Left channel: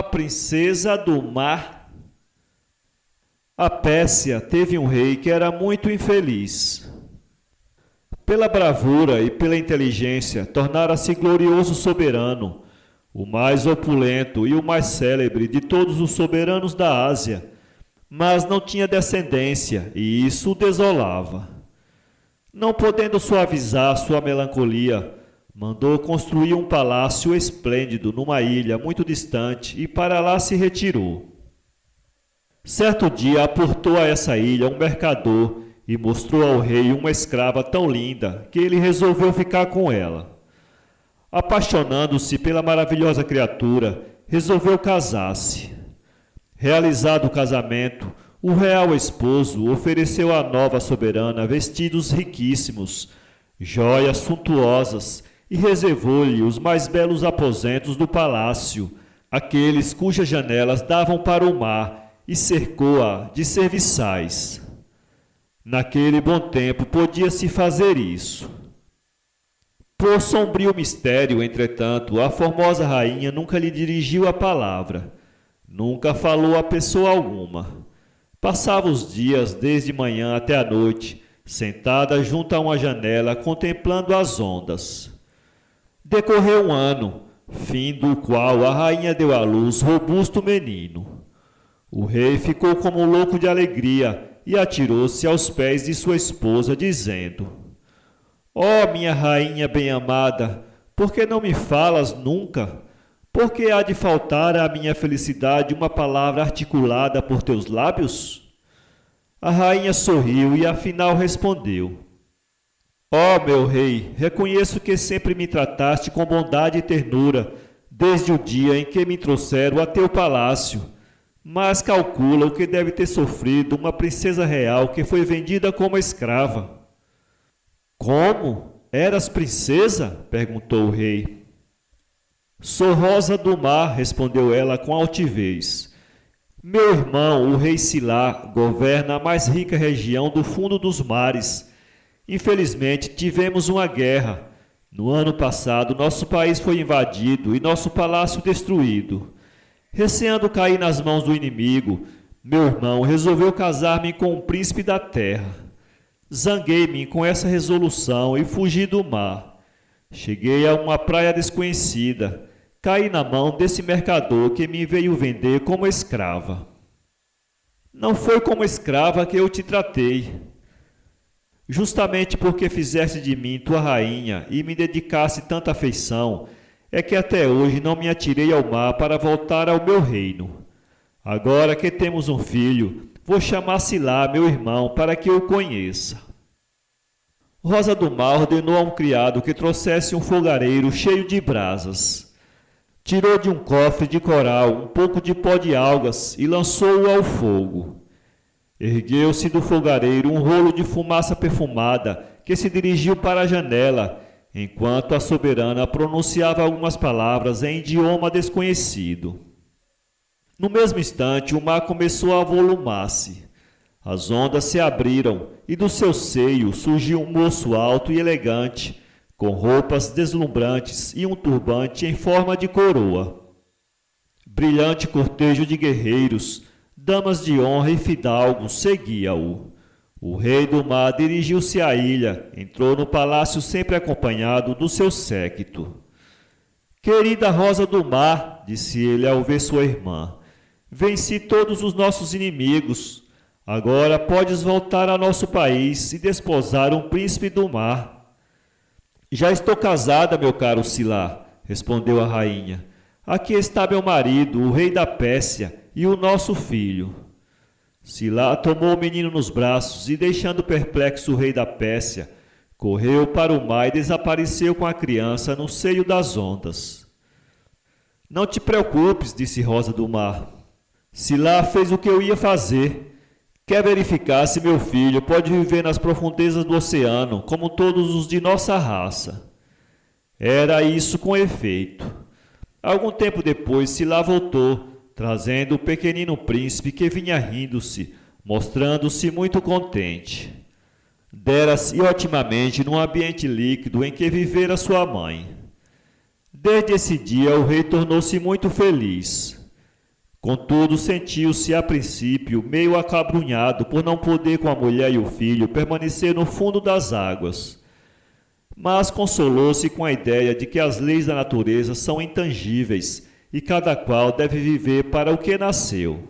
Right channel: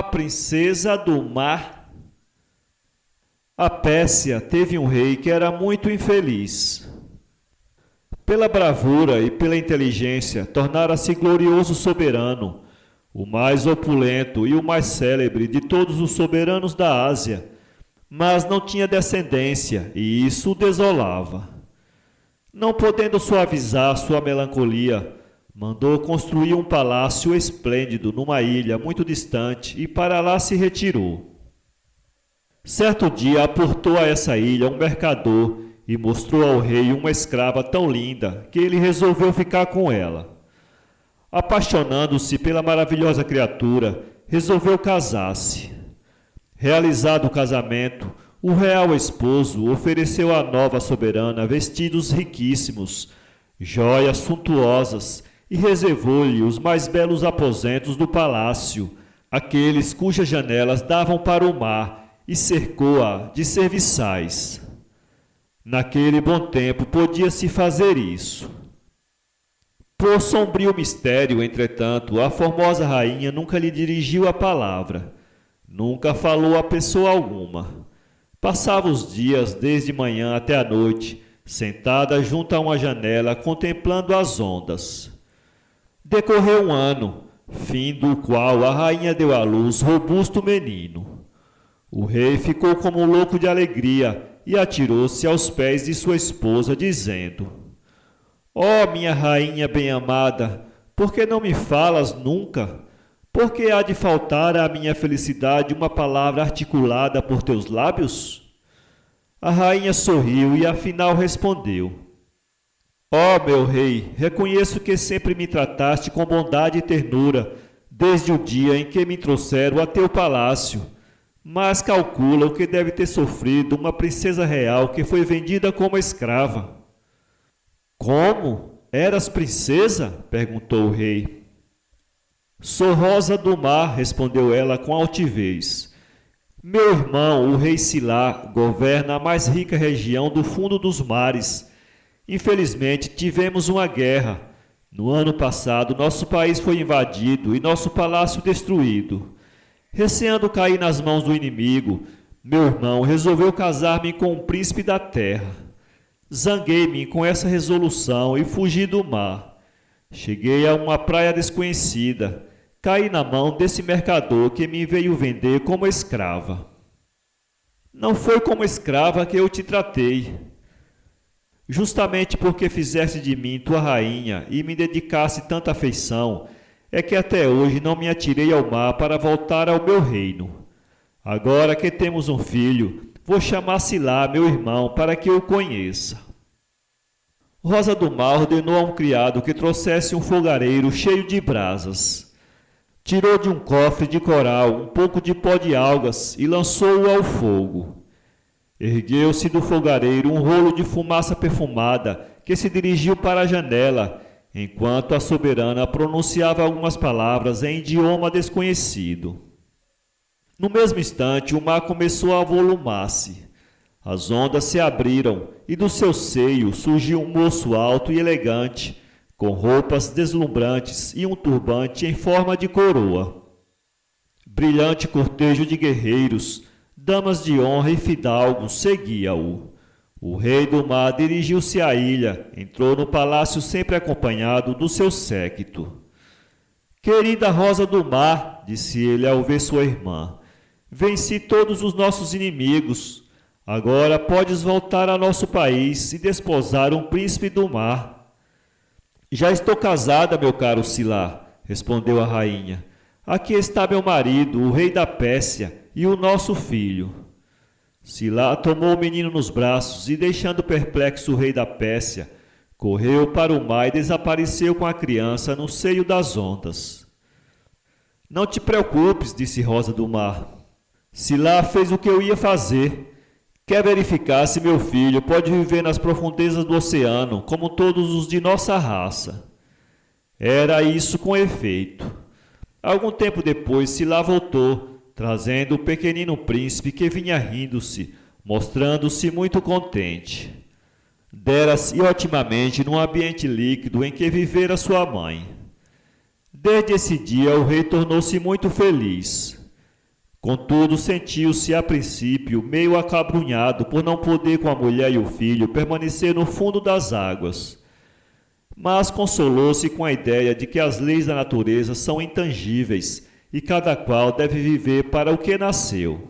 A princesa do mar. A Pérsia teve um rei que era muito infeliz. Pela bravura e pela inteligência, tornara-se glorioso soberano, o mais opulento e o mais célebre de todos os soberanos da Ásia, mas não tinha descendência, e isso o desolava. Não podendo suavizar sua melancolia, mandou construir um palácio esplêndido numa ilha muito distante e para lá se retirou. Certo dia aportou a essa ilha um mercador e mostrou ao rei uma escrava tão linda que ele resolveu ficar com ela. Apaixonando-se pela maravilhosa criatura, resolveu casar-se. Realizado o casamento, o real esposo ofereceu à nova soberana vestidos riquíssimos, joias suntuosas e reservou-lhe os mais belos aposentos do palácio, aqueles cujas janelas davam para o mar, e cercou-a de serviçais. Naquele bom tempo podia-se fazer isso. Por sombrio mistério, entretanto, a formosa rainha nunca lhe dirigiu a palavra, nunca falou a pessoa alguma. Passava os dias, desde manhã até a noite, sentada junto a uma janela, contemplando as ondas. Decorreu um ano, fim do qual a rainha deu à luz robusto menino. O rei ficou como louco de alegria e atirou-se aos pés de sua esposa, dizendo: Ó minha rainha bem-amada, por que não me falas nunca? Por que há de faltar à minha felicidade uma palavra articulada por teus lábios? A rainha sorriu e afinal respondeu: Ó meu rei, reconheço que sempre me trataste com bondade e ternura, desde o dia em que me trouxeram a teu palácio. Mas calcula o que deve ter sofrido uma princesa real que foi vendida como escrava. Como? Eras princesa? Perguntou o rei. Sou Rosa do Mar, respondeu ela com altivez. Meu irmão, o rei Silá, governa a mais rica região do fundo dos mares. Infelizmente, tivemos uma guerra. No ano passado, nosso país foi invadido e nosso palácio destruído. Receando cair nas mãos do inimigo, meu irmão resolveu casar-me com um príncipe da terra. Zanguei-me com essa resolução e fugi do mar. Cheguei a uma praia desconhecida. Caí na mão desse mercador que me veio vender como escrava. Não foi como escrava que eu te tratei. Justamente porque fizeste de mim tua rainha e me dedicaste tanta afeição, é que até hoje não me atirei ao mar para voltar ao meu reino. Agora que temos um filho, vou chamar Silá, meu irmão, para que o conheça. Rosa do Mar ordenou a um criado que trouxesse um fogareiro cheio de brasas. Tirou de um cofre de coral um pouco de pó de algas e lançou-o ao fogo. Ergueu-se do fogareiro um rolo de fumaça perfumada que se dirigiu para a janela, enquanto a soberana pronunciava algumas palavras em idioma desconhecido. No mesmo instante, o mar começou a avolumar-se. As ondas se abriram e do seu seio surgiu um moço alto e elegante, com roupas deslumbrantes e um turbante em forma de coroa. Brilhante cortejo de guerreiros, damas de honra e fidalgos seguia-o. O rei do mar dirigiu-se à ilha, entrou no palácio sempre acompanhado do seu séquito. Querida Rosa do Mar, disse ele ao ver sua irmã, venci todos os nossos inimigos. Agora podes voltar a nosso país e desposar um príncipe do mar. Já estou casada, meu caro Silá, respondeu a rainha. Aqui está meu marido, o rei da Pérsia, e o nosso filho. Silá tomou o menino nos braços e, deixando perplexo o rei da Pérsia, correu para o mar e desapareceu com a criança no seio das ondas. Não te preocupes, disse Rosa do Mar. Silá fez o que eu ia fazer. Quer verificar se meu filho pode viver nas profundezas do oceano, como todos os de nossa raça. Era isso com efeito. Algum tempo depois, Silá voltou, trazendo o pequenino príncipe que vinha rindo-se, mostrando-se muito contente. Dera-se otimamente num ambiente líquido em que vivera sua mãe. Desde esse dia o rei tornou-se muito feliz. Contudo, sentiu-se a princípio meio acabrunhado por não poder com a mulher e o filho permanecer no fundo das águas. Mas consolou-se com a ideia de que as leis da natureza são intangíveis e cada qual deve viver para o que nasceu.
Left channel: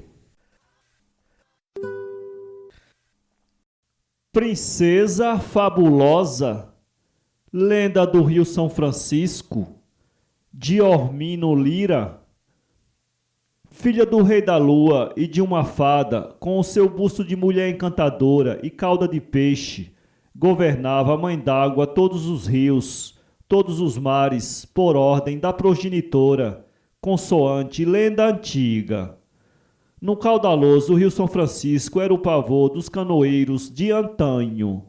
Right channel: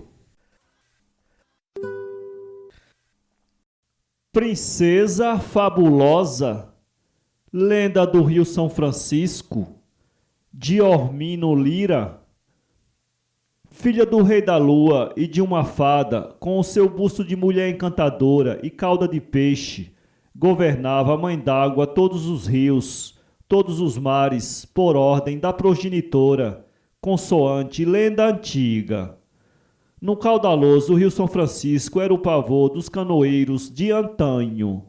Princesa Fabulosa, lenda do Rio São Francisco, de Ormino Lira. Filha do rei da lua e de uma fada, com o seu busto de mulher encantadora e cauda de peixe, governava a mãe d'água todos os rios, todos os mares, por ordem da progenitora, consoante lenda antiga. No caudaloso Rio São Francisco era o pavor dos canoeiros de antanho.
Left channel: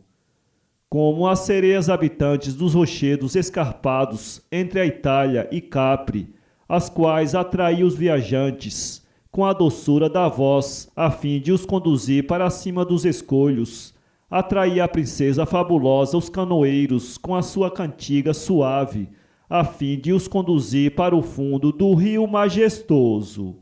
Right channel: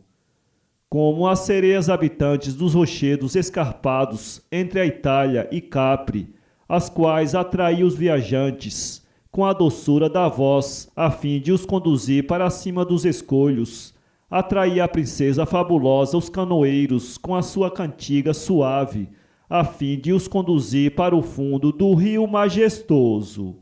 Como as sereias habitantes dos rochedos escarpados entre a Itália e Capri, as quais atraía os viajantes com a doçura da voz, a fim de os conduzir para cima dos escolhos, atraía a princesa fabulosa os canoeiros com a sua cantiga suave, a fim de os conduzir para o fundo do rio majestoso.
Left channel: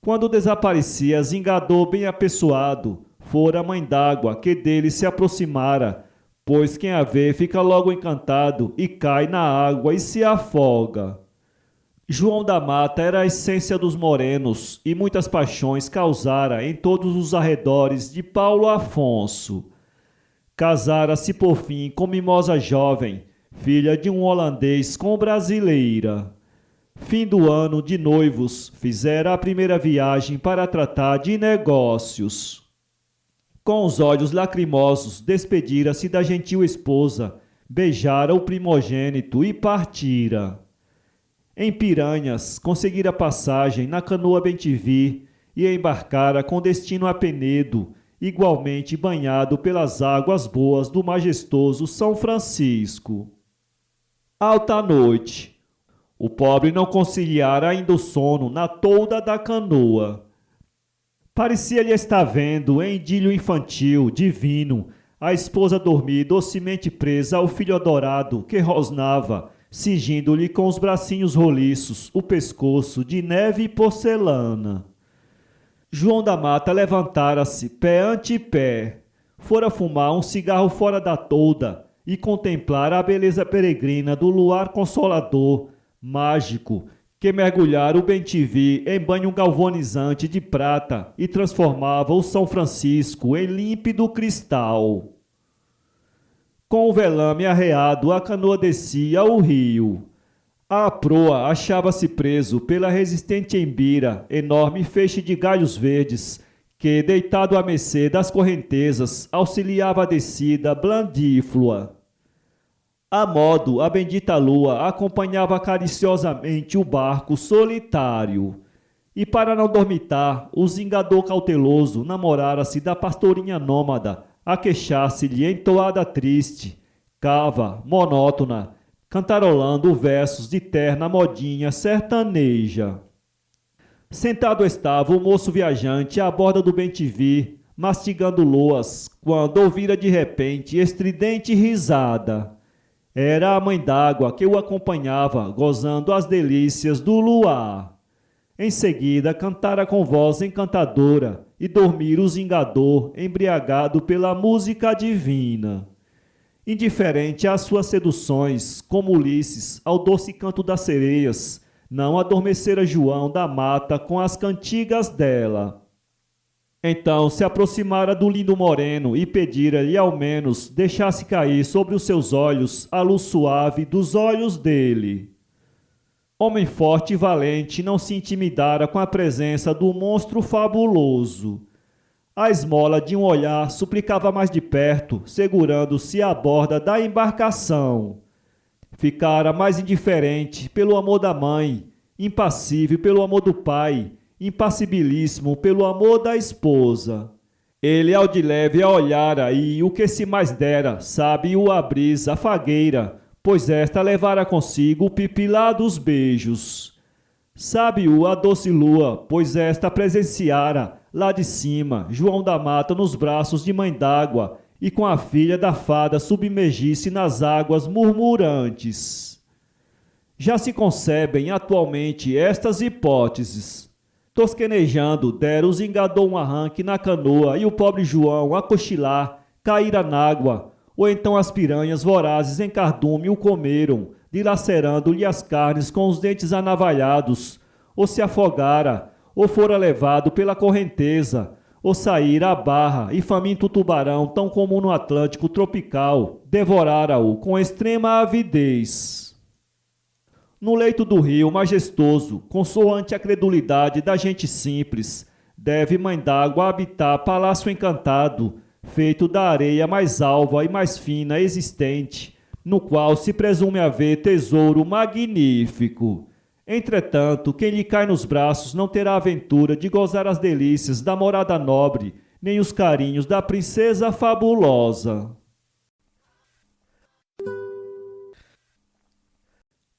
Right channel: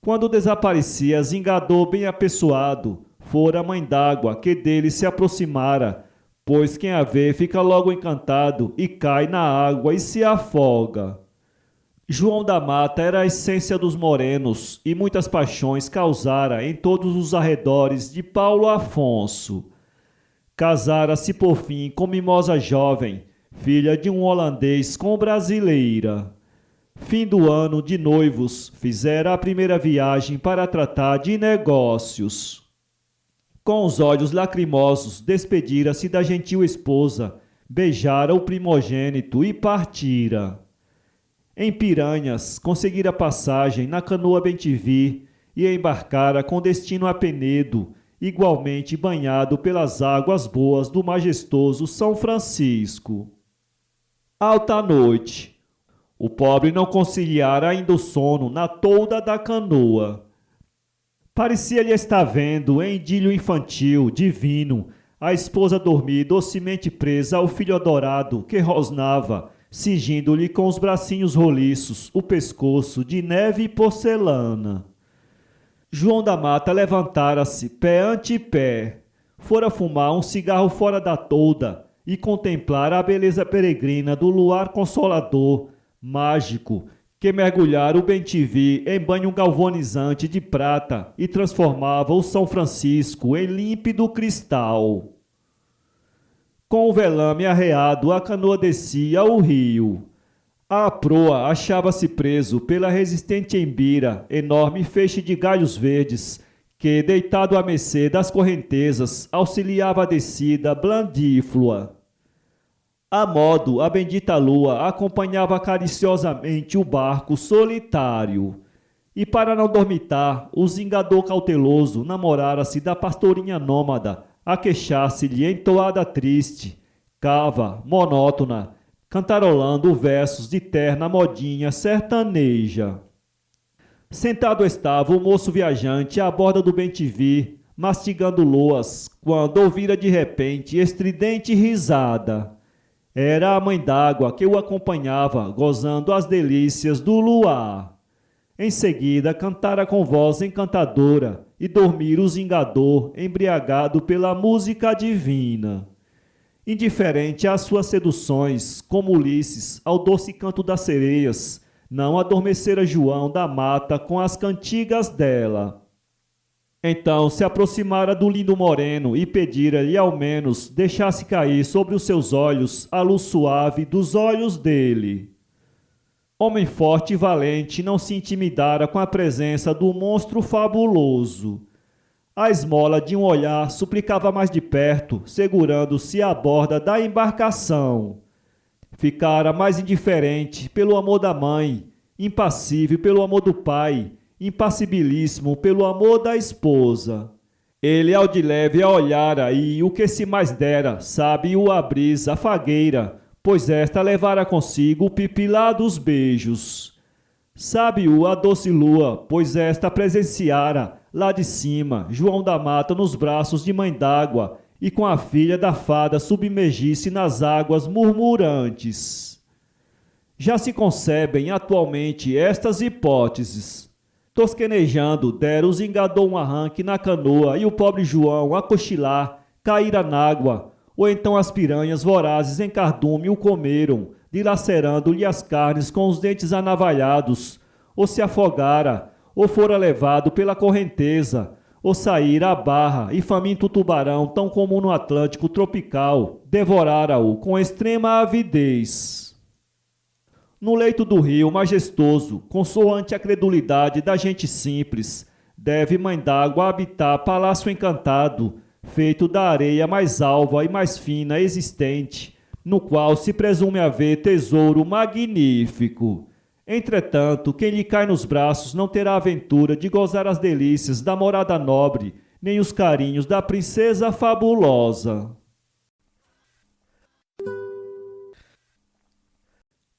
Quando desaparecia Zingador bem apessoado, fora a mãe d'água que dele se aproximara, pois quem a vê fica logo encantado e cai na água e se afoga. João da Mata era a essência dos morenos e muitas paixões causara em todos os arredores de Paulo Afonso. Casara-se por fim com mimosa jovem, filha de um holandês com brasileira. Fim do ano de noivos, fizera a primeira viagem para tratar de negócios. Com os olhos lacrimosos, despedira-se da gentil esposa, beijara o primogênito e partira. Em Piranhas, conseguira passagem na canoa Bem-te-vi e embarcara com destino a Penedo, igualmente banhado pelas águas boas do majestoso São Francisco. Alta noite. O pobre não conciliara ainda o sono na tolda da canoa. Parecia-lhe estar vendo, em idílio infantil, divino, a esposa dormir docemente presa ao filho adorado que rosnava, cingindo-lhe com os bracinhos roliços o pescoço de neve e porcelana. João da Mata levantara-se, pé ante pé, fora fumar um cigarro fora da tolda e contemplar a beleza peregrina do luar consolador, mágico, que mergulhara o Bem-te-vi em banho galvanizante de prata e transformava o São Francisco em límpido cristal. Com o velame arreado, a canoa descia o rio. À proa achava-se preso pela resistente embira, enorme feixe de galhos verdes, que, deitado à mercê das correntezas, auxiliava a descida blandíflua. A modo, a bendita lua acompanhava cariciosamente o barco solitário. E para não dormitar, o zingador cauteloso namorara-se da pastorinha nômada, a queixar-se-lhe em toada triste, cava, monótona, cantarolando versos de terna modinha sertaneja. Sentado estava o moço viajante à borda do Bem-te-vi, mastigando loas, quando ouvira de repente estridente risada. Era a mãe d'água que o acompanhava, gozando as delícias do luar. Em seguida, cantara com voz encantadora e dormira o zingador, embriagado pela música divina. Indiferente às suas seduções, como Ulisses ao doce canto das sereias, não adormecera João da Mata com as cantigas dela. Então se aproximara do lindo moreno e pedira-lhe ao menos deixasse cair sobre os seus olhos a luz suave dos olhos dele. Homem forte e valente não se intimidara com a presença do monstro fabuloso. A esmola de um olhar suplicava mais de perto, segurando-se à borda da embarcação. Ficara mais indiferente pelo amor da mãe, impassível pelo amor do pai, impassibilíssimo pelo amor da esposa. Ele ao de leve a olhara e o que se mais dera, sabe-o a brisa, a fagueira, pois esta levara consigo o pipilá dos beijos. Sabe-o a doce lua, pois esta presenciara, lá de cima, João da Mata nos braços de mãe d'água e com a filha da fada submergir-se nas águas murmurantes. Já se concebem atualmente estas hipóteses. Tosquenejando, Deros engadou um arranque na canoa e o pobre João, a cochilar, caíra n'água, ou então as piranhas vorazes em cardume o comeram, dilacerando-lhe as carnes com os dentes anavalhados, ou se afogara, ou fora levado pela correnteza, ou saíra à barra e faminto tubarão, tão comum no Atlântico tropical, devorara-o com extrema avidez. No leito do rio, majestoso, consoante a credulidade da gente simples, deve Mãe d'Água habitar palácio encantado, feito da areia mais alva e mais fina existente, no qual se presume haver tesouro magnífico. Entretanto, quem lhe cai nos braços não terá a aventura de gozar as delícias da morada nobre, nem os carinhos da princesa fabulosa.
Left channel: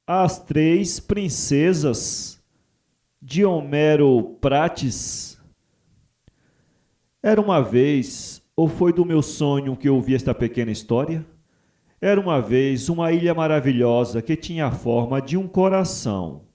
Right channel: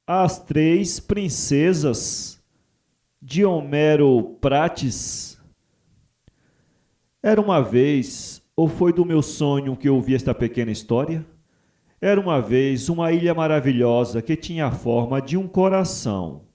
As Três Princesas, de Homero Prates. Era uma vez, ou foi do meu sonho que ouvi esta pequena história? Era uma vez uma ilha maravilhosa que tinha a forma de um coração.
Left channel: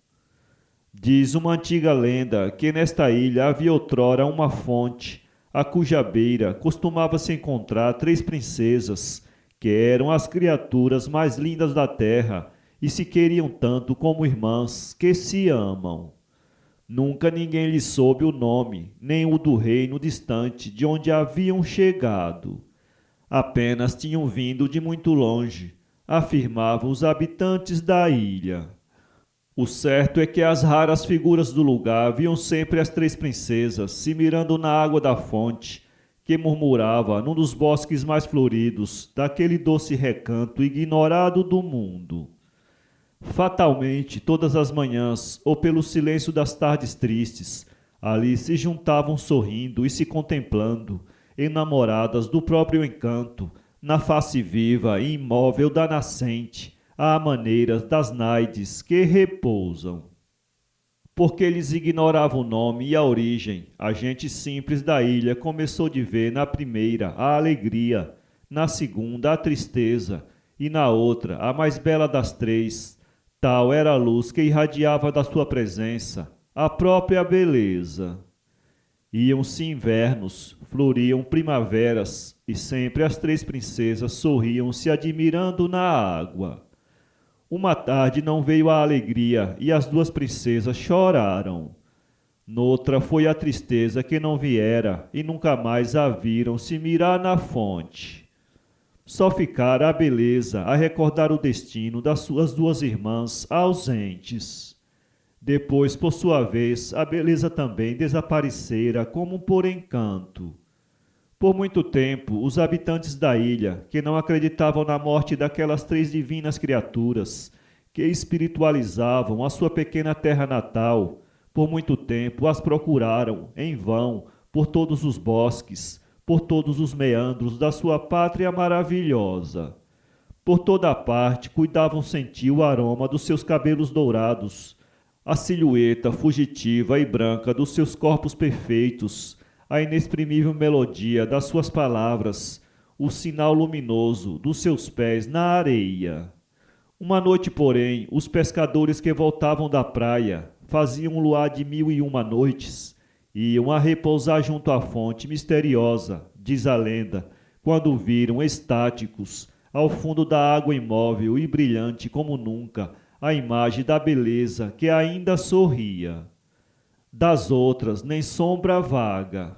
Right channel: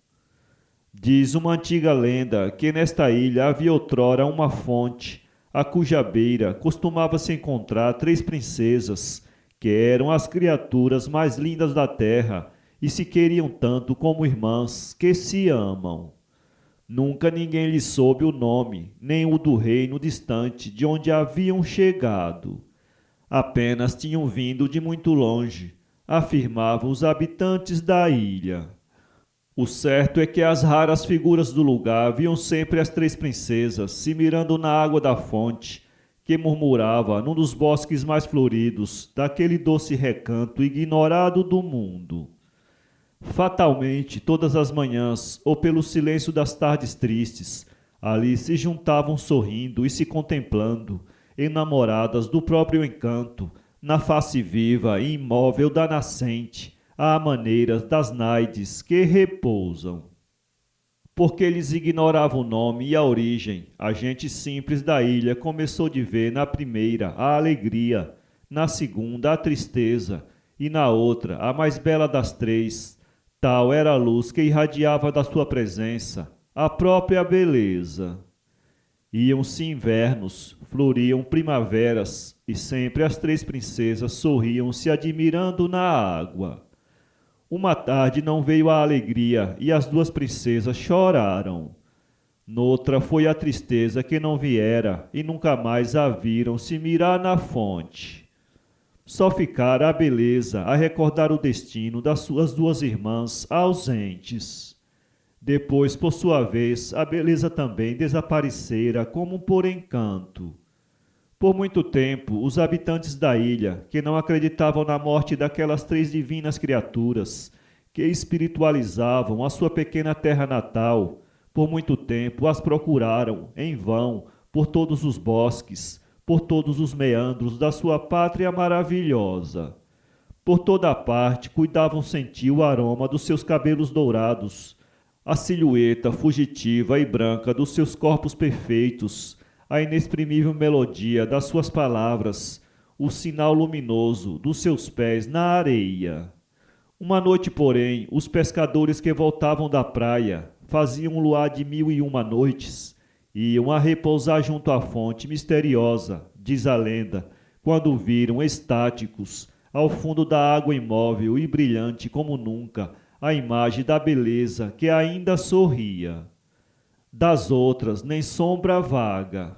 Diz uma antiga lenda que nesta ilha havia outrora uma fonte, a cuja beira costumava-se encontrar três princesas, que eram as criaturas mais lindas da terra, e se queriam tanto como irmãs que se amam. Nunca ninguém lhe soube o nome, nem o do reino distante de onde haviam chegado. Apenas tinham vindo de muito longe, afirmavam os habitantes da ilha. O certo é que as raras figuras do lugar viam sempre as três princesas se mirando na água da fonte, que murmurava num dos bosques mais floridos daquele doce recanto ignorado do mundo. Fatalmente, todas as manhãs, ou pelo silêncio das tardes tristes, ali se juntavam sorrindo e se contemplando, enamoradas do próprio encanto, na face viva e imóvel da nascente, à maneira das naides que repousam. Porque eles ignoravam o nome e a origem, a gente simples da ilha começou de ver na primeira a alegria, na segunda a tristeza, e na outra, a mais bela das três, tal era a luz que irradiava da sua presença, a própria beleza. Iam-se invernos, floriam primaveras, e sempre as três princesas sorriam se admirando na água. Uma tarde não veio a alegria, e as duas princesas choraram. Noutra foi a tristeza que não viera, e nunca mais a viram se mirar na fonte. Só ficara a beleza a recordar o destino das suas duas irmãs ausentes. Depois, por sua vez, a beleza também desaparecera como por encanto. Por muito tempo, os habitantes da ilha, que não acreditavam na morte daquelas três divinas criaturas, que espiritualizavam a sua pequena terra natal, por muito tempo as procuraram, em vão, por todos os bosques, por todos os meandros da sua pátria maravilhosa. Por toda a parte cuidavam sentir o aroma dos seus cabelos dourados, a silhueta fugitiva e branca dos seus corpos perfeitos, a inexprimível melodia das suas palavras, o sinal luminoso dos seus pés na areia. Uma noite, porém, os pescadores que voltavam da praia faziam um luar de 1001 noites, iam a repousar junto à fonte misteriosa, diz a lenda, quando viram estáticos, ao fundo da água imóvel e brilhante como nunca, a imagem da beleza que ainda sorria. Das outras, nem sombra vaga.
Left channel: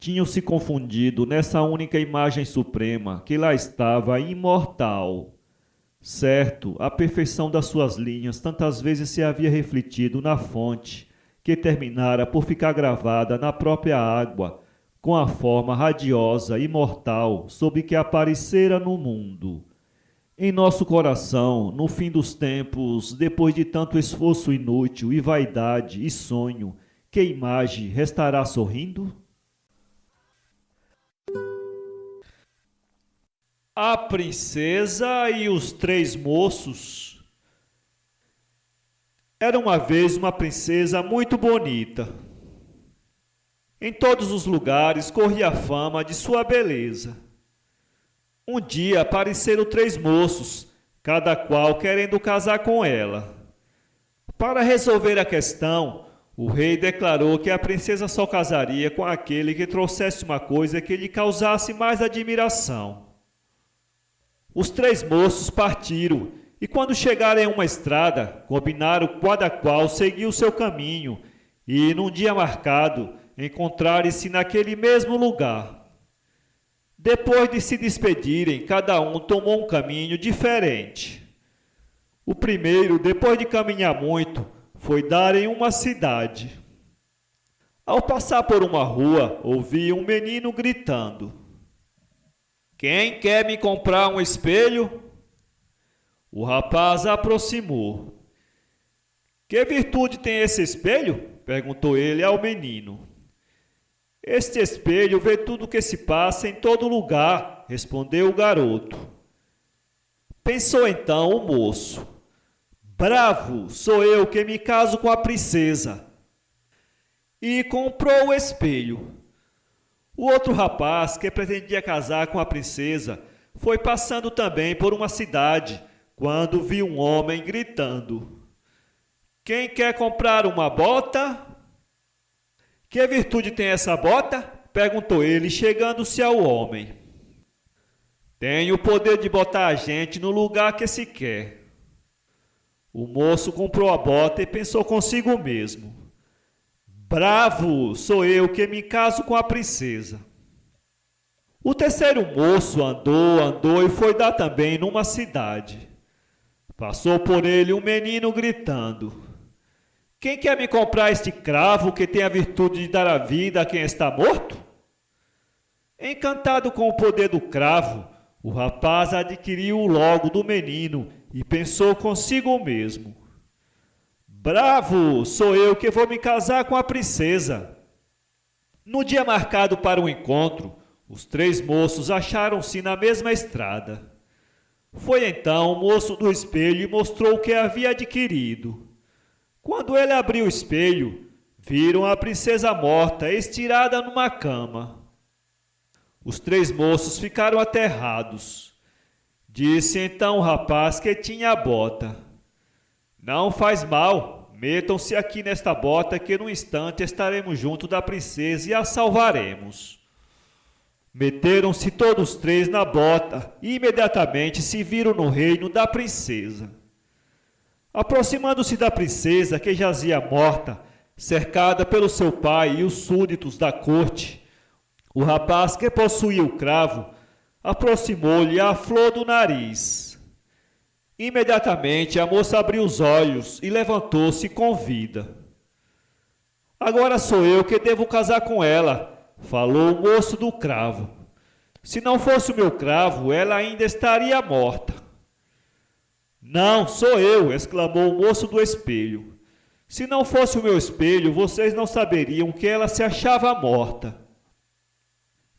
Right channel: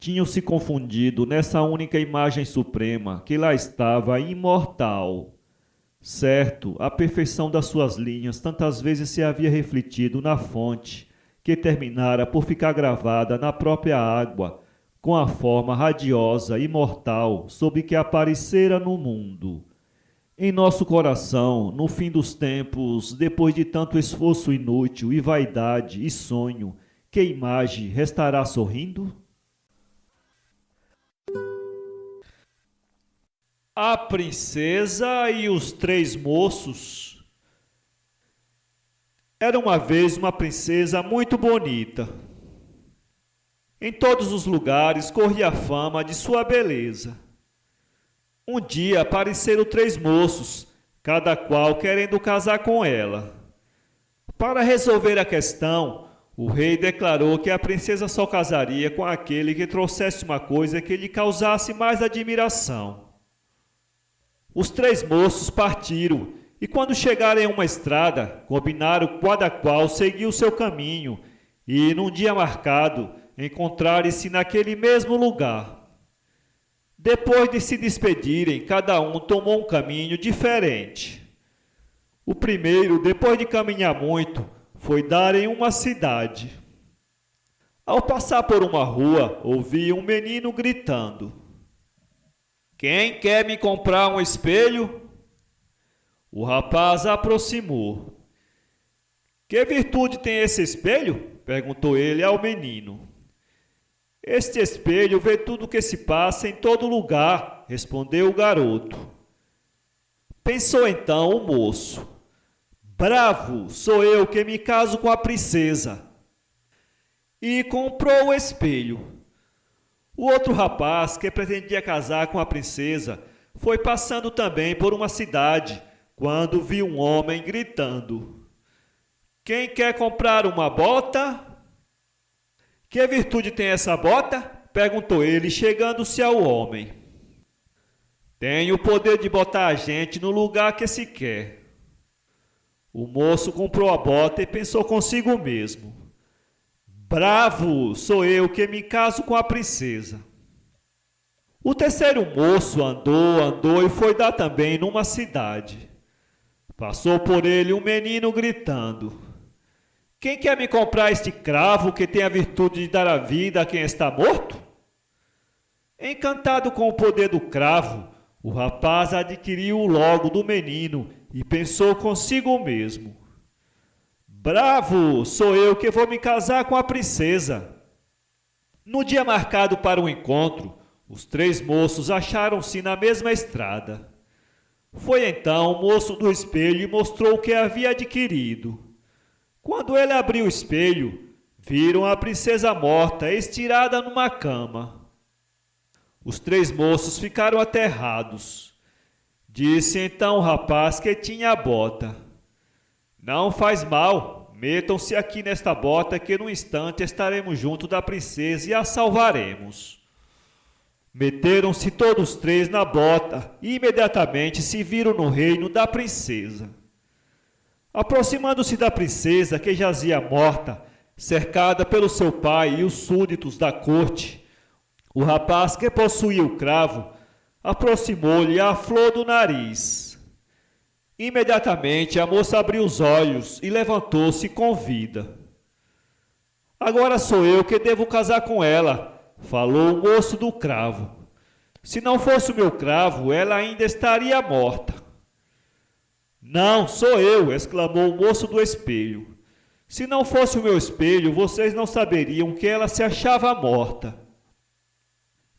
Tinham se confundido nessa única imagem suprema que lá estava imortal. Certo, a perfeição das suas linhas tantas vezes se havia refletido na fonte, que terminara por ficar gravada na própria água, com a forma radiosa e mortal sob que aparecera no mundo. Em nosso coração, no fim dos tempos, depois de tanto esforço inútil e vaidade e sonho, que imagem restará sorrindo? A princesa e os três moços. Era uma vez uma princesa muito bonita. Em todos os lugares corria a fama de sua beleza. Um dia apareceram três moços, cada qual querendo casar com ela. Para resolver a questão, O rei declarou que a princesa só casaria com aquele que trouxesse uma coisa que lhe causasse mais admiração. Os 3 moços partiram, e quando chegaram em uma estrada, combinaram cada qual seguir o seu caminho, e, num dia marcado, encontrarem-se naquele mesmo lugar. Depois de se despedirem, cada um tomou um caminho diferente. O primeiro, depois de caminhar muito, foi dar em uma cidade. Ao passar por uma rua, ouvi um menino gritando: "Quem quer me comprar um espelho?" O rapaz aproximou. "Que virtude tem esse espelho?" perguntou ele ao menino. "Este espelho vê tudo o que se passa em todo lugar", respondeu o garoto. Pensou então o moço: "Bravo, sou eu que me caso com a princesa." E comprou o espelho. O outro rapaz, que pretendia casar com a princesa, foi passando também por uma cidade, quando viu um homem gritando: "Quem quer comprar uma bota?" "Que virtude tem essa bota?" perguntou ele, chegando-se ao homem. "Tem o poder de botar a gente no lugar que se quer." O moço comprou a bota e pensou consigo mesmo: "Bravo, sou eu que me caso com a princesa." O terceiro moço andou e foi dar também numa cidade. Passou por ele um menino gritando: "Quem quer me comprar este cravo que tem a virtude de dar a vida a quem está morto?" Encantado com o poder do cravo, o rapaz adquiriu-o logo do menino e pensou consigo mesmo: "Bravo, sou eu que vou me casar com a princesa." No dia marcado para o encontro, os 3 moços acharam-se na mesma estrada. Foi então o moço do espelho e mostrou o que havia adquirido. Quando ele abriu o espelho, viram a princesa morta, estirada numa cama. Os 3 moços ficaram aterrados. Disse então o rapaz que tinha a bota: "Não faz mal, metam-se aqui nesta bota que num instante estaremos junto da princesa e a salvaremos." Meteram-se todos 3 na bota e imediatamente se viram no reino da princesa. Aproximando-se da princesa, que jazia morta, cercada pelo seu pai e os súditos da corte, o rapaz que possuía o cravo aproximou-lhe a flor do nariz. Imediatamente a moça abriu os olhos e levantou-se com vida. "Agora sou eu que devo casar com ela", falou o moço do cravo. "Se não fosse o meu cravo, ela ainda estaria morta." "Não, sou eu", exclamou o moço do espelho. "Se não fosse o meu espelho, vocês não saberiam que ela se achava morta."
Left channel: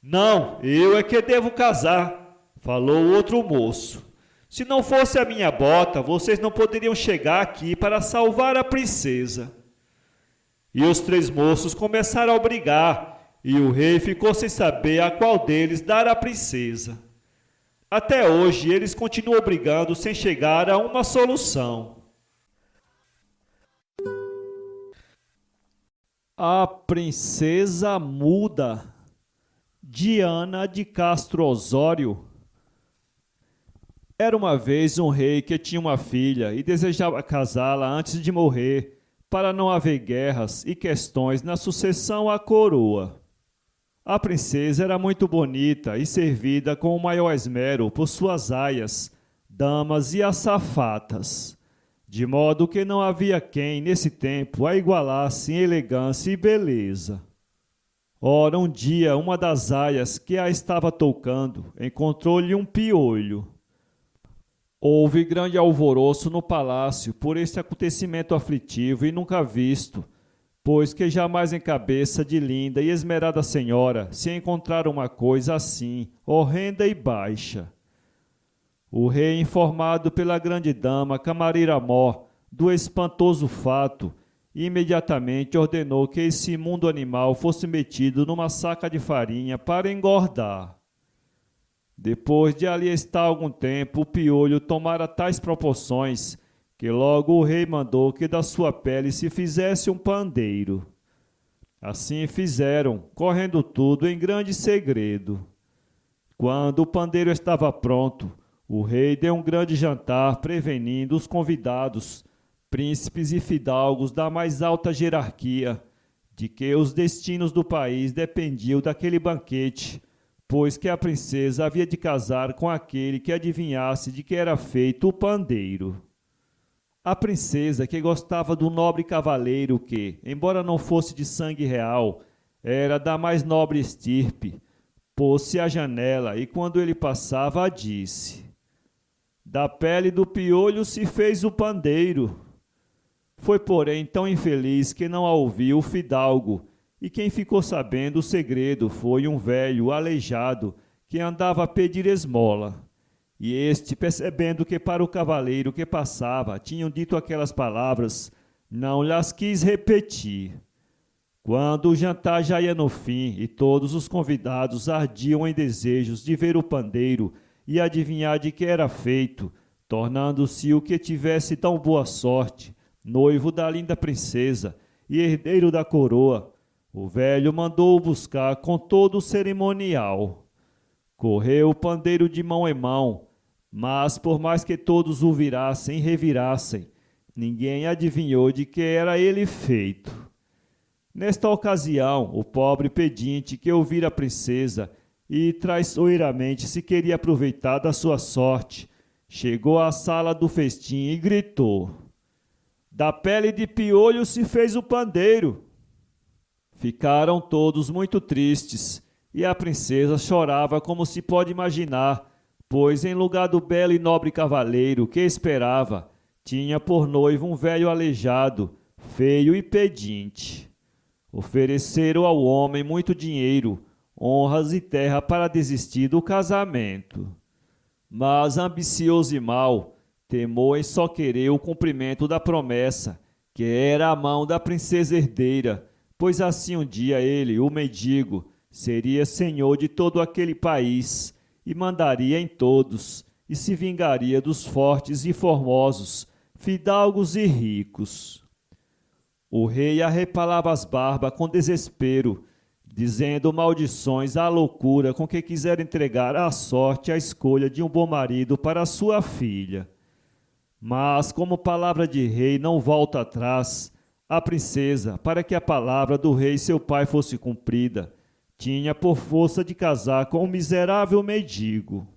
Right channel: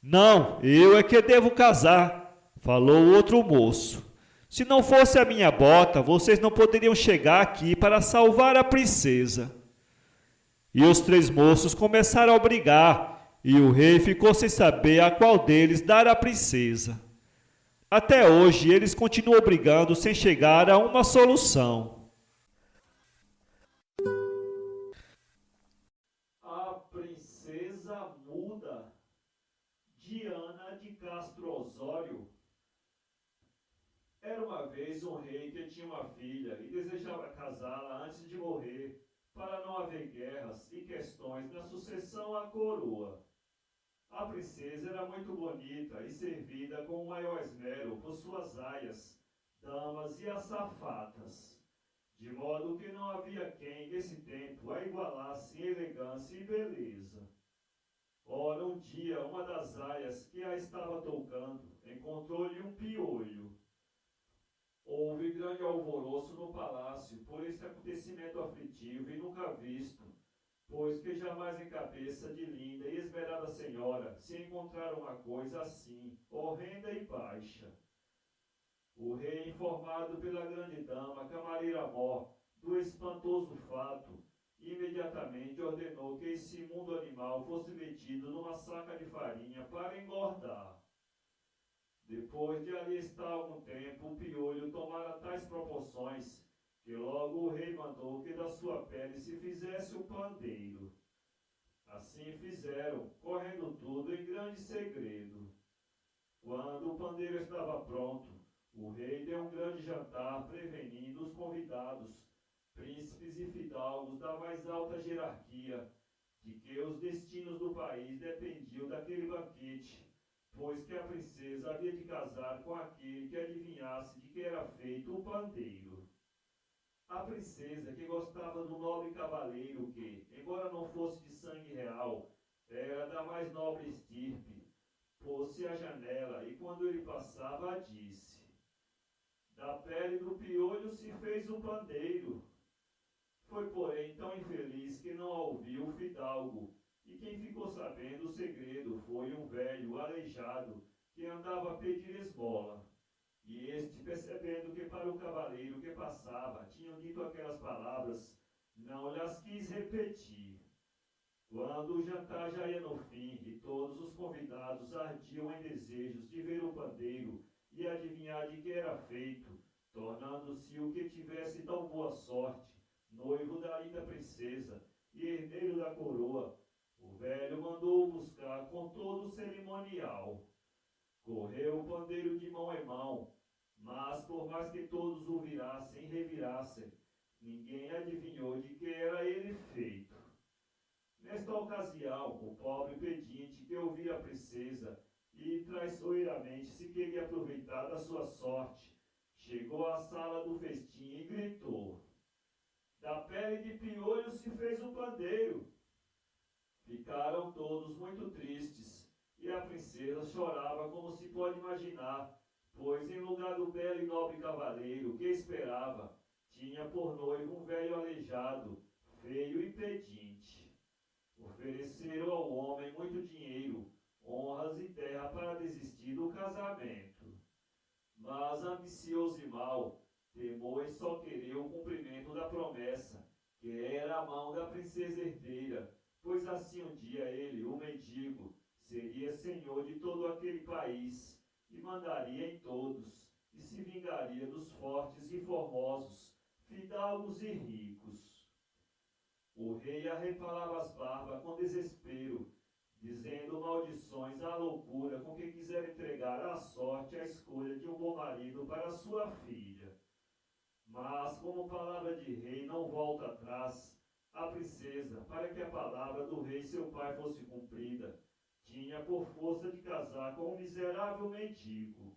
"Não, eu é que devo casar", falou o outro moço. "Se não fosse a minha bota, vocês não poderiam chegar aqui para salvar a princesa." E os 3 moços começaram a brigar, e o rei ficou sem saber a qual deles dar a princesa. Até hoje eles continuam brigando sem chegar a uma solução. A Princesa Muda, de Ana de Castro Osório. Era uma vez um rei que tinha uma filha e desejava casá-la antes de morrer, para não haver guerras e questões na sucessão à coroa. A princesa era muito bonita e servida com o maior esmero por suas aias, damas e azafatas, de modo que não havia quem, nesse tempo, a igualasse em elegância e beleza. Ora, um dia, uma das aias que a estava toucando encontrou-lhe um piolho. Houve grande alvoroço no palácio por este acontecimento aflitivo e nunca visto, pois que jamais em cabeça de linda e esmerada senhora se encontrara uma coisa assim, horrenda e baixa. O rei, informado pela grande dama Camaríramó do espantoso fato, imediatamente ordenou que esse imundo animal fosse metido numa saca de farinha para engordar. Depois de ali estar algum tempo, o piolho tomara tais proporções que logo o rei mandou que da sua pele se fizesse um pandeiro. Assim fizeram, correndo tudo em grande segredo. Quando o pandeiro estava pronto, o rei deu um grande jantar, prevenindo os convidados, príncipes e fidalgos da mais alta hierarquia, de que os destinos do país dependiam daquele banquete, pois que a princesa havia de casar com aquele que adivinhasse de que era feito o pandeiro. A princesa, que gostava do nobre cavaleiro que, embora não fosse de sangue real, era da mais nobre estirpe, pôs-se à janela e, quando ele passava, disse: Da pele do piolho se fez o pandeiro. Foi, porém, tão infeliz que não a ouviu o fidalgo, e quem ficou sabendo o segredo foi um velho aleijado que andava a pedir esmola. E este, percebendo que para o cavaleiro que passava tinham dito aquelas palavras, não lhes quis repetir. Quando o jantar já ia no fim e todos os convidados ardiam em desejos de ver o pandeiro e adivinhar de que era feito, tornando-se o que tivesse tão boa sorte, noivo da linda princesa e herdeiro da coroa, o velho mandou-o buscar com todo o cerimonial. Correu o pandeiro de mão em mão, mas por mais que todos o virassem e revirassem, ninguém adivinhou de que era ele feito. Nesta ocasião, o pobre pedinte que ouvira a princesa e traiçoeiramente se queria aproveitar da sua sorte, chegou à sala do festim e gritou: Da pele de piolho se fez o pandeiro. Ficaram todos muito tristes, e a princesa chorava como se pode imaginar, pois em lugar do belo e nobre cavaleiro que esperava, tinha por noivo um velho aleijado, feio e pedinte. Ofereceram ao homem muito dinheiro, honras e terra para desistir do casamento. Mas, ambicioso e mau, temou em só querer o cumprimento da promessa, que era a mão da princesa herdeira, pois assim um dia ele, o mendigo, seria senhor de todo aquele país e mandaria em todos, e se vingaria dos fortes e formosos, fidalgos e ricos. O rei arrepalava as barbas com desespero, dizendo maldições à loucura com que quisera entregar à sorte a escolha de um bom marido para sua filha. Mas, como palavra de rei não volta atrás, a princesa, para que a palavra do rei seu pai fosse cumprida, tinha por força de casar com um miserável mendigo.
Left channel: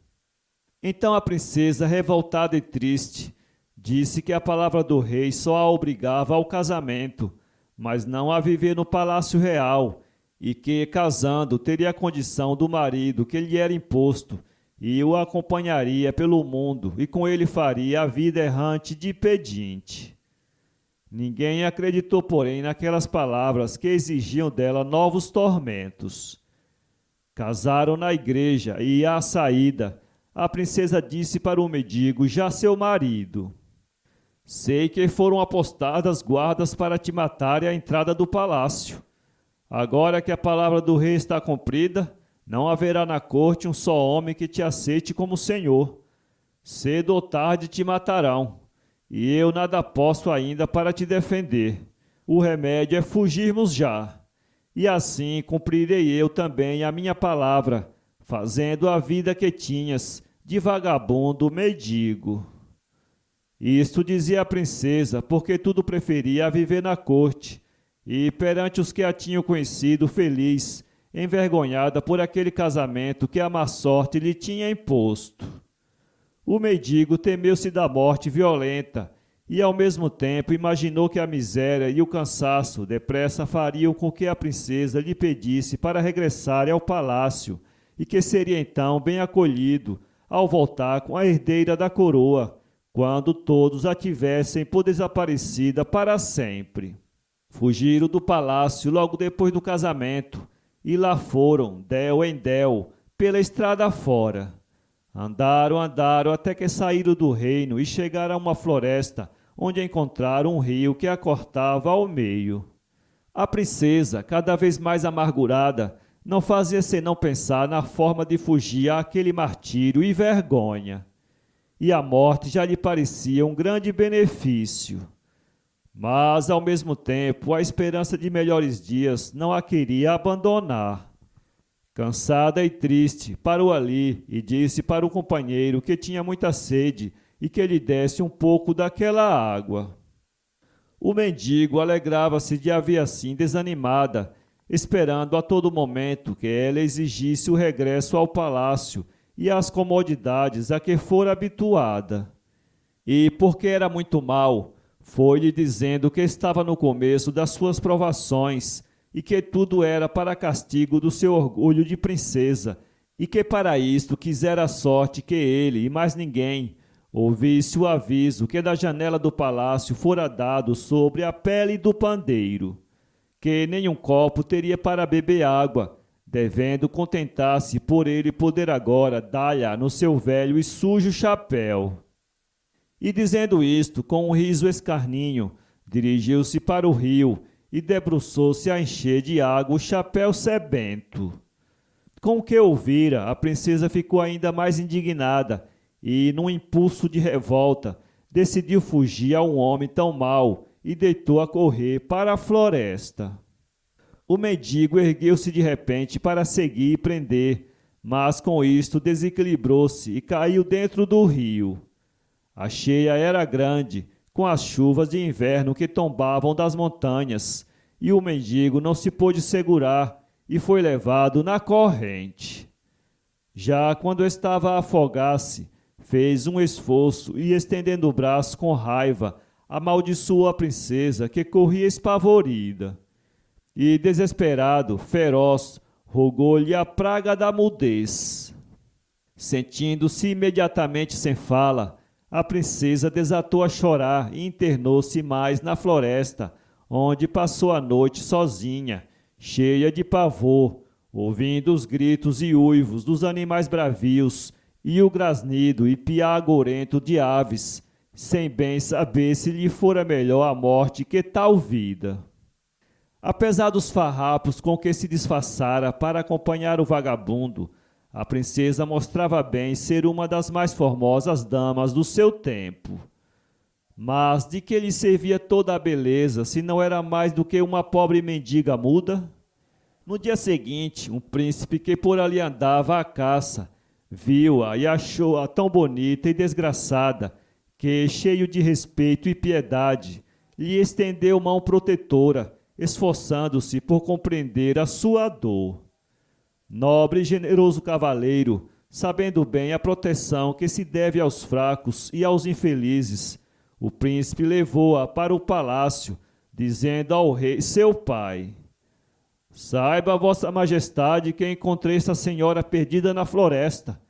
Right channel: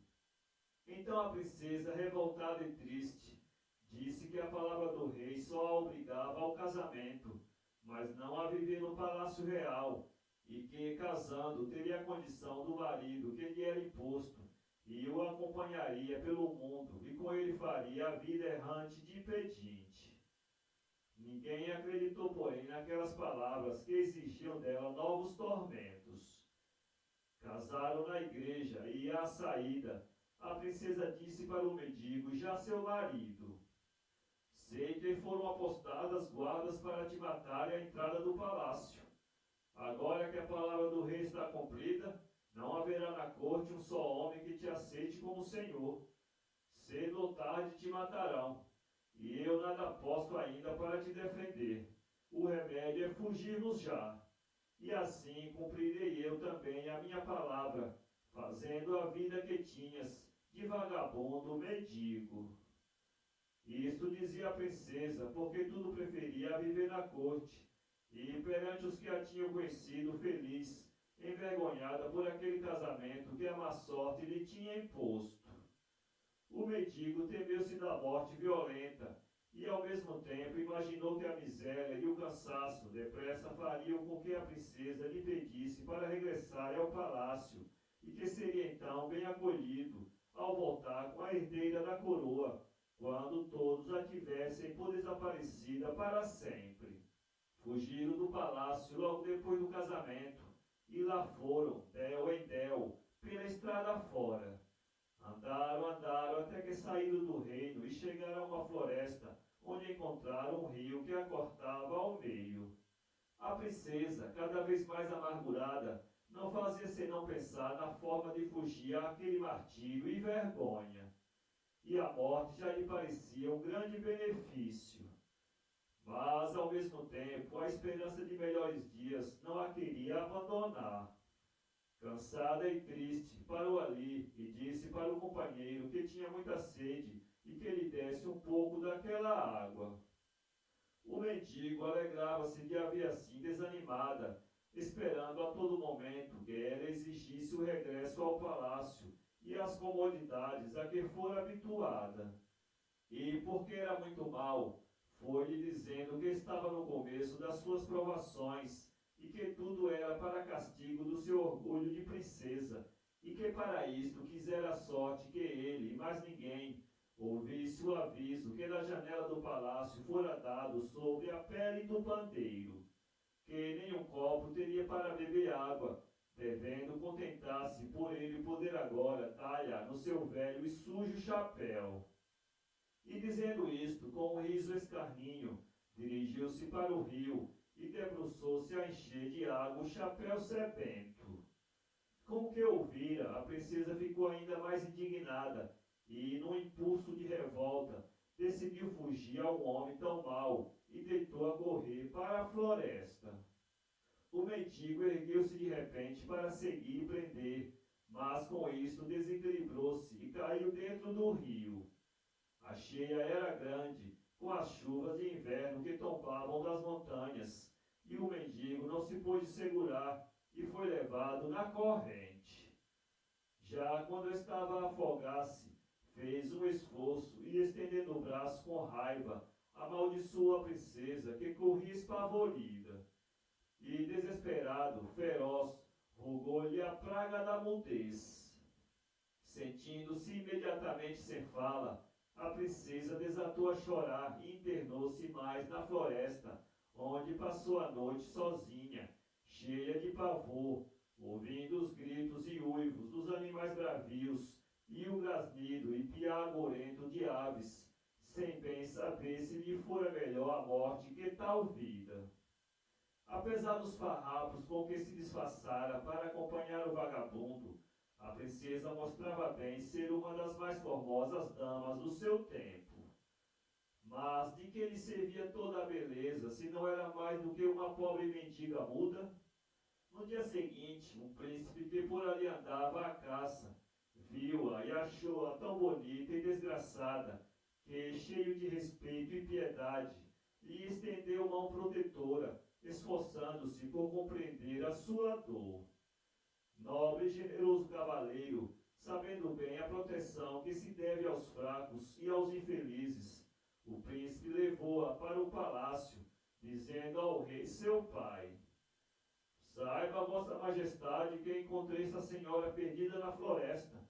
Então a princesa, revoltada e triste, disse que a palavra do rei só a obrigava ao casamento, mas não a viver no palácio real, e que, casando, teria a condição do marido que lhe era imposto, e o acompanharia pelo mundo, e com ele faria a vida errante de pedinte. Ninguém acreditou, porém, naquelas palavras que exigiam dela novos tormentos. Casaram na igreja e, à saída, a princesa disse para o mendigo, já seu marido: Sei que foram apostadas guardas para te matarem à entrada do palácio. Agora que a palavra do rei está cumprida, não haverá na corte um só homem que te aceite como senhor. Cedo ou tarde te matarão, e eu nada posso ainda para te defender. O remédio é fugirmos já. E assim cumprirei eu também a minha palavra, fazendo a vida que tinhas, de vagabundo mendigo. Isto dizia a princesa, porque tudo preferia a viver na corte, e perante os que a tinham conhecido feliz, envergonhada por aquele casamento que a má sorte lhe tinha imposto. O mendigo temeu-se da morte violenta, e ao mesmo tempo imaginou que a miséria e o cansaço depressa fariam com que a princesa lhe pedisse para regressar ao palácio, e que seria então bem acolhido ao voltar com a herdeira da coroa, quando todos a tivessem por desaparecida para sempre. Fugiram do palácio logo depois do casamento, e lá foram, del em del, pela estrada fora. Andaram até que saíram do reino e chegaram a uma floresta, onde encontraram um rio que a cortava ao meio. A princesa, cada vez mais amargurada, não fazia senão pensar na forma de fugir àquele martírio e vergonha. e a morte já lhe parecia um grande benefício. Mas, ao mesmo tempo, a esperança de melhores dias não a queria abandonar. Cansada e triste, parou ali e disse para o companheiro que tinha muita sede e que lhe desse um pouco daquela água. O mendigo alegrava-se de a ver assim desanimada, esperando a todo momento que ela exigisse o regresso ao palácio e às comodidades a que fora habituada. E, porque era muito mal, foi-lhe dizendo que estava no começo das suas provações e que tudo era para castigo do seu orgulho de princesa, e que para isto quisera a sorte que ele e mais ninguém ouvisse o aviso que da janela do palácio fora dado sobre a pele do pandeiro, que nenhum copo teria para beber água, devendo contentar-se por ele poder agora dar-lhe no seu velho e sujo chapéu. E dizendo isto, com um riso escarninho, dirigiu-se para o rio e debruçou-se a encher de água o chapéu sebento. Com o que ouvira, a princesa ficou ainda mais indignada e, num impulso de revolta, decidiu fugir a um homem tão mau e deitou a correr para a floresta. O mendigo ergueu-se de repente para seguir e prender, mas com isto desequilibrou-se e caiu dentro do rio. A cheia era grande, com as chuvas de inverno que tombavam das montanhas, e o mendigo não se pôde segurar e foi levado na corrente. Já quando estava a afogar-se, fez um esforço e, estendendo o braço com raiva, amaldiçoou a princesa, que corria espavorida. E, desesperado, feroz, rogou-lhe a praga da mudez. Sentindo-se imediatamente sem fala, a princesa desatou a chorar e internou-se mais na floresta, onde passou a noite sozinha, cheia de pavor, ouvindo os gritos e uivos dos animais bravios e o grasnido e piar agorento de aves, sem bem saber se lhe fora melhor a morte que tal vida. Apesar dos farrapos com que se disfarçara para acompanhar o vagabundo, a princesa mostrava bem ser uma das mais formosas damas do seu tempo. Mas de que lhe servia toda a beleza, se não era mais do que uma pobre mendiga muda? No dia seguinte, um príncipe que por ali andava à caça, viu-a e achou-a tão bonita e desgraçada, que, cheio de respeito e piedade, lhe estendeu mão protetora, esforçando-se por compreender a sua dor. Nobre e generoso cavaleiro, sabendo bem a proteção que se deve aos fracos e aos infelizes, o príncipe levou-a para o palácio, dizendo ao rei seu pai: Saiba, vossa majestade, que encontrei esta senhora perdida na floresta,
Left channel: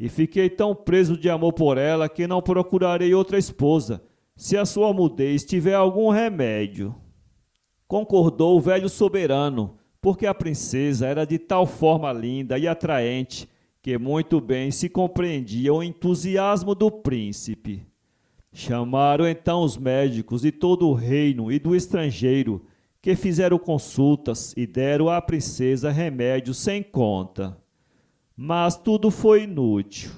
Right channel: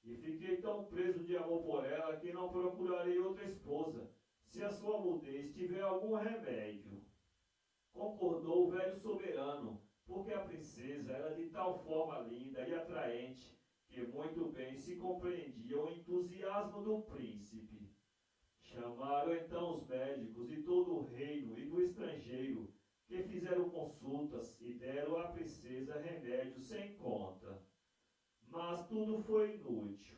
e fiquei tão preso de amor por ela que não procurarei outra esposa, se a sua mudez tiver algum remédio. Concordou o velho soberano, porque a princesa era de tal forma linda e atraente que muito bem se compreendia o entusiasmo do príncipe. Chamaram então os médicos de todo o reino e do estrangeiro, que fizeram consultas e deram à princesa remédios sem conta. Mas tudo foi inútil.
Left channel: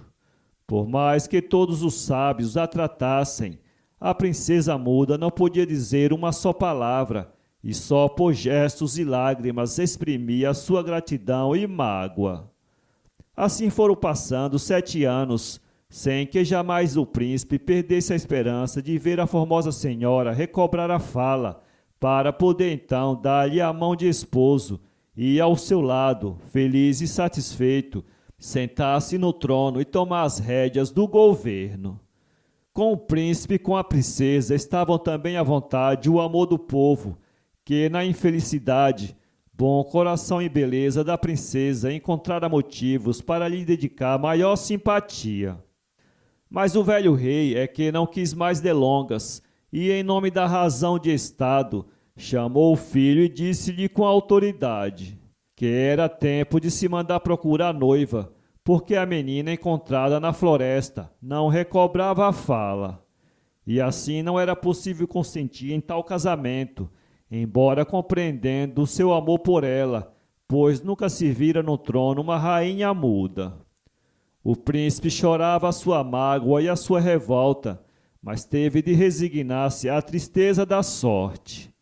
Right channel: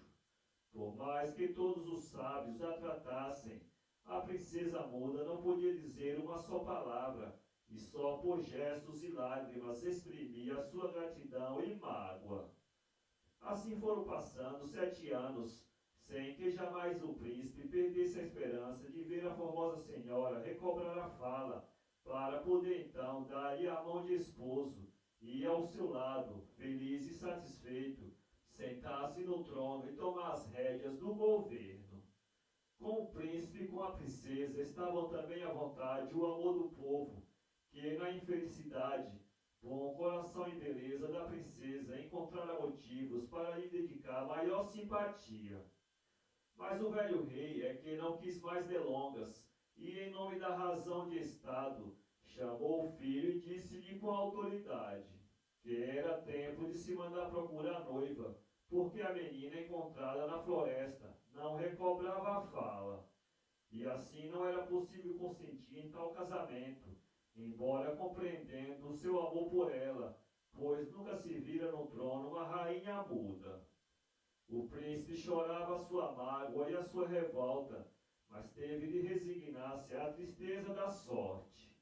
Por mais que todos os sábios a tratassem, a princesa muda não podia dizer uma só palavra, e só por gestos e lágrimas exprimia a sua gratidão e mágoa. Assim foram passando 7 anos, sem que jamais o príncipe perdesse a esperança de ver a formosa senhora recobrar a fala, para poder então dar-lhe a mão de esposo e, ao seu lado, feliz e satisfeito, sentar-se no trono e tomar as rédeas do governo. Com o príncipe e com a princesa estavam também à vontade o amor do povo, que na infelicidade, bom coração e beleza da princesa encontrara motivos para lhe dedicar maior simpatia. Mas o velho rei é que não quis mais delongas, e, em nome da razão de Estado, chamou o filho e disse-lhe com autoridade que era tempo de se mandar procurar a noiva, porque a menina encontrada na floresta não recobrava a fala. E assim não era possível consentir em tal casamento, embora compreendendo o seu amor por ela, pois nunca se vira no trono uma rainha muda. O príncipe chorava a sua mágoa e a sua revolta, mas teve de resignar-se à tristeza da sorte.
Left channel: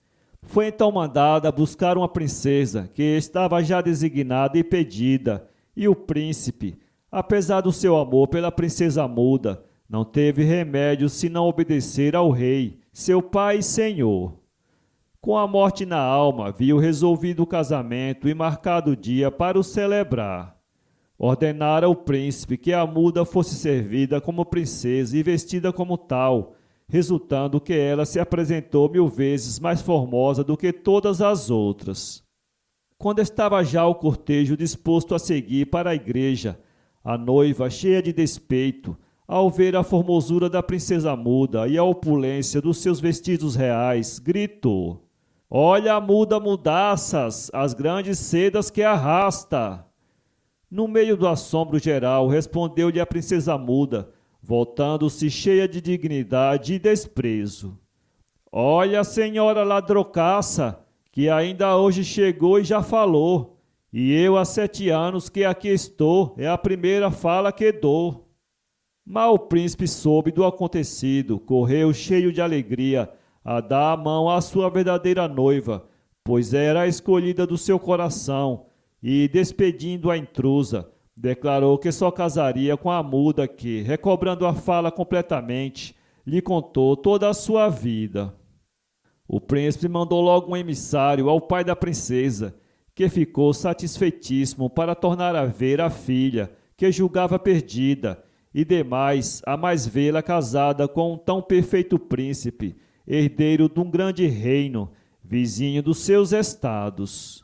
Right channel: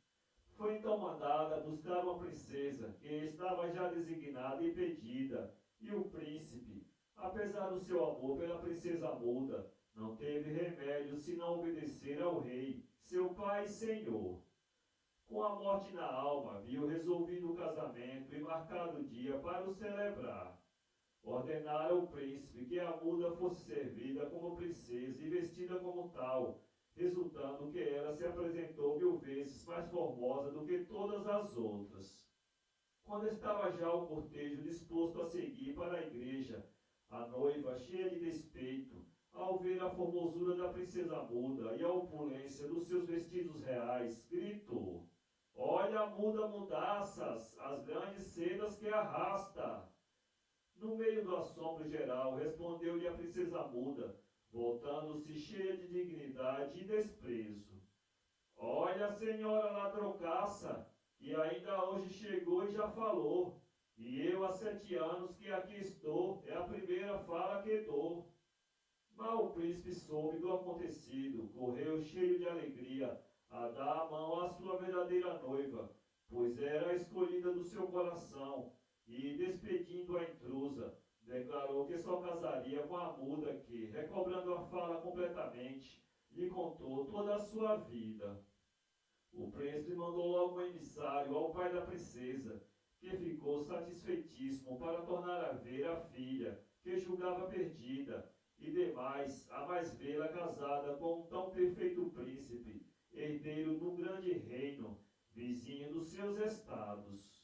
Foi então mandada buscar uma princesa que estava já designada e pedida, e o príncipe, apesar do seu amor pela princesa muda, não teve remédio senão obedecer ao rei, seu pai e senhor. Com a morte na alma, viu resolvido o casamento e marcado o dia para o celebrar. Ordenara o príncipe que a muda fosse servida como princesa e vestida como tal, resultando que ela se apresentou 1000 vezes mais formosa do que todas as outras. Quando estava já o cortejo disposto a seguir para a igreja, a noiva, cheia de despeito, ao ver a formosura da princesa muda e a opulência dos seus vestidos reais, gritou: "Olha a muda mudaças, as grandes sedas que arrasta!" No meio do assombro geral, respondeu-lhe a princesa muda, voltando-se cheia de dignidade e desprezo: "Olha, senhora ladrocaça, que ainda hoje chegou e já falou, e eu há 7 anos que aqui estou, é a primeira fala que dou." Mal o príncipe soube do acontecido, correu cheio de alegria a dar a mão à sua verdadeira noiva, pois era a escolhida do seu coração, e, despedindo a intrusa, declarou que só casaria com a muda que, recobrando a fala completamente, lhe contou toda a sua vida. O príncipe mandou logo um emissário ao pai da princesa, que ficou satisfeitíssimo para tornar a ver a filha, que julgava perdida, e demais a mais vê-la casada com um tão perfeito príncipe, herdeiro de um grande reino, vizinho dos seus estados.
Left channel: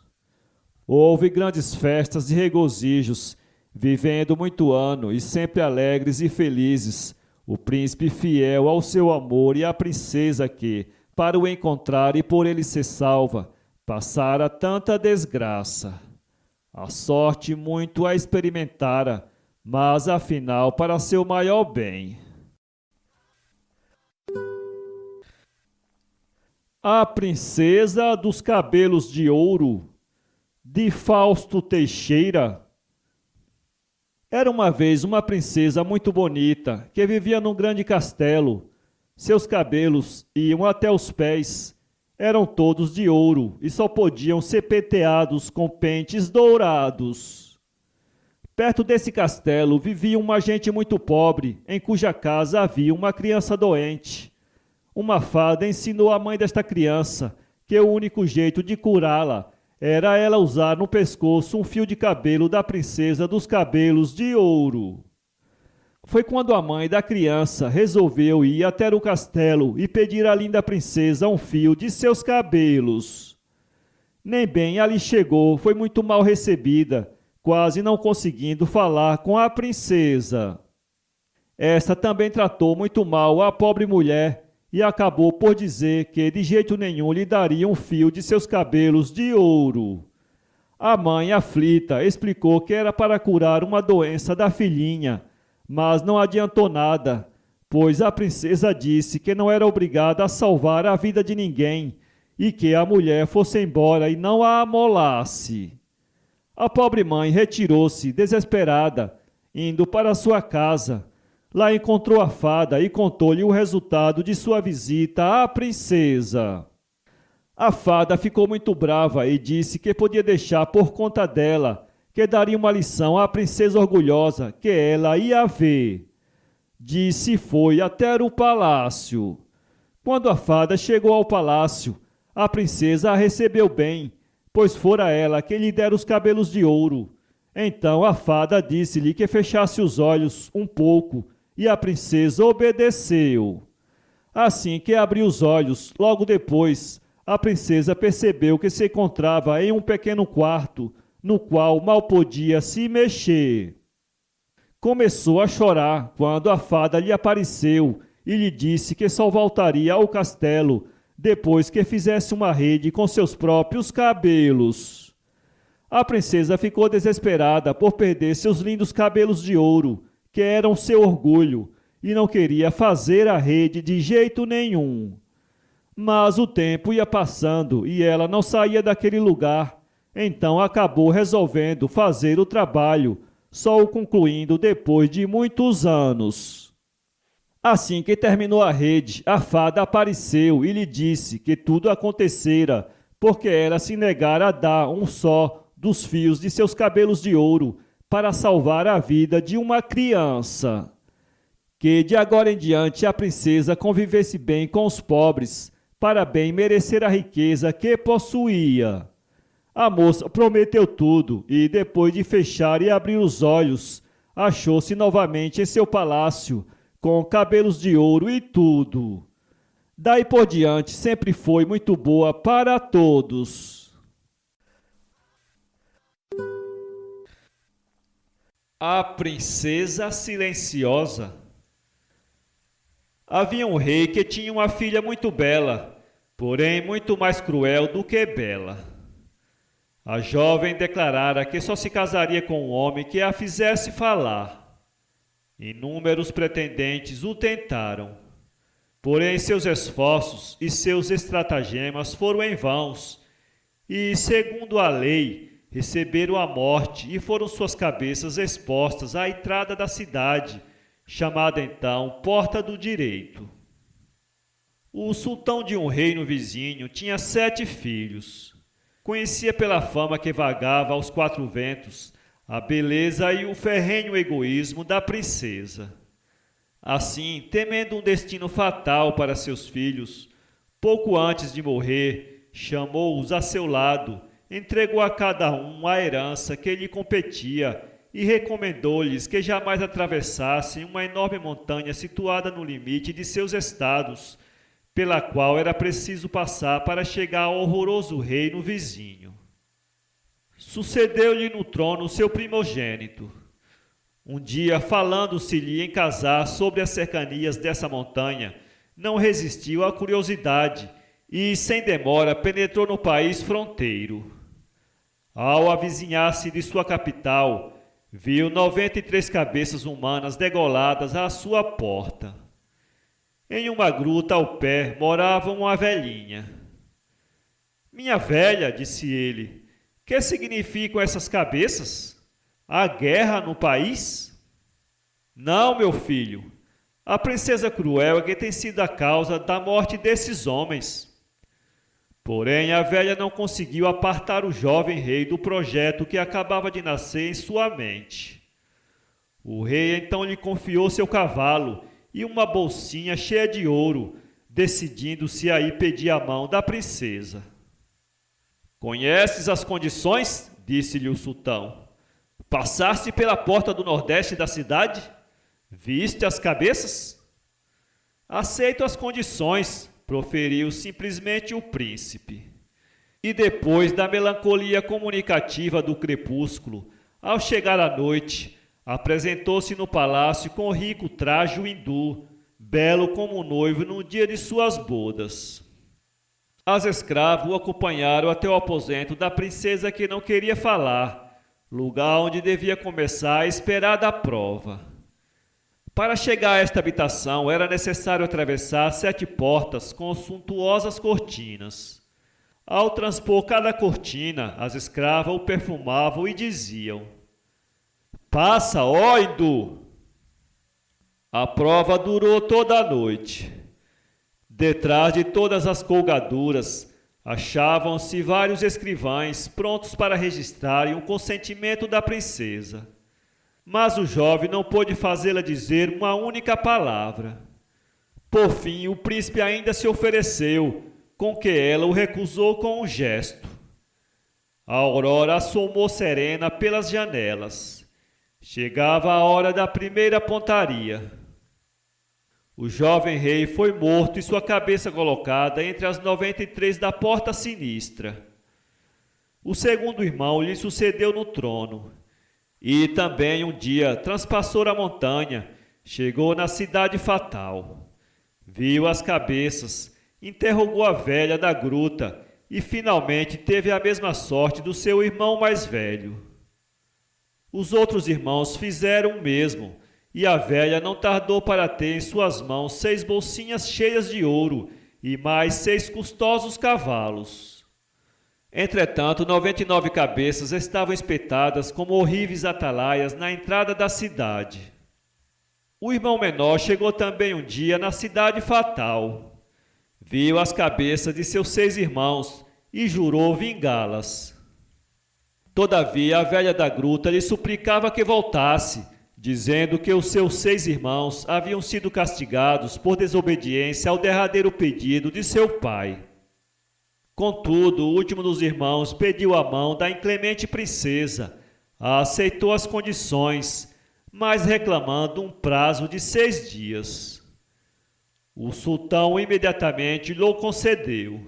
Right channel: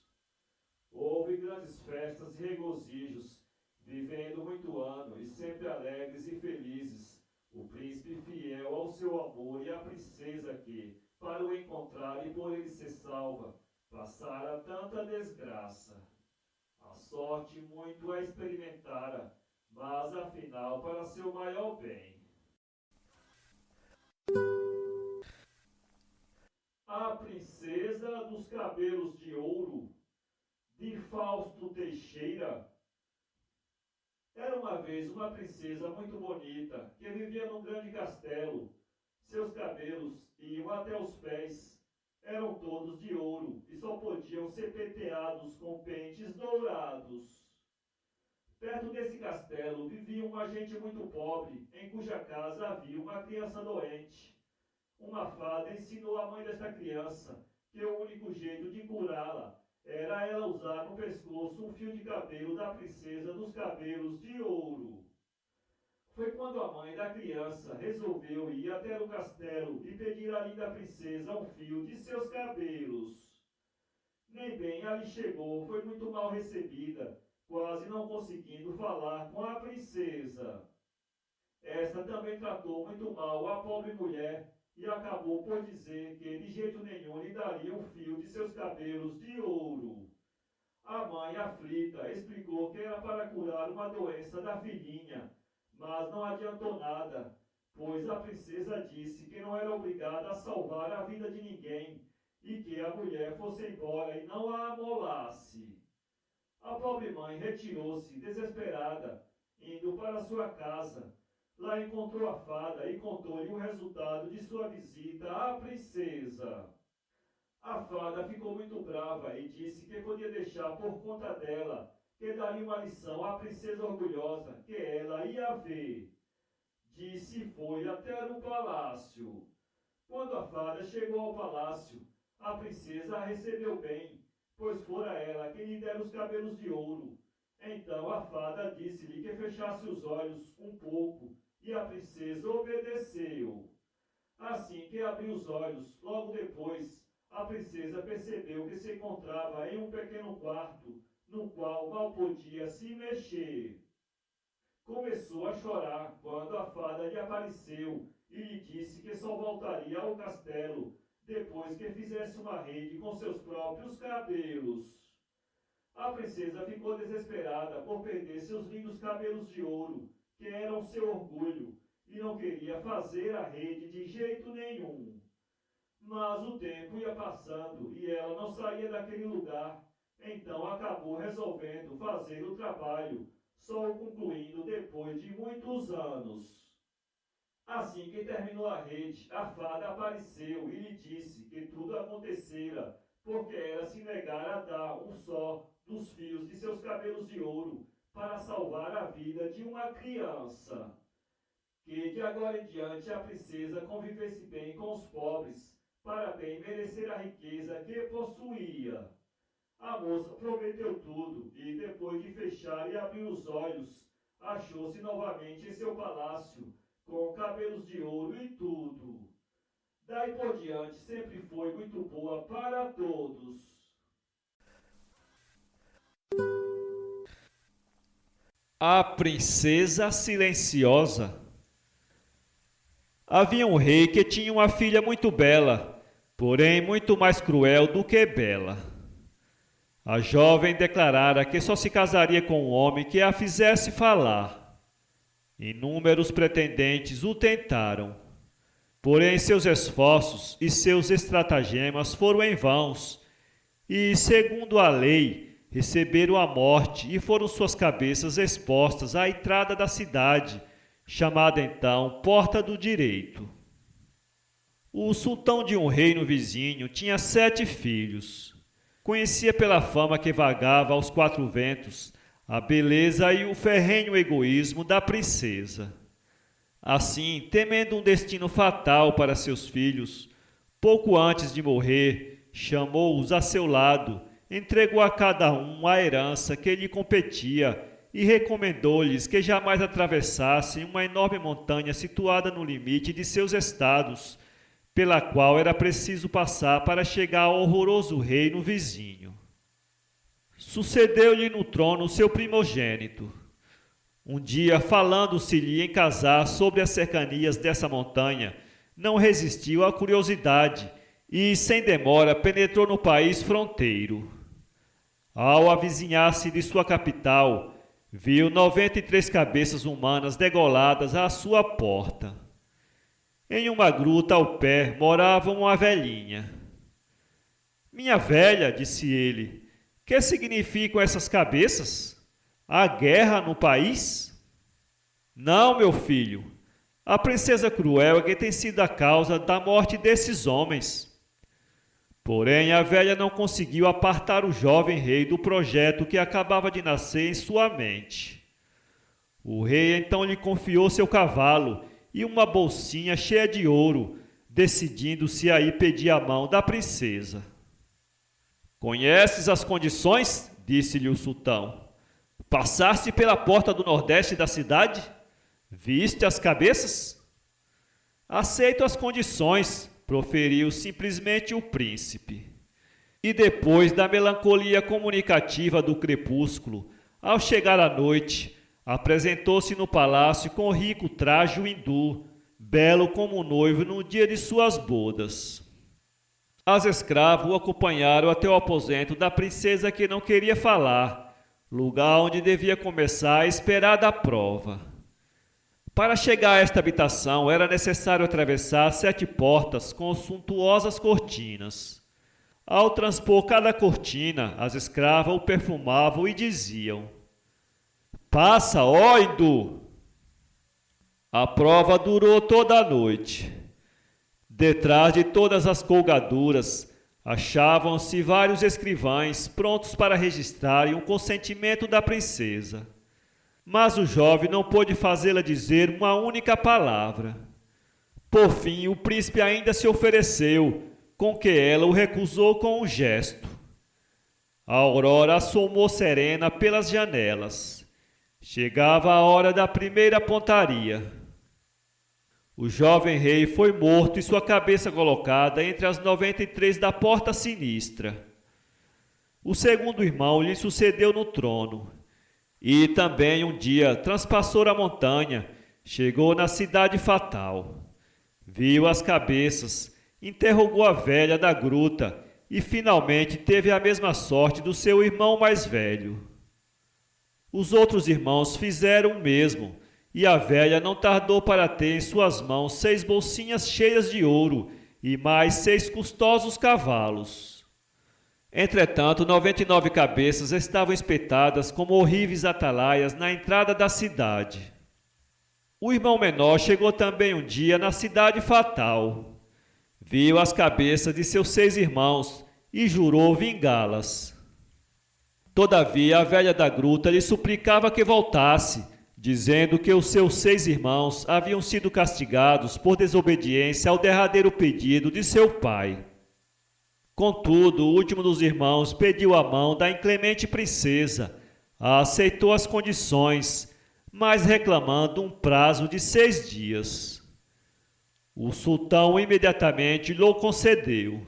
Houve grandes festas e regozijos, vivendo muito ano e sempre alegres e felizes, o príncipe fiel ao seu amor e a princesa que, para o encontrar e por ele ser salva, passara tanta desgraça. A sorte muito a experimentara, mas afinal para seu maior bem. A Princesa dos Cabelos de Ouro, de Fausto Teixeira. Era uma vez uma princesa muito bonita, que vivia num grande castelo. Seus cabelos iam até os pés, eram todos de ouro e só podiam ser penteados com pentes dourados. Perto desse castelo vivia uma gente muito pobre, em cuja casa havia uma criança doente. Uma fada ensinou à mãe desta criança que o único jeito de curá-la era ela usar no pescoço um fio de cabelo da princesa dos cabelos de ouro. Foi quando a mãe da criança resolveu ir até o castelo e pedir à linda princesa um fio de seus cabelos. Nem bem ali chegou, foi muito mal recebida, quase não conseguindo falar com a princesa. Esta também tratou muito mal a pobre mulher e acabou por dizer que de jeito nenhum lhe daria um fio de seus cabelos de ouro. A mãe, aflita, explicou que era para curar uma doença da filhinha, mas não adiantou nada, pois a princesa disse que não era obrigada a salvar a vida de ninguém e que a mulher fosse embora e não a amolasse. A pobre mãe retirou-se, desesperada, indo para sua casa. Lá encontrou a fada e contou-lhe o resultado de sua visita à princesa. A fada ficou muito brava e disse que podia deixar por conta dela, que daria uma lição à princesa orgulhosa, que ela ia ver. Disse e foi até o palácio. Quando a fada chegou ao palácio, a princesa a recebeu bem, pois fora ela quem lhe dera os cabelos de ouro. Então a fada disse-lhe que fechasse os olhos um pouco, e a princesa obedeceu. Assim que abriu os olhos, logo depois, a princesa percebeu que se encontrava em um pequeno quarto, no qual mal podia se mexer. Começou a chorar quando a fada lhe apareceu e lhe disse que só voltaria ao castelo depois que fizesse uma rede com seus próprios cabelos. A princesa ficou desesperada por perder seus lindos cabelos de ouro, que eram seu orgulho, e não queria fazer a rede de jeito nenhum. Mas o tempo ia passando e ela não saía daquele lugar, então acabou resolvendo fazer o trabalho, só o concluindo depois de muitos anos. Assim que terminou a rede, a fada apareceu e lhe disse que tudo acontecera porque ela se negara a dar um só dos fios de seus cabelos de ouro para salvar a vida de uma criança. Que de agora em diante a princesa convivesse bem com os pobres, para bem merecer a riqueza que possuía. A moça prometeu tudo e, depois de fechar e abrir os olhos, achou-se novamente em seu palácio, com cabelos de ouro e tudo. Daí por diante sempre foi muito boa para todos. A Princesa Silenciosa. Havia um rei que tinha uma filha muito bela, porém muito mais cruel do que bela. A jovem declarara que só se casaria com um homem que a fizesse falar. Inúmeros pretendentes o tentaram, porém seus esforços e seus estratagemas foram em vãos, e, segundo a lei, receberam a morte e foram suas cabeças expostas à entrada da cidade, chamada então Porta do Direito. O sultão de um reino vizinho tinha 7 filhos. Conhecia pela fama que vagava aos 4 ventos a beleza e o ferrenho egoísmo da princesa. Assim, temendo um destino fatal para seus filhos, pouco antes de morrer, chamou-os a seu lado, entregou a cada um a herança que lhe competia e recomendou-lhes que jamais atravessassem uma enorme montanha situada no limite de seus estados, pela qual era preciso passar para chegar ao horroroso reino vizinho. Sucedeu-lhe no trono seu primogênito. Um dia, falando-se-lhe em casar sobre as cercanias dessa montanha, não resistiu à curiosidade e, sem demora, penetrou no país fronteiro. Ao avizinhar-se de sua capital, viu 93 cabeças humanas degoladas à sua porta. Em uma gruta ao pé morava uma velhinha. "Minha velha", disse ele, "que significam essas cabeças? Há guerra no país?" "Não, meu filho. A princesa cruel é que tem sido a causa da morte desses homens." Porém, a velha não conseguiu apartar o jovem rei do projeto que acabava de nascer em sua mente. O rei então lhe confiou seu cavalo e uma bolsinha cheia de ouro, decidindo-se a ir pedir a mão da princesa. "Conheces as condições?" disse-lhe o sultão. "Passaste pela porta do nordeste da cidade? Viste as cabeças?" "Aceito as condições", proferiu simplesmente o príncipe. E depois da melancolia comunicativa do crepúsculo, ao chegar a noite, apresentou-se no palácio com rico traje hindu, belo como um noivo no dia de suas bodas. As escravas o acompanharam até o aposento da princesa que não queria falar, lugar onde devia começar a esperada prova. Para chegar a esta habitação era necessário atravessar 7 portas com suntuosas cortinas. Ao transpor cada cortina, as escravas o perfumavam e diziam: "Passa, ó hindu!" A prova durou toda a noite. Detrás de todas as colgaduras, achavam-se vários escrivães prontos para registrarem o consentimento da princesa. Mas o jovem não pôde fazê-la dizer uma única palavra. Por fim, o príncipe ainda se ofereceu, com que ela o recusou com um gesto. A aurora assomou serena pelas janelas. Chegava a hora da primeira pontaria. O jovem rei foi morto e sua cabeça colocada entre as 93 da porta sinistra. O segundo irmão lhe sucedeu no trono. E também um dia transpassou a montanha, chegou na cidade fatal. Viu as cabeças, interrogou a velha da gruta e finalmente teve a mesma sorte do seu irmão mais velho. Os outros irmãos fizeram o mesmo, e a velha não tardou para ter em suas mãos 6 bolsinhas cheias de ouro e mais 6 custosos cavalos. Entretanto, 99 cabeças estavam espetadas como horríveis atalaias na entrada da cidade. O irmão menor chegou também um dia na cidade fatal. Viu as cabeças de seus 6 irmãos e jurou vingá-las. Todavia, a velha da gruta lhe suplicava que voltasse, dizendo que os seus 6 irmãos haviam sido castigados por desobediência ao derradeiro pedido de seu pai. Contudo, o último dos irmãos pediu a mão da inclemente princesa, aceitou as condições, mas reclamando um prazo de 6 dias. O sultão imediatamente lhe concedeu.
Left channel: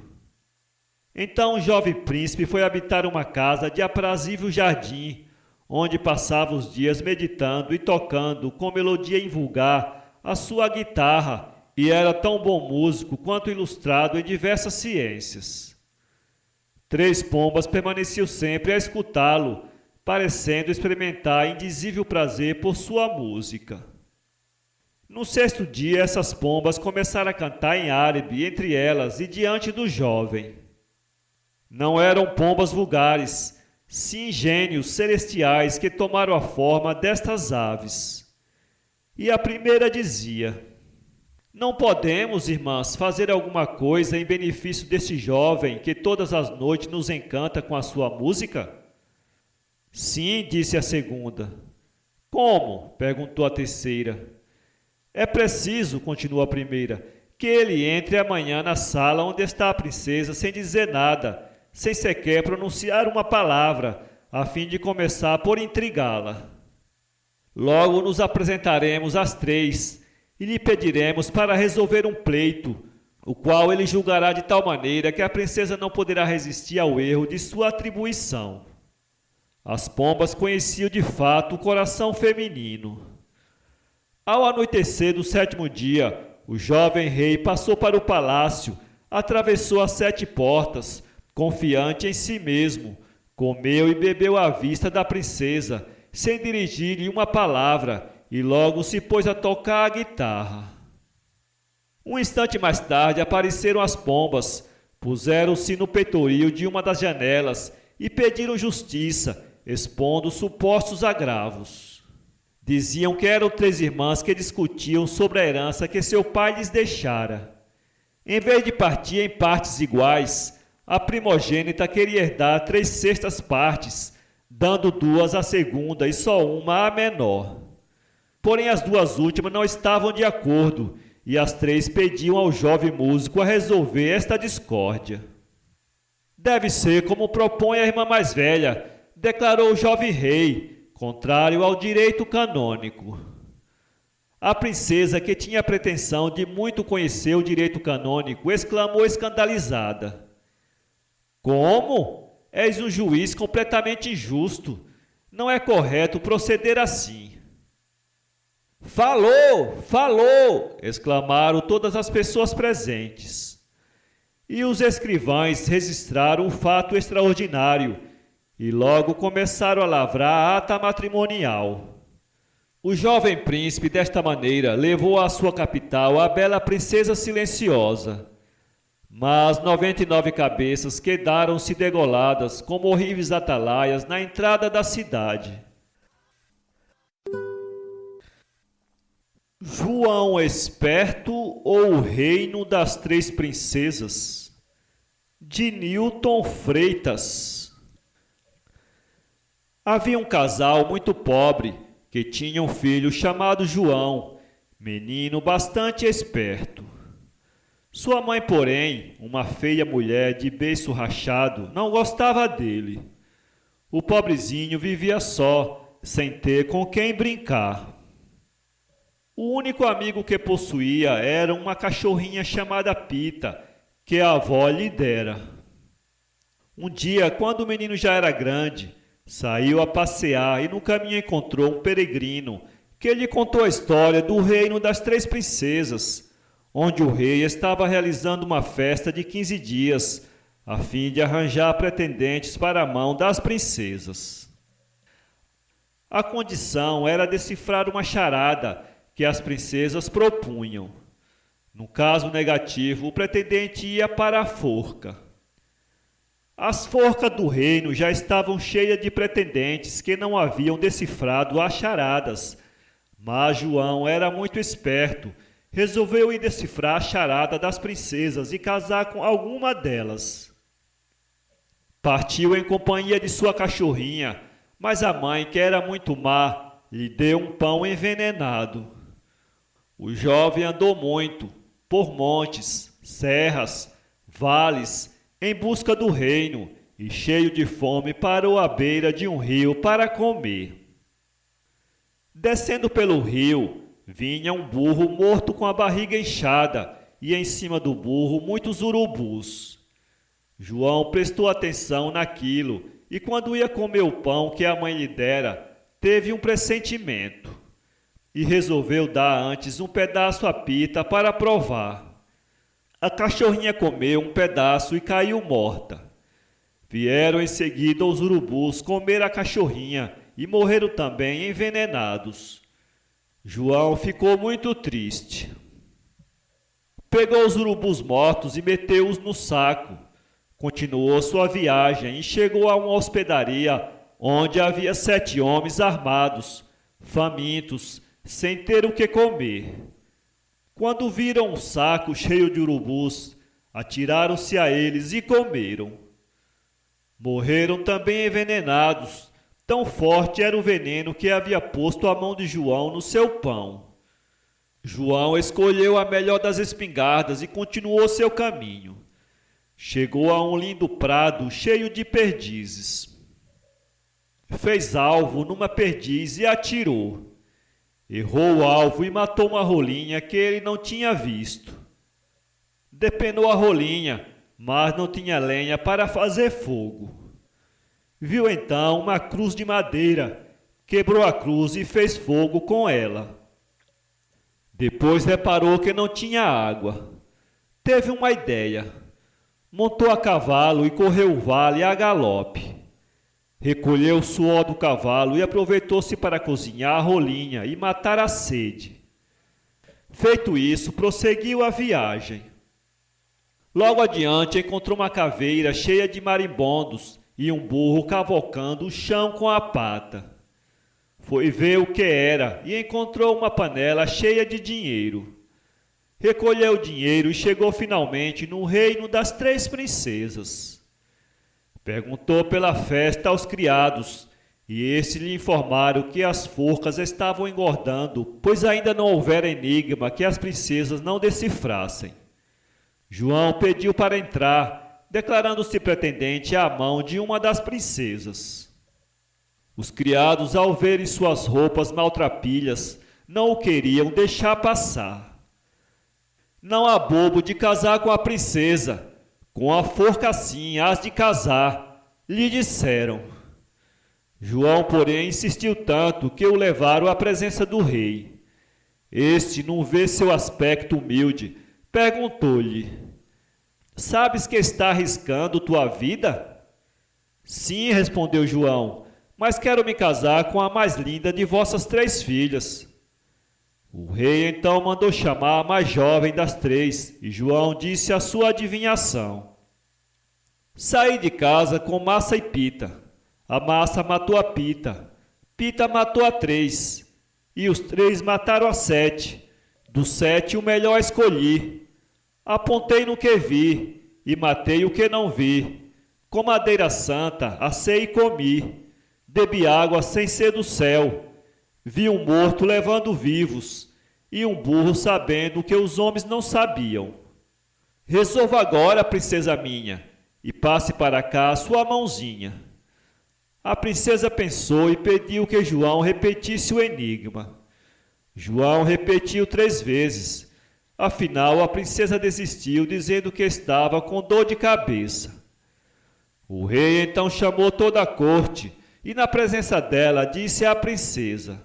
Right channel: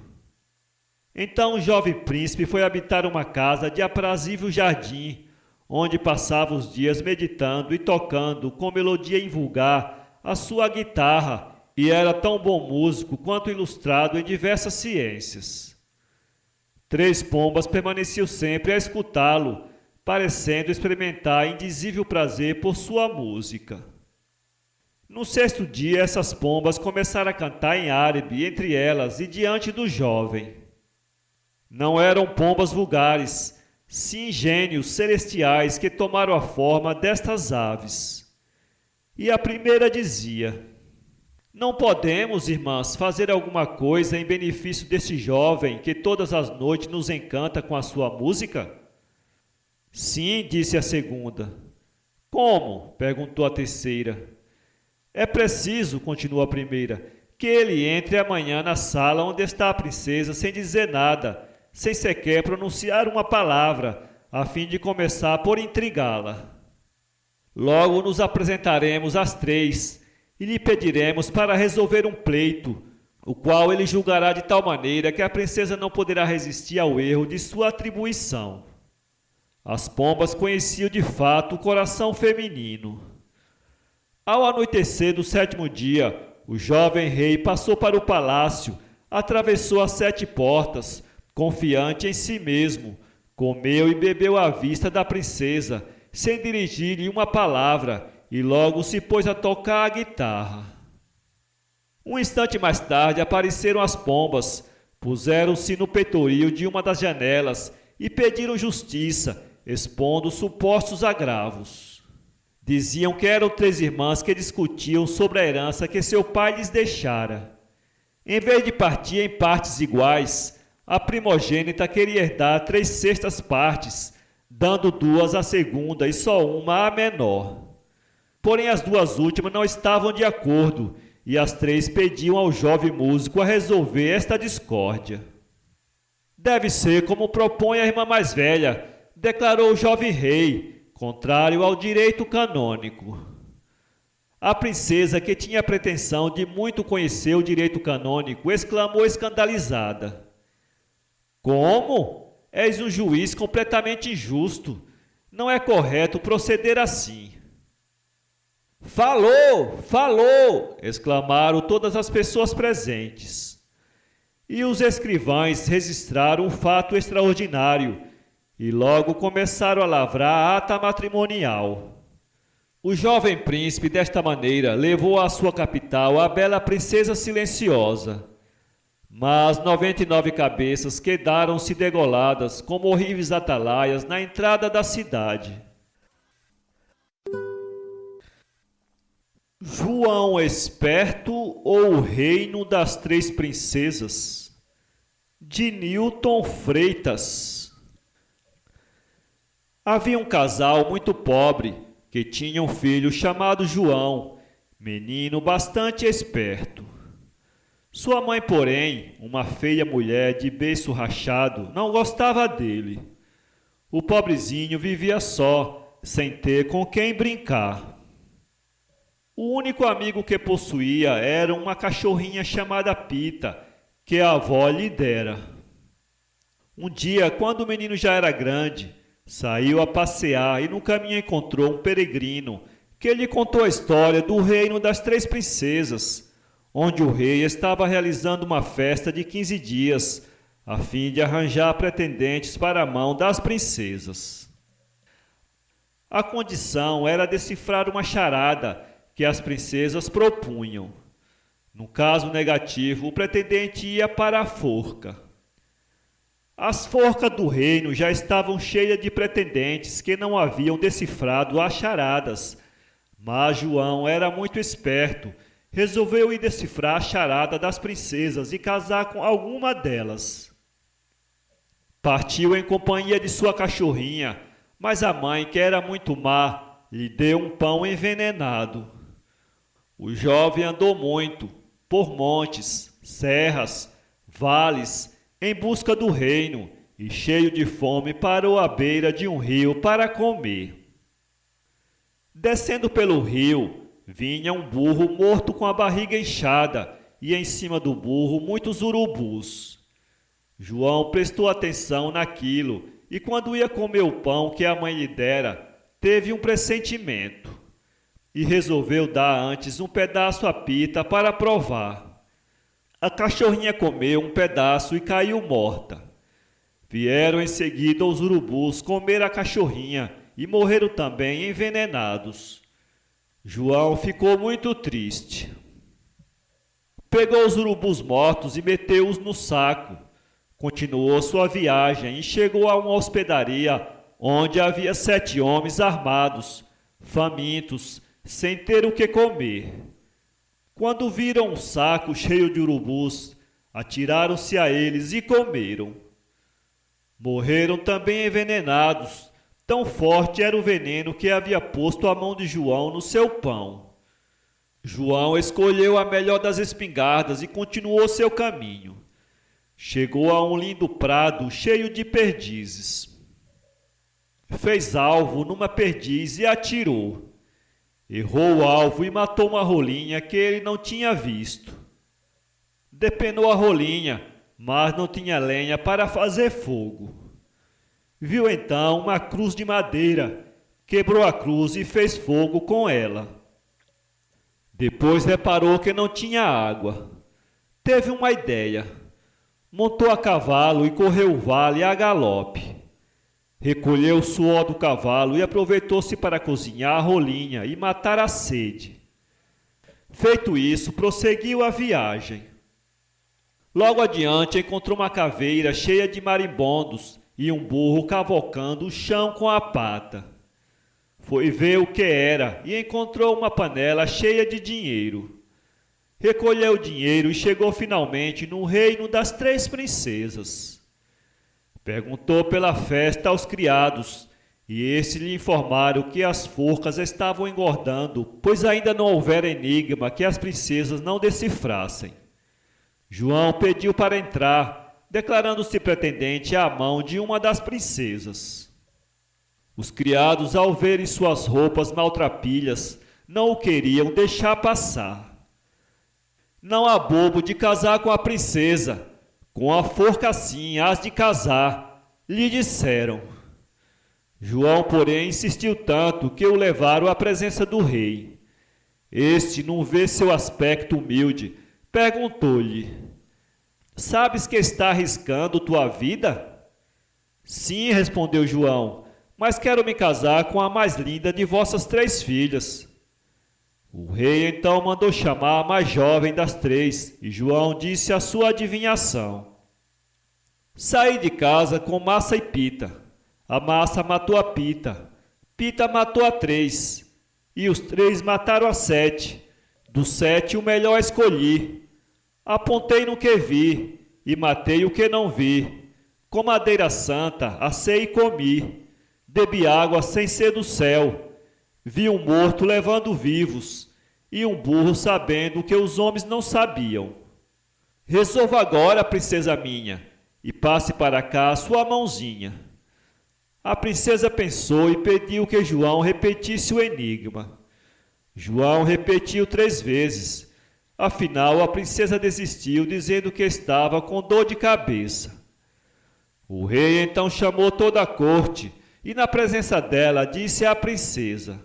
Então o jovem príncipe foi habitar uma casa de aprazível jardim, onde passava os dias meditando e tocando com melodia invulgar a sua guitarra, e era tão bom músico quanto ilustrado em diversas ciências. 3 pombas permaneciam sempre a escutá-lo, parecendo experimentar indizível prazer por sua música. No 6º dia, essas pombas começaram a cantar em árabe entre elas e diante do jovem. Não eram pombas vulgares, sim gênios celestiais que tomaram a forma destas aves. E a primeira dizia: não podemos, irmãs, fazer alguma coisa em benefício desse jovem que todas as noites nos encanta com a sua música? Sim, disse a segunda. Como? Perguntou a terceira. É preciso, continuou a primeira, que ele entre amanhã na sala onde está a princesa sem dizer nada, sem sequer pronunciar uma palavra, a fim de começar por intrigá-la. Logo nos apresentaremos às 3 e lhe pediremos para resolver um pleito, o qual ele julgará de tal maneira que a princesa não poderá resistir ao erro de sua atribuição. As pombas conheciam de fato o coração feminino. Ao anoitecer do 7º dia, o jovem rei passou para o palácio, atravessou as 7 portas, confiante em si mesmo, comeu e bebeu à vista da princesa, sem dirigir-lhe uma palavra, e logo se pôs a tocar a guitarra. Um instante mais tarde apareceram as pombas, puseram-se no peitoril de uma das janelas e pediram justiça, expondo supostos agravos. Diziam que eram 3 irmãs que discutiam sobre a herança que seu pai lhes deixara. Em vez de partir em partes iguais, a primogênita queria herdar 3/6 partes, dando 2 à segunda e só uma à menor. Porém, as 2 últimas não estavam de acordo, e as 3 pediam ao jovem músico a resolver esta discórdia. Deve ser como propõe a irmã mais velha, declarou o jovem rei, contrário ao direito canônico. A princesa, que tinha a pretensão de muito conhecer o direito canônico, exclamou escandalizada: como? És um juiz completamente injusto. Não é correto proceder assim. Falou! Falou! Exclamaram todas as pessoas presentes. E os escrivães registraram um fato extraordinário e logo começaram a lavrar a ata matrimonial. O jovem príncipe, desta maneira, levou à sua capital a bela princesa silenciosa. Mas 99 cabeças quedaram-se degoladas como horríveis atalaias na entrada da cidade. João Esperto ou o Reino das 3 Princesas, de Newton Freitas. Havia um casal muito pobre que tinha um filho chamado João, menino bastante esperto. Sua mãe, porém, uma feia mulher de beiço rachado, não gostava dele. O pobrezinho vivia só, sem ter com quem brincar. O único amigo que possuía era uma cachorrinha chamada Pita, que a avó lhe dera. Um dia, quando o menino já era grande, saiu a passear e no caminho encontrou um peregrino que lhe contou a história do reino das 3 princesas, onde o rei estava realizando uma festa de 15 dias, a fim de arranjar pretendentes para a mão das princesas. A condição era decifrar uma charada que as princesas propunham. No caso negativo, o pretendente ia para a forca. As forcas do reino já estavam cheias de pretendentes que não haviam decifrado as charadas. Mas João era muito esperto. Resolveu ir decifrar a charada das princesas e casar com alguma delas. Partiu em companhia de sua cachorrinha, mas a mãe, que era muito má, lhe deu um pão envenenado. O jovem andou muito, por montes, serras, vales, em busca do reino, e cheio de fome parou à beira de um rio para comer. Descendo pelo rio, vinha um burro morto com a barriga inchada, e em cima do burro muitos urubus. João prestou atenção naquilo, e quando ia comer o pão que a mãe lhe dera, teve um pressentimento, e resolveu dar antes um pedaço à Pita para provar. A cachorrinha comeu um pedaço e caiu morta. Vieram em seguida os urubus comer a cachorrinha e morreram também envenenados. João ficou muito triste. Pegou os urubus mortos e meteu-os no saco. Continuou sua viagem e chegou a uma hospedaria onde havia 7 homens armados, famintos, sem ter o que comer. Quando viram um saco cheio de urubus, atiraram-se a eles e comeram. Morreram também envenenados, tão forte era o veneno que havia posto a mão de João no seu pão. João escolheu a melhor das espingardas e continuou seu caminho. Chegou a um lindo prado cheio de perdizes. Fez alvo numa perdiz e atirou. Errou o alvo e matou uma rolinha que ele não tinha visto. Depenou a rolinha, mas não tinha lenha para fazer fogo. Viu então uma cruz de madeira, quebrou a cruz e fez fogo com ela. Depois reparou que não tinha água. Teve uma ideia. Montou a cavalo e correu o vale a galope. Recolheu o suor do cavalo e aproveitou-se para cozinhar a rolinha e matar a sede. Feito isso, prosseguiu a viagem. Logo adiante encontrou uma caveira cheia de marimbondos e um burro cavocando o chão com a pata. Foi ver o que era e encontrou uma panela cheia de dinheiro. Recolheu o dinheiro e chegou finalmente no reino das 3 princesas. Perguntou pela festa aos criados, e estes lhe informaram que as forcas estavam engordando, pois ainda não houvera enigma que as princesas não decifrassem. João pediu para entrar, declarando-se pretendente à mão de uma das princesas. Os criados, ao verem suas roupas maltrapilhas, não o queriam deixar passar. Não há bobo de casar com a princesa, com a forca assim hás de casar, lhe disseram. João, porém, insistiu tanto que o levaram à presença do rei. Este, num ver seu aspecto humilde, perguntou-lhe: sabes que está arriscando tua vida? Sim, respondeu João, mas quero me casar com a mais linda de vossas 3 filhas. O rei então mandou chamar a mais jovem das 3, e João disse a sua adivinhação. Saí de casa com Massa e Pita. A Massa matou a Pita. Pita matou a 3. E os 3 mataram a 7. Dos 7 o melhor escolhi. Apontei no que vi, e matei o que não vi. Com madeira santa, assei e comi. Bebi água sem ser do céu. Vi um morto levando vivos, e um burro sabendo o que os homens não sabiam. Resolva agora, princesa minha, e passe para cá a sua mãozinha. A princesa pensou e pediu que João repetisse o enigma. João repetiu 3 vezes. Afinal, a princesa desistiu, dizendo que estava com dor de cabeça. O rei então chamou toda a corte e, na presença dela, disse à princesa:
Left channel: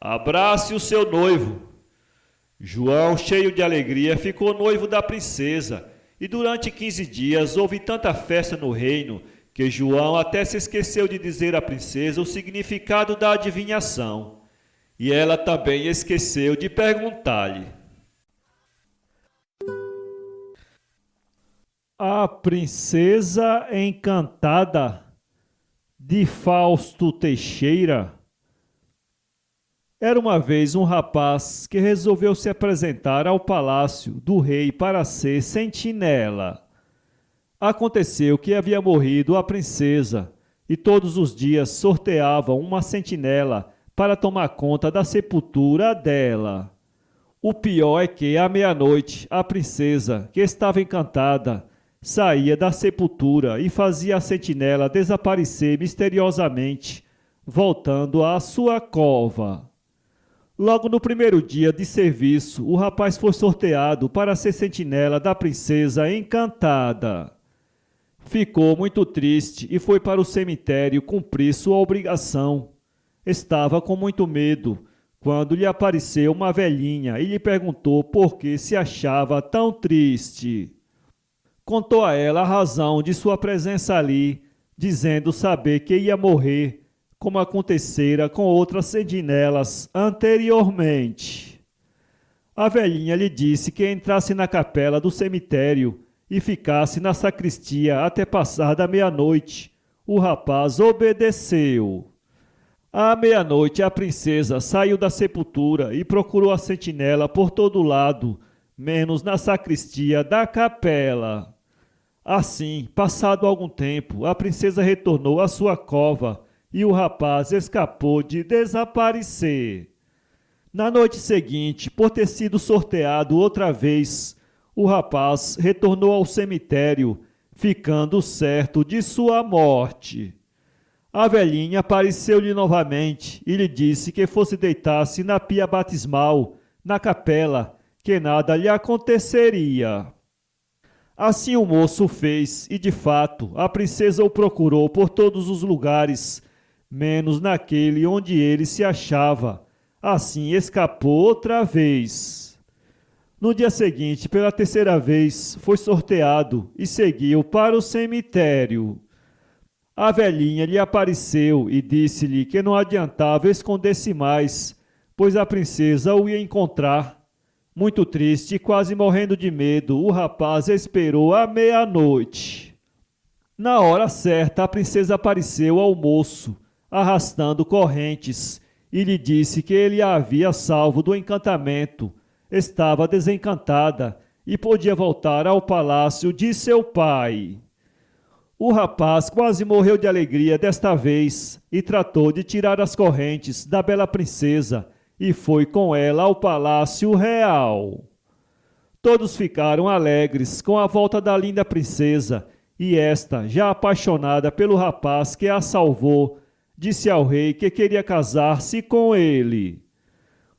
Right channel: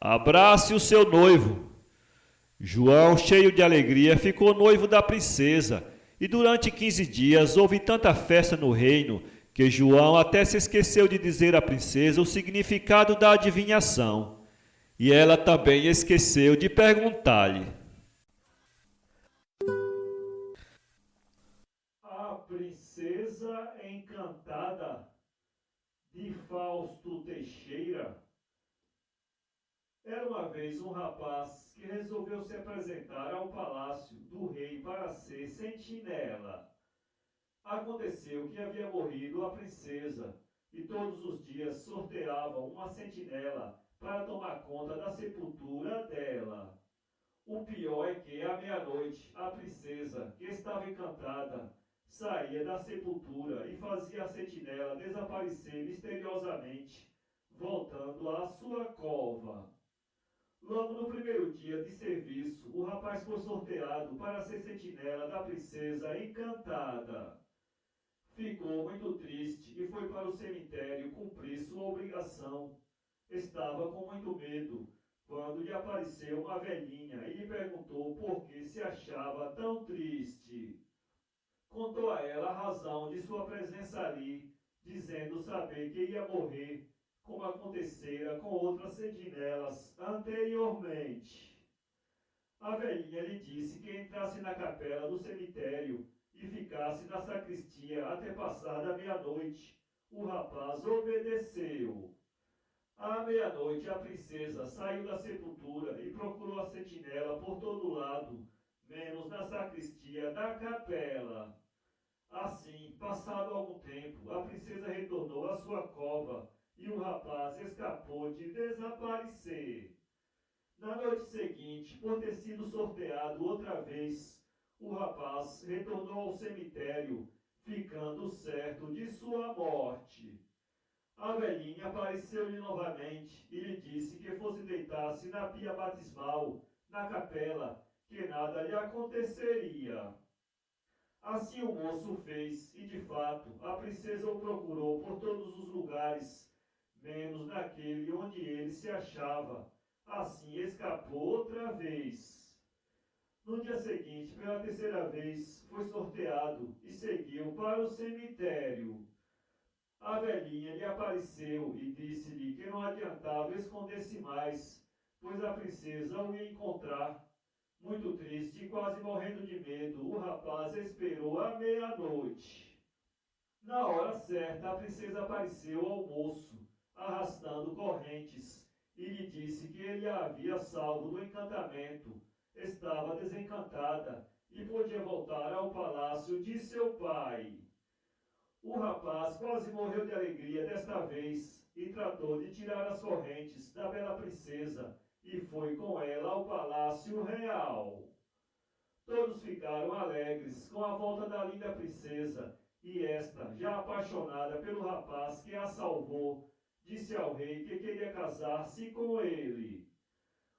abrace o seu noivo. João, cheio de alegria, ficou noivo da princesa, e durante 15 dias houve tanta festa no reino que João até se esqueceu de dizer à princesa o significado da adivinhação, e ela também esqueceu de perguntar-lhe. A Princesa Encantada, de Fausto Teixeira. Era uma vez um rapaz que resolveu se apresentar ao palácio do rei para ser sentinela. Aconteceu que havia morrido a princesa e todos os dias sorteavam uma sentinela para tomar conta da sepultura dela. O pior é que, à meia-noite, a princesa, que estava encantada, saía da sepultura e fazia a sentinela desaparecer misteriosamente, voltando à sua cova. Logo no primeiro dia de serviço, o rapaz foi sorteado para ser sentinela da princesa encantada. Ficou muito triste e foi para o cemitério cumprir sua obrigação. Estava com muito medo, quando lhe apareceu uma velhinha e lhe perguntou por que se achava tão triste. Contou a ela a razão de sua presença ali, dizendo saber que ia morrer, como acontecera com outras sentinelas anteriormente. A velhinha lhe disse que entrasse na capela do cemitério e ficasse na sacristia até passar da meia-noite. O rapaz obedeceu. À meia-noite, a princesa saiu da sepultura e procurou a sentinela por todo lado, menos na sacristia da capela. Assim, passado algum tempo, a princesa retornou à sua cova e o rapaz escapou de desaparecer. Na noite seguinte, por ter sido sorteado outra vez, o rapaz retornou ao cemitério, ficando certo de sua morte. A velhinha apareceu-lhe novamente e lhe disse que fosse deitar-se na pia batismal, na capela, que nada lhe aconteceria. Assim o moço fez e, de fato, a princesa o procurou por todos os lugares, menos naquele onde ele se achava. Assim escapou outra vez. No dia seguinte, pela terceira vez, foi sorteado e seguiu para o cemitério. A velhinha lhe apareceu e disse-lhe que não adiantava esconder-se mais, pois a princesa o ia encontrar. Muito triste e quase morrendo de medo, o rapaz esperou à meia-noite. Na hora certa, a princesa apareceu ao moço, arrastando correntes, e lhe disse que ele a havia salvo do encantamento. Estava desencantada e podia voltar ao palácio de seu pai. O rapaz quase morreu de alegria desta vez e tratou de tirar as correntes da bela princesa e foi com ela ao palácio real. Todos ficaram alegres com a volta da linda princesa e esta, já apaixonada pelo rapaz que a salvou, disse ao rei que queria casar-se com ele.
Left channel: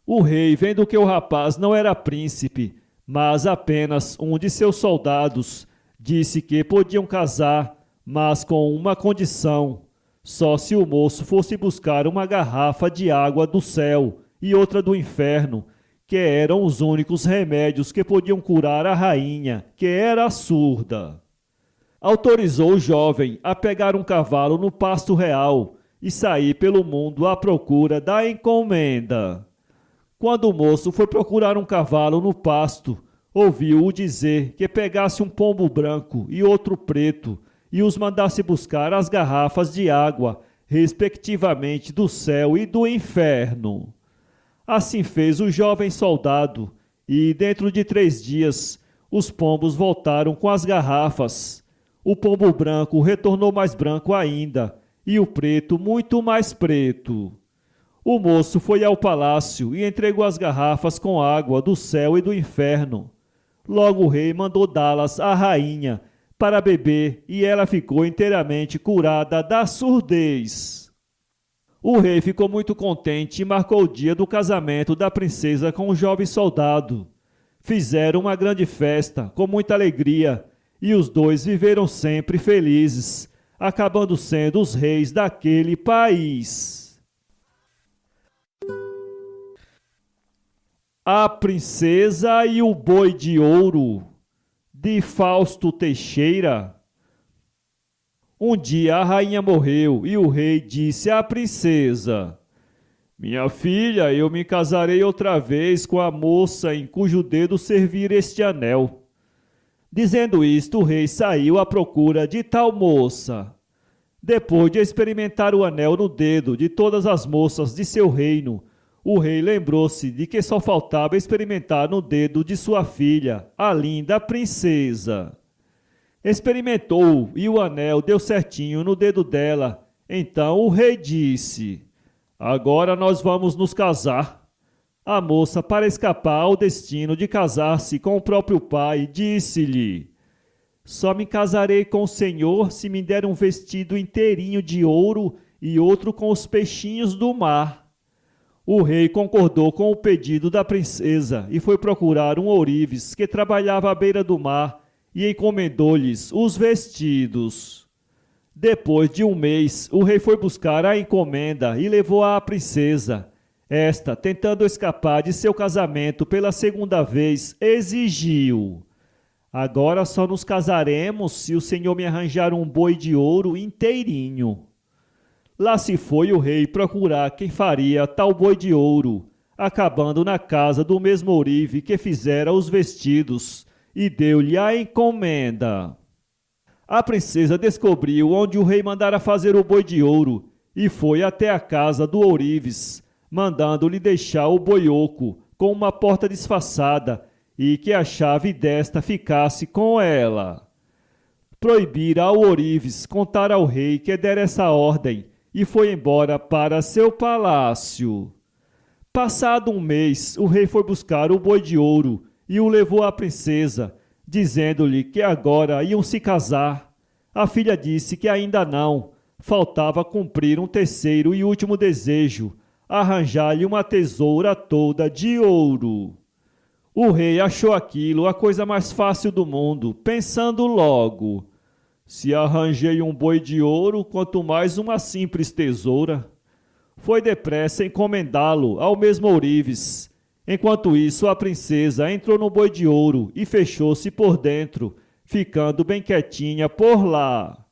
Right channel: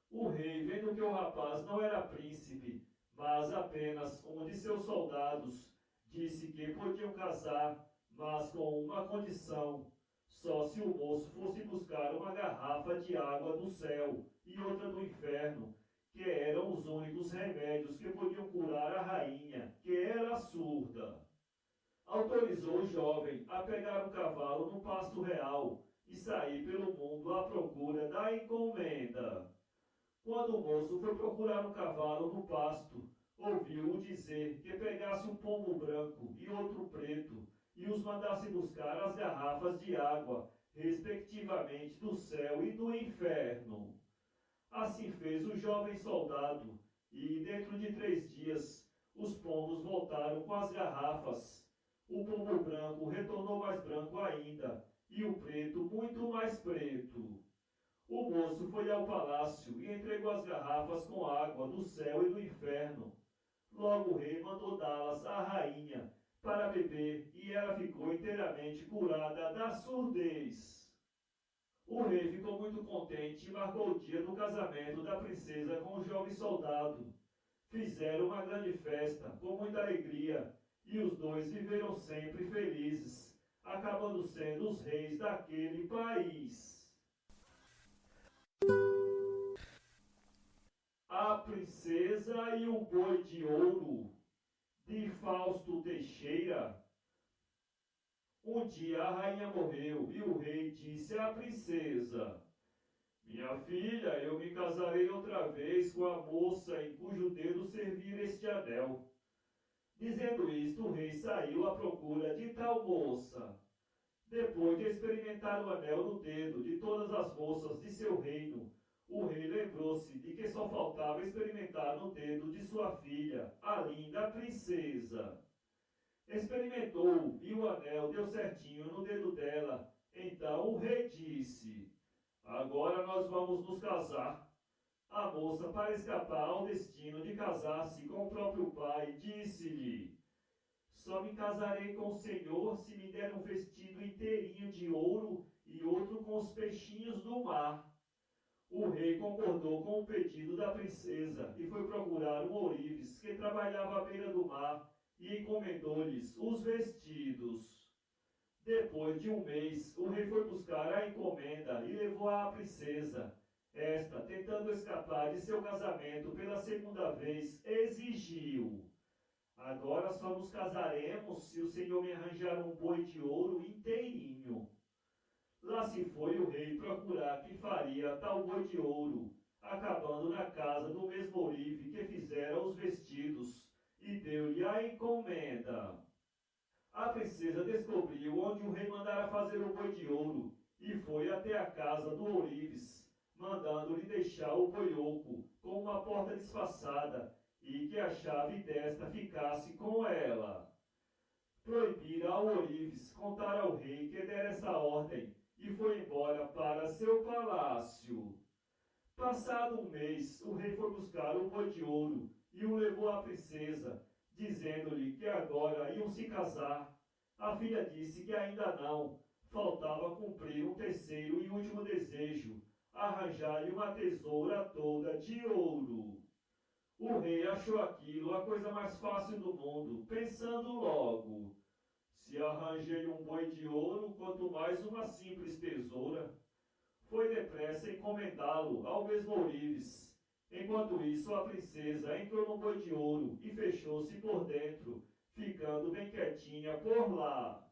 O rei, vendo que o rapaz não era príncipe, mas apenas um de seus soldados, disse que podiam casar, mas com uma condição: só se o moço fosse buscar uma garrafa de água do céu e outra do inferno, que eram os únicos remédios que podiam curar a rainha, que era surda. Autorizou o jovem a pegar um cavalo no pasto real e sair pelo mundo à procura da encomenda. Quando o moço foi procurar um cavalo no pasto, ouviu-o dizer que pegasse um pombo branco e outro preto e os mandasse buscar as garrafas de água, respectivamente do céu e do inferno. Assim fez o jovem soldado, e dentro de 3 dias os pombos voltaram com as garrafas. O pombo branco retornou mais branco ainda, e o preto muito mais preto. O moço foi ao palácio e entregou as garrafas com água do céu e do inferno. Logo o rei mandou dá-las à rainha para beber e ela ficou inteiramente curada da surdez. O rei ficou muito contente e marcou o dia do casamento da princesa com o jovem soldado. Fizeram uma grande festa, com muita alegria, e os dois viveram sempre felizes, acabando sendo os reis daquele país. A Princesa e o Boi de Ouro, de Fausto Teixeira. Um dia a rainha morreu e o rei disse à princesa: Minha filha, eu me casarei outra vez com a moça em cujo dedo servir este anel. Dizendo isto, o rei saiu à procura de tal moça. Depois de experimentar o anel no dedo de todas as moças de seu reino, o rei lembrou-se de que só faltava experimentar no dedo de sua filha, a linda princesa. Experimentou e o anel deu certinho no dedo dela. Então o rei disse: Agora nós vamos nos casar. A moça, para escapar ao destino de casar-se com o próprio pai, disse-lhe: Só me casarei com o senhor se me der um vestido inteirinho de ouro e outro com os peixinhos do mar. O rei concordou com o pedido da princesa e foi procurar um ourives que trabalhava à beira do mar e encomendou-lhes os vestidos. Depois de um mês, o rei foi buscar a encomenda e levou-a à princesa. Esta, tentando escapar de seu casamento pela segunda vez, exigiu: Agora só nos casaremos se o senhor me arranjar um boi de ouro inteirinho. Lá se foi o rei procurar quem faria tal boi de ouro, acabando na casa do mesmo ourive que fizera os vestidos, e deu-lhe a encomenda. A princesa descobriu onde o rei mandara fazer o boi de ouro e foi até a casa do ourives, mandando-lhe deixar o boi oco com uma porta disfarçada e que a chave desta ficasse com ela. Proibira ao ourives contar ao rei que dera essa ordem e foi embora para seu palácio. Passado um mês, o rei foi buscar o boi de ouro e o levou à princesa, dizendo-lhe que agora iam se casar. A filha disse que ainda não, faltava cumprir um terceiro e último desejo, arranjar-lhe uma tesoura toda de ouro. O rei achou aquilo a coisa mais fácil do mundo, pensando logo: se arranjei um boi de ouro, quanto mais uma simples tesoura. Foi depressa encomendá-lo ao mesmo ourives. Enquanto isso, a princesa entrou no boi de ouro e fechou-se por dentro, ficando bem quietinha por lá.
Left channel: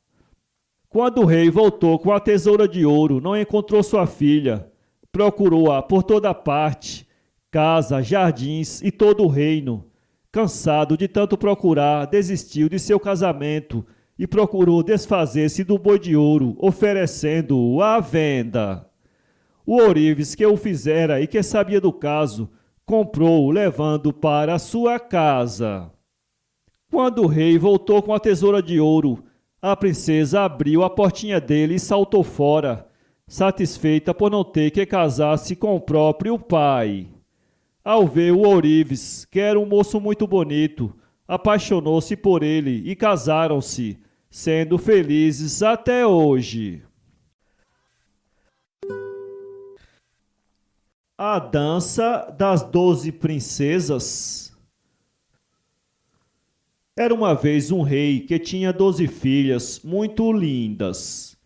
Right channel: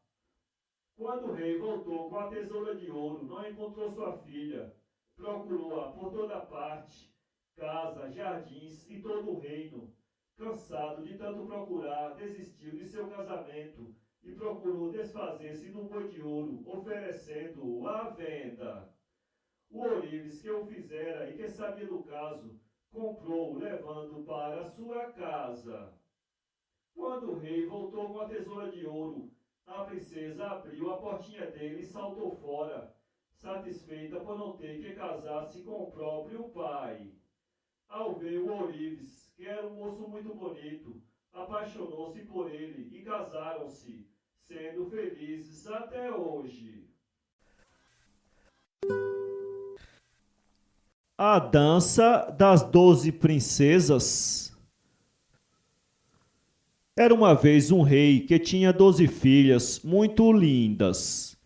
Quando o rei voltou com a tesoura de ouro, não encontrou sua filha. Procurou-a por toda parte, casa, jardins e todo o reino. Cansado de tanto procurar, desistiu de seu casamento e procurou desfazer-se do boi de ouro, oferecendo-o à venda. O ourives que o fizera e que sabia do caso, comprou-o levando para a sua casa. Quando o rei voltou com a tesoura de ouro, a princesa abriu a portinha dele e saltou fora, satisfeita por não ter que casar-se com o próprio pai. Ao ver o ourives, que era um moço muito bonito, apaixonou-se por ele e casaram-se, sendo felizes até hoje. A Dança das 12 Princesas. Era uma vez um rei que tinha 12 filhas muito lindas.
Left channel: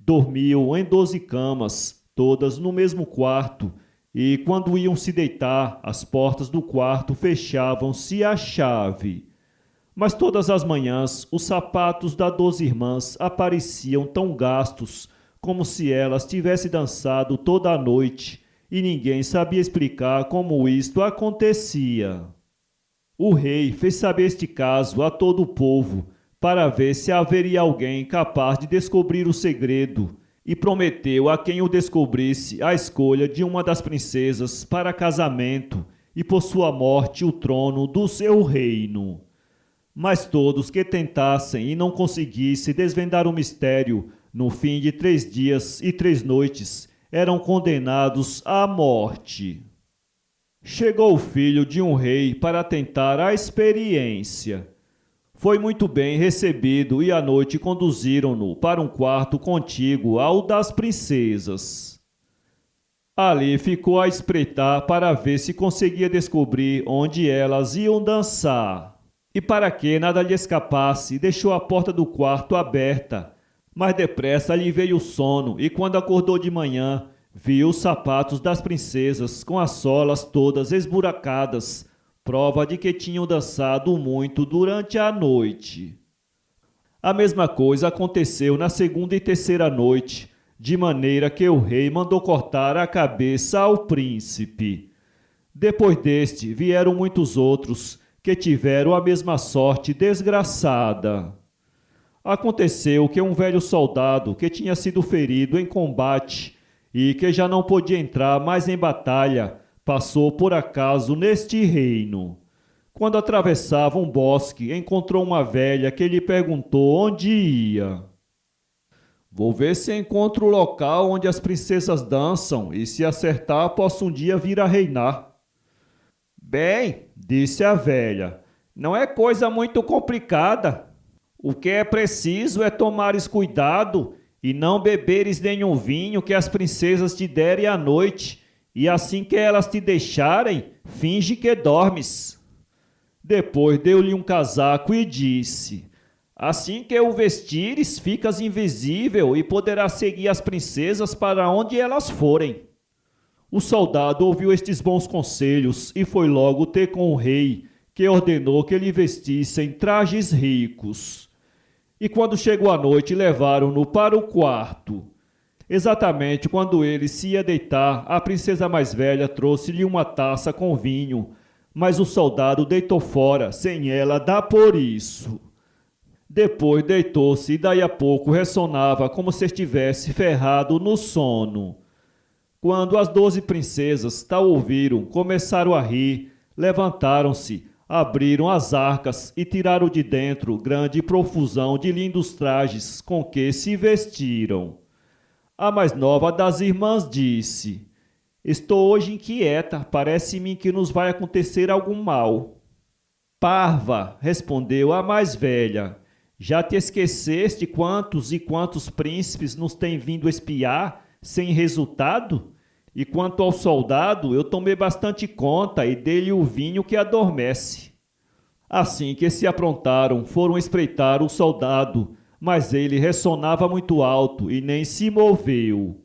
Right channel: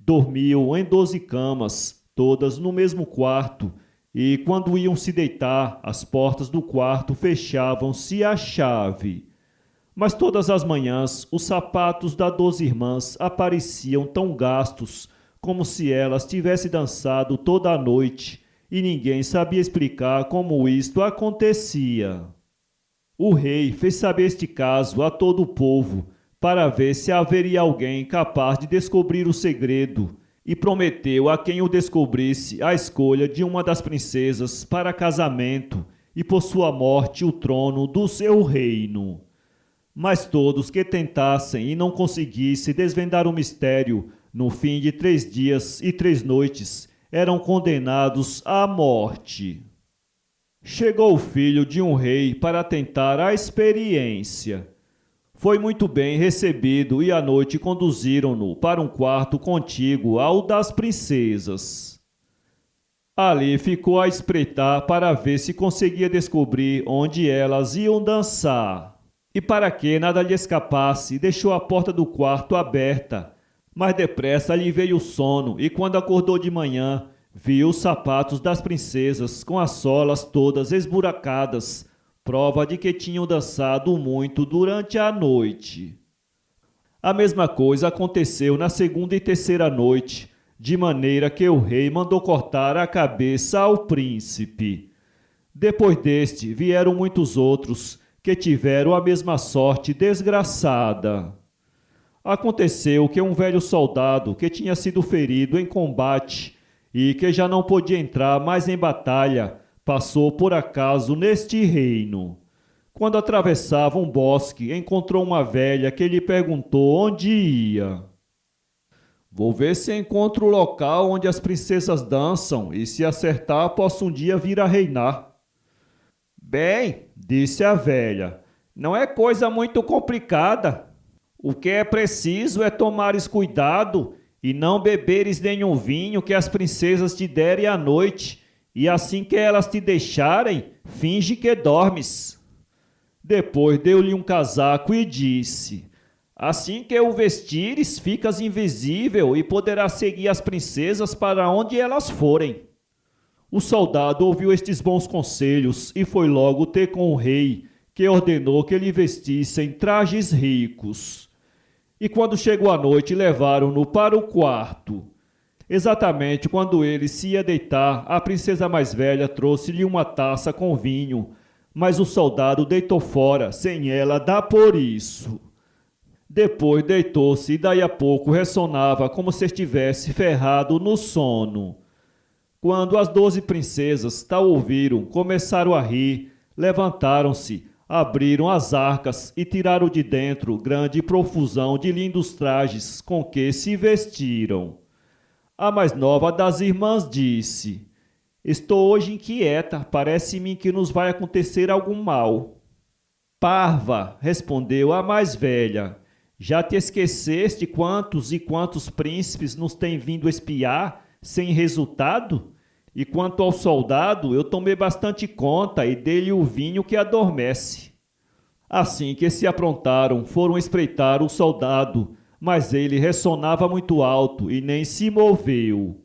Dormiam em 12 camas, todas no mesmo quarto, e quando iam se deitar, as portas do quarto fechavam-se à chave. Mas todas as manhãs, os sapatos das 12 irmãs apareciam tão gastos, como se elas tivessem dançado toda a noite, e ninguém sabia explicar como isto acontecia. O rei fez saber este caso a todo o povo, para ver se haveria alguém capaz de descobrir o segredo, e prometeu a quem o descobrisse a escolha de uma das princesas para casamento, e por sua morte o trono do seu reino. Mas todos que tentassem e não conseguissem desvendar o mistério, no fim de 3 dias e 3 noites, eram condenados à morte. Chegou o filho de um rei para tentar a experiência. Foi muito bem recebido e à noite conduziram-no para um quarto contíguo ao das princesas. Ali ficou a espreitar para ver se conseguia descobrir onde elas iam dançar. E para que nada lhe escapasse, deixou a porta do quarto aberta. Mas depressa lhe veio o sono e quando acordou de manhã, viu os sapatos das princesas com as solas todas esburacadas, prova de que tinham dançado muito durante a noite. A mesma coisa aconteceu na segunda e terceira noite, de maneira que o rei mandou cortar a cabeça ao príncipe. Depois deste vieram muitos outros, que tiveram a mesma sorte desgraçada. Aconteceu que um velho soldado que tinha sido ferido em combate e que já não podia entrar mais em batalha, passou por acaso neste reino. Quando atravessava um bosque, encontrou uma velha que lhe perguntou onde ia. Vou ver se encontro o local onde as princesas dançam e, se acertar, posso um dia vir a reinar. Bem, disse a velha, não é coisa muito complicada. O que é preciso é tomares cuidado e não beberes nenhum vinho que as princesas te derem à noite, e assim que elas te deixarem, finge que dormes. Depois deu-lhe um casaco e disse, assim que o vestires, ficas invisível e poderás seguir as princesas para onde elas forem. O soldado ouviu estes bons conselhos e foi logo ter com o rei, que ordenou que lhe vestissem trajes ricos. E quando chegou a noite, levaram-no para o quarto. Exatamente quando ele se ia deitar, a princesa mais velha trouxe-lhe uma taça com vinho, mas o soldado deitou fora, sem ela dar por isso. Depois deitou-se e daí a pouco ressonava como se estivesse ferrado no sono. Quando as 12 princesas tal ouviram, começaram a rir, levantaram-se, abriram as arcas e tiraram de dentro grande profusão de lindos trajes com que se vestiram. A mais nova das irmãs disse, estou hoje inquieta, parece-me que nos vai acontecer algum mal. Parva, respondeu a mais velha, já te esqueceste quantos e quantos príncipes nos têm vindo espiar sem resultado? E quanto ao soldado, eu tomei bastante conta e dei-lhe o vinho que adormece. Assim que se aprontaram, foram espreitar o soldado, mas ele ressonava muito alto e nem se moveu.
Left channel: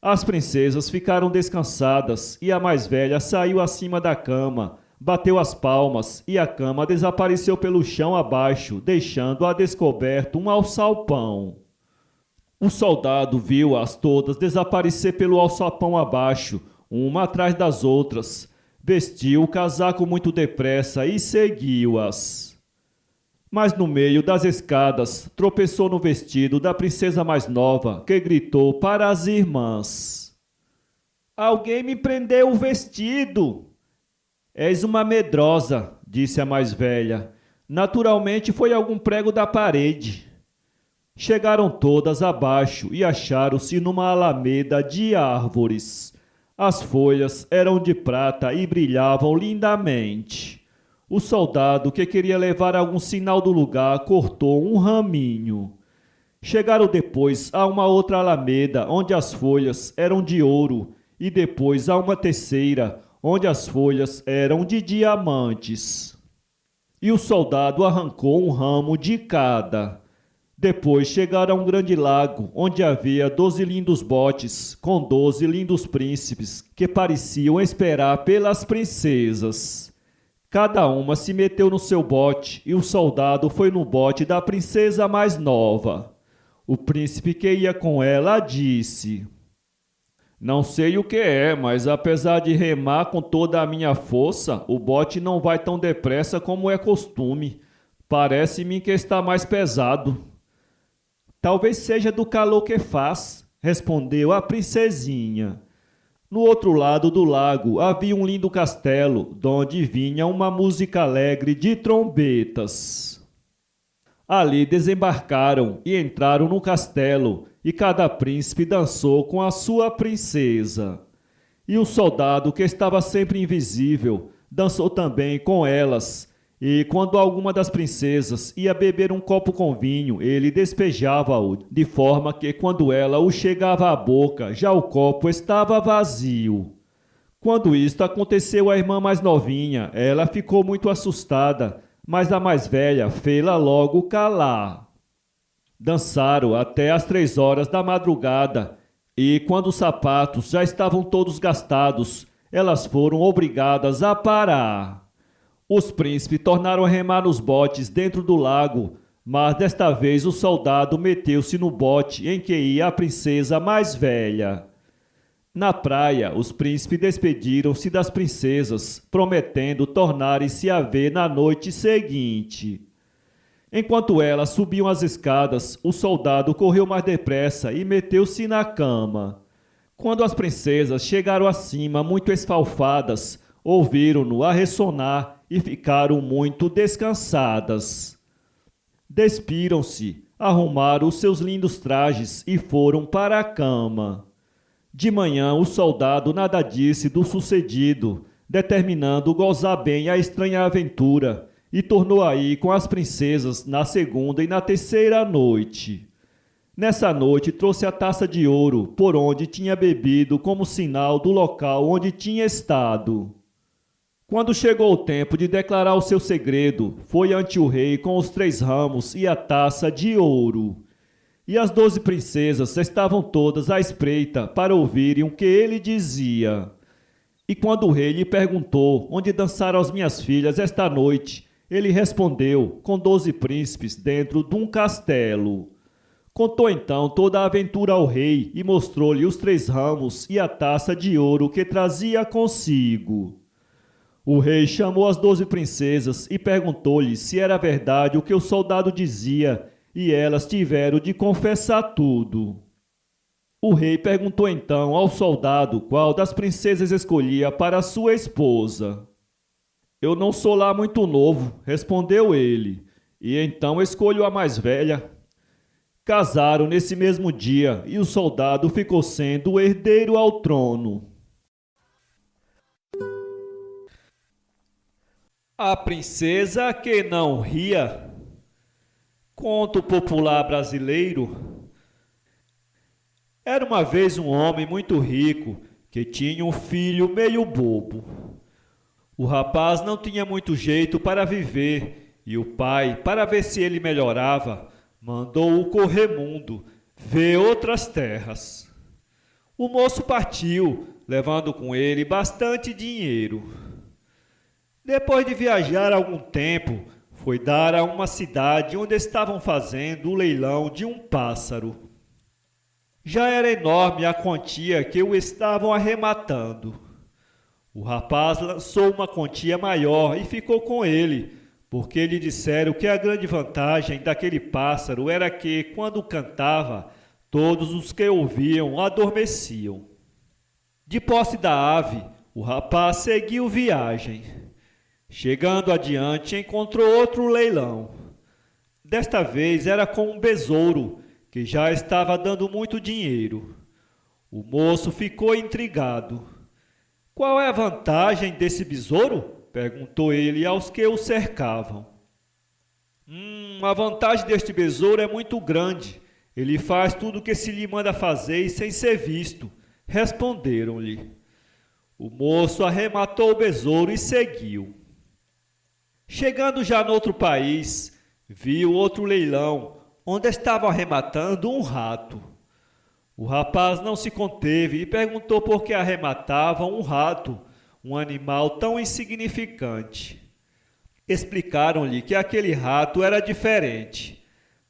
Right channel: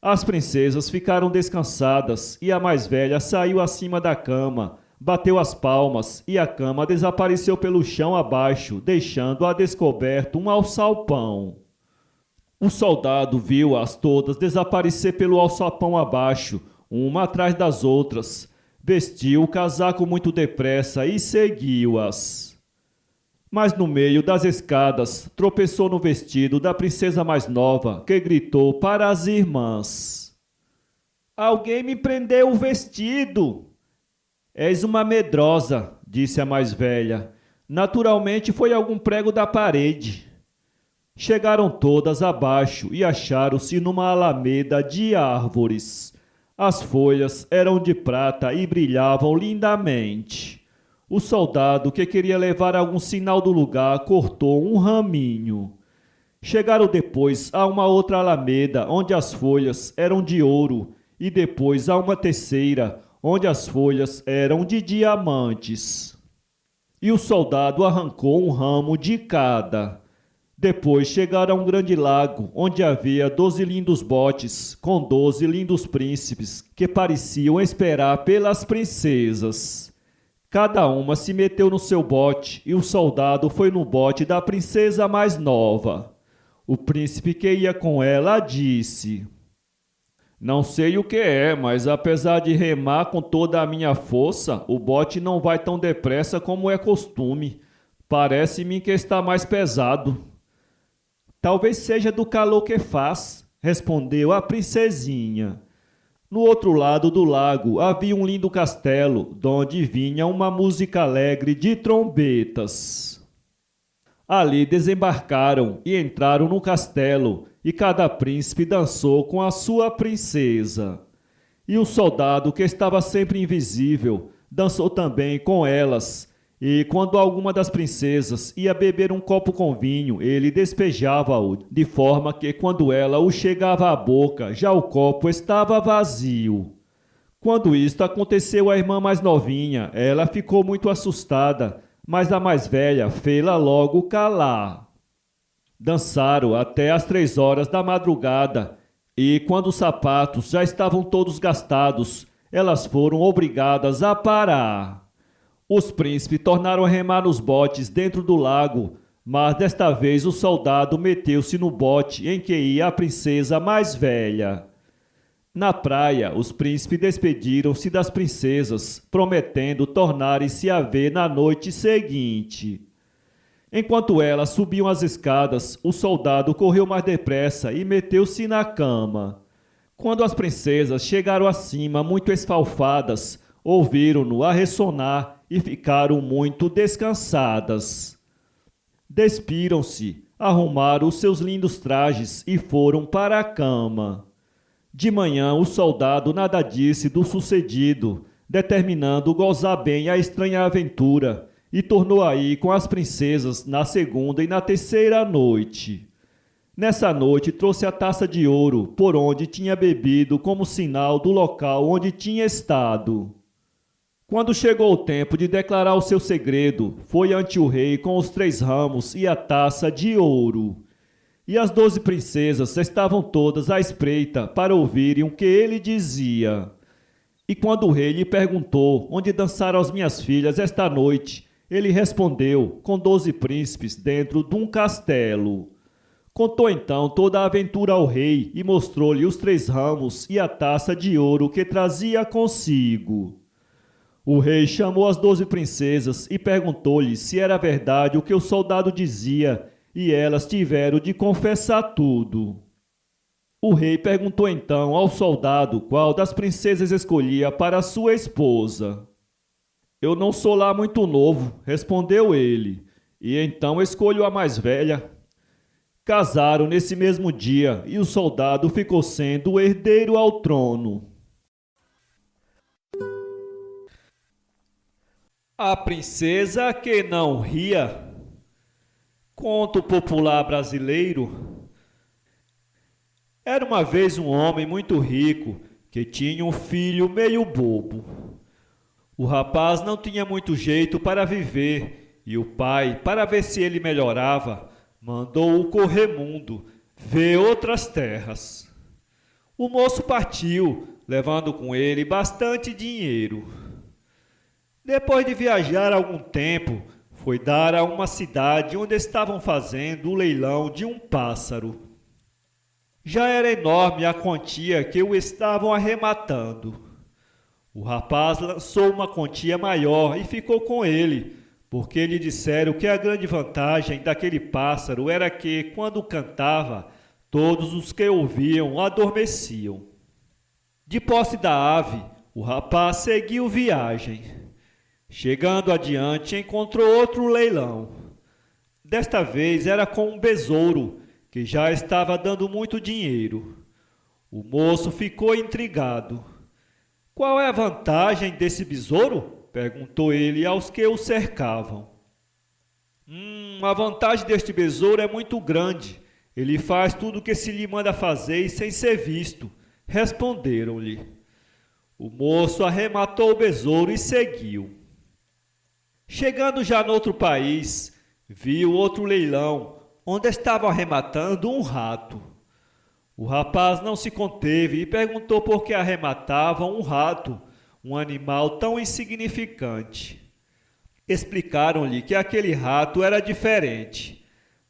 As princesas ficaram descansadas e a mais velha saiu acima da cama, bateu as palmas e a cama desapareceu pelo chão abaixo, deixando a descoberto um alçapão. O soldado viu-as todas desaparecer pelo alçapão abaixo, uma atrás das outras. Vestiu o casaco muito depressa e seguiu-as. Mas no meio das escadas, tropeçou no vestido da princesa mais nova, que gritou para as irmãs. Alguém me prendeu o vestido! És uma medrosa, disse a mais velha. Naturalmente foi algum prego da parede. Chegaram todas abaixo e acharam-se numa alameda de árvores. As folhas eram de prata e brilhavam lindamente. O soldado, que queria levar algum sinal do lugar, cortou um raminho. Chegaram depois a uma outra alameda, onde as folhas eram de ouro, e depois a uma terceira, onde as folhas eram de diamantes. E o soldado arrancou um ramo de cada. Depois chegaram a um grande lago, onde havia 12 lindos botes, com 12 lindos príncipes, que pareciam esperar pelas princesas. Cada uma se meteu no seu bote, e o soldado foi no bote da princesa mais nova. O príncipe que ia com ela disse, não sei o que é, mas apesar de remar com toda a minha força, o bote não vai tão depressa como é costume. Parece-me que está mais pesado. Talvez seja do calor que faz, respondeu a princesinha. No outro lado do lago havia um lindo castelo, donde vinha uma música alegre de trombetas. Ali desembarcaram e entraram no castelo, e cada príncipe dançou com a sua princesa. E o soldado, que estava sempre invisível, dançou também com elas. E quando alguma das princesas ia beber um copo com vinho, ele despejava-o, de forma que quando ela o chegava à boca, já o copo estava vazio. Quando isto aconteceu à irmã mais novinha, ela ficou muito assustada, mas a mais velha fê-la logo calar. Dançaram até às 3 horas da madrugada, e quando os sapatos já estavam todos gastados, elas foram obrigadas a parar. Os príncipes tornaram a remar nos botes dentro do lago, mas desta vez o soldado meteu-se no bote em que ia a princesa mais velha. Na praia, os príncipes despediram-se das princesas, prometendo tornarem-se a ver na noite seguinte. Enquanto elas subiam as escadas, o soldado correu mais depressa e meteu-se na cama. Quando as princesas chegaram acima, muito esfalfadas, ouviram-no a ressonar e ficaram muito descansadas. Despiram-se, arrumaram os seus lindos trajes e foram para a cama. De manhã, o soldado nada disse do sucedido, determinando gozar bem a estranha aventura, e tornou a ir com as princesas na segunda e na terceira noite. Nessa noite trouxe a taça de ouro, por onde tinha bebido como sinal do local onde tinha estado. Quando chegou o tempo de declarar o seu segredo, foi ante o rei com os 3 ramos e a taça de ouro. E as 12 princesas estavam todas à espreita para ouvirem o que ele dizia. E quando o rei lhe perguntou onde dançaram as minhas filhas esta noite, ele respondeu, com 12 príncipes dentro de um castelo. Contou então toda a aventura ao rei e mostrou-lhe os 3 ramos e a taça de ouro que trazia consigo. O rei chamou as 12 princesas e perguntou-lhes se era verdade o que o soldado dizia, e elas tiveram de confessar tudo. O rei perguntou então ao soldado qual das princesas escolhia para sua esposa. Eu não sou lá muito novo, respondeu ele, e então escolho a mais velha. Casaram nesse mesmo dia e o soldado ficou sendo o herdeiro ao trono. A princesa que não ria. Conto popular brasileiro. Era uma vez um homem muito rico que tinha um filho meio bobo. O rapaz não tinha muito jeito para viver e o pai, para ver se ele melhorava, mandou-o correr mundo, ver outras terras. O moço partiu, levando com ele bastante dinheiro. Depois de viajar algum tempo, foi dar a uma cidade onde estavam fazendo o leilão de um pássaro. Já era enorme a quantia que o estavam arrematando. O rapaz lançou uma quantia maior e ficou com ele, porque lhe disseram que a grande vantagem daquele pássaro era que, quando cantava, todos os que ouviam adormeciam. De posse da ave, o rapaz seguiu viagem. Chegando adiante, encontrou outro leilão. Desta vez era com um besouro, que já estava dando muito dinheiro. O moço ficou intrigado. Qual é a vantagem desse besouro? Perguntou ele aos que o cercavam. A vantagem deste besouro é muito grande. Ele faz tudo o que se lhe manda fazer e sem ser visto, responderam-lhe. O moço arrematou o besouro e seguiu. Chegando já noutro país, viu outro leilão, onde estavam arrematando um rato. O rapaz não se conteve e perguntou por que arrematavam um rato, um animal tão insignificante. Explicaram-lhe que aquele rato era diferente.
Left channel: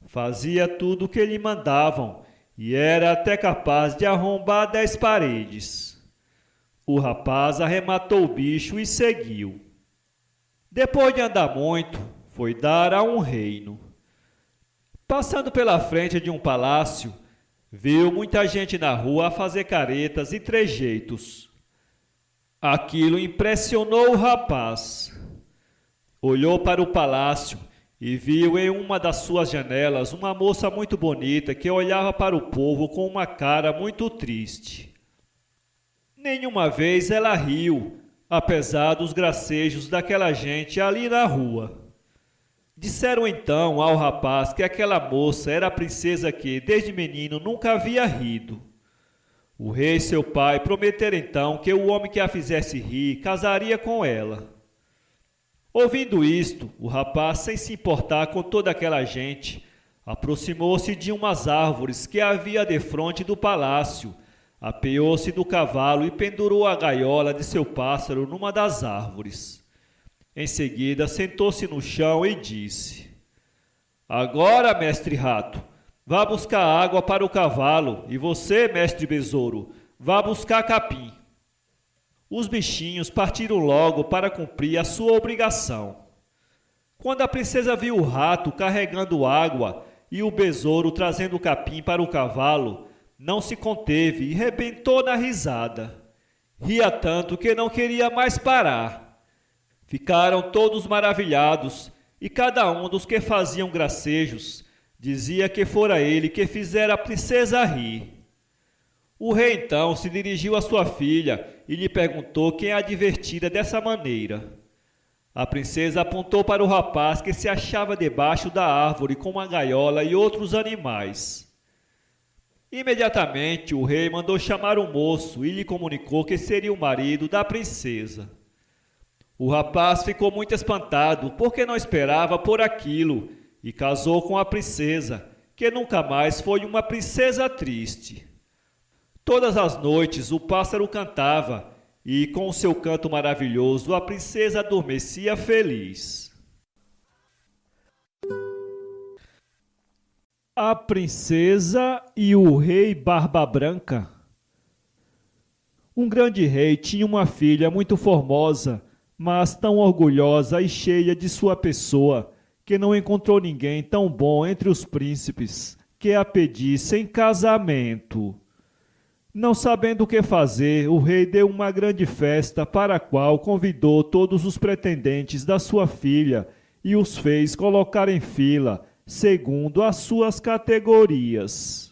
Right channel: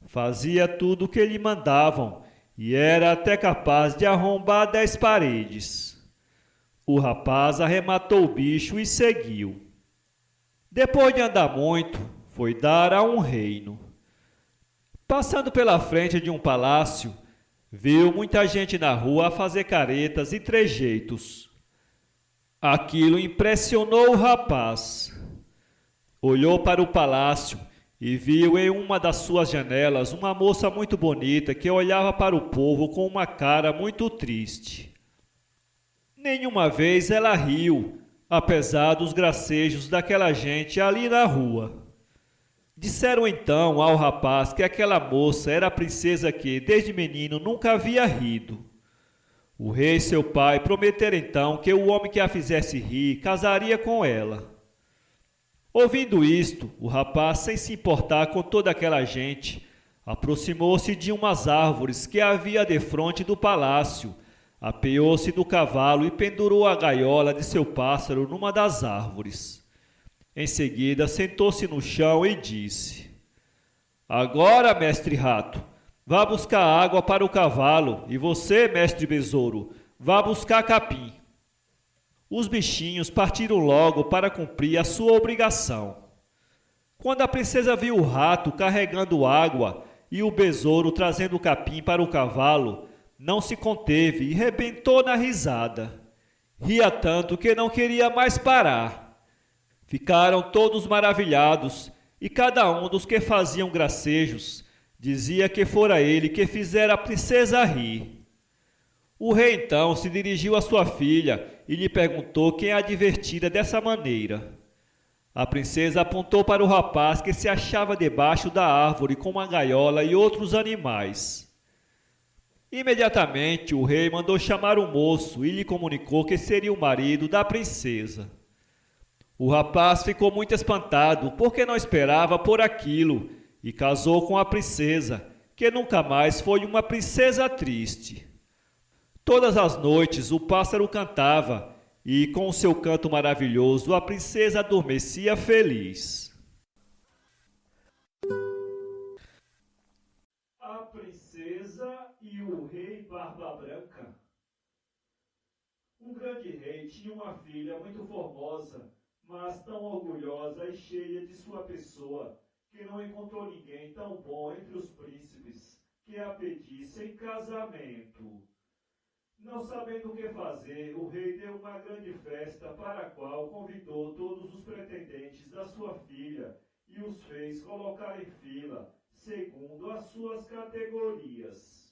Fazia tudo o que lhe mandavam e era até capaz de arrombar 10 paredes. O rapaz arrematou o bicho e seguiu. Depois de andar muito, foi dar a um reino. Passando pela frente de um palácio, viu muita gente na rua a fazer caretas e trejeitos. Aquilo impressionou o rapaz. Olhou para o palácio e viu em uma das suas janelas uma moça muito bonita que olhava para o povo com uma cara muito triste. Nenhuma vez ela riu, apesar dos gracejos daquela gente ali na rua. Disseram então ao rapaz que aquela moça era a princesa que, desde menino, nunca havia rido. O rei, seu pai, prometeram então que o homem que a fizesse rir casaria com ela. Ouvindo isto, o rapaz, sem se importar com toda aquela gente, aproximou-se de umas árvores que havia defronte do palácio, apeou-se do cavalo e pendurou a gaiola de seu pássaro numa das árvores. Em seguida, sentou-se no chão e disse: Agora, mestre rato, vá buscar água para o cavalo, e você, mestre besouro, Vá buscar capim. Os bichinhos partiram logo para cumprir a sua obrigação. Quando a princesa viu o rato carregando água e o besouro trazendo capim para o cavalo, não se conteve e rebentou na risada. Ria tanto que não queria mais parar. Ficaram todos maravilhados, e cada um dos que faziam gracejos dizia que fora ele que fizera a princesa rir. O rei então se dirigiu à sua filha e lhe perguntou quem a divertira dessa maneira. A princesa apontou para o rapaz que se achava debaixo da árvore com uma gaiola e outros animais. Imediatamente o rei mandou chamar o moço e lhe comunicou que seria o marido da princesa. O rapaz ficou muito espantado, porque não esperava por aquilo, e casou com a princesa, que nunca mais foi uma princesa triste. Todas as noites o pássaro cantava, e com o seu canto maravilhoso a princesa adormecia feliz. A princesa e o rei Barba Branca. Um grande rei tinha uma filha muito formosa, mas tão orgulhosa e cheia de sua pessoa, que não encontrou ninguém tão bom entre os príncipes que a pedisse em casamento. Não sabendo o que fazer, o rei deu uma grande festa para a qual convidou todos os pretendentes da sua filha e os fez colocar em fila, segundo as suas categorias.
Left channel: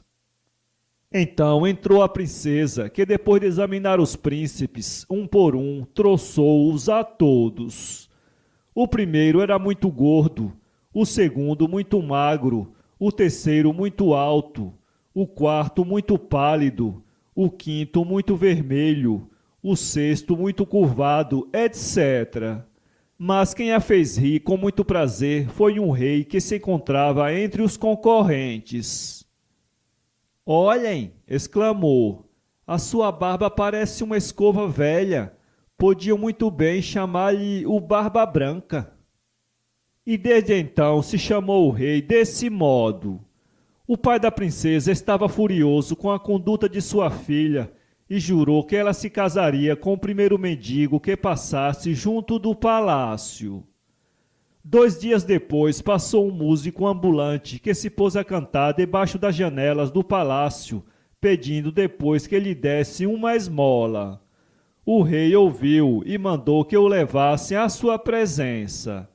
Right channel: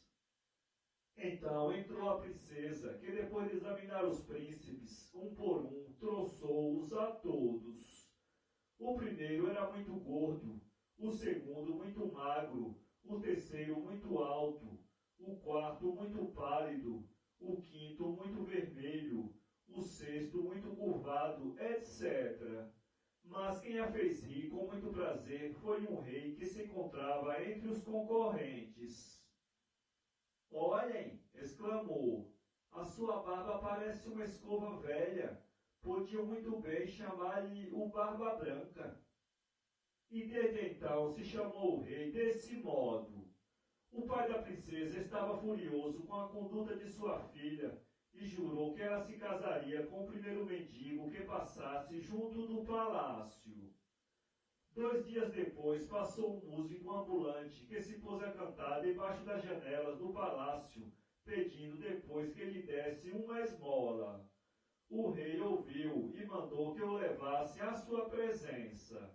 Então entrou a princesa, que depois de examinar os príncipes, um por um, troçou-os a todos. O primeiro era muito gordo, o segundo muito magro, o terceiro muito alto, o quarto muito pálido, o quinto muito vermelho, o sexto muito curvado, etc. Mas quem a fez rir com muito prazer foi um rei que se encontrava entre os concorrentes. Olhem, exclamou, a sua barba parece uma escova velha. Podiam muito bem chamar-lhe o Barba Branca. E desde então se chamou o rei desse modo. O pai da princesa estava furioso com a conduta de sua filha e jurou que ela se casaria com o primeiro mendigo que passasse junto do palácio. 2 dias depois passou um músico ambulante que se pôs a cantar debaixo das janelas do palácio, pedindo depois que lhe desse uma esmola. O rei ouviu e mandou que o levassem à sua presença.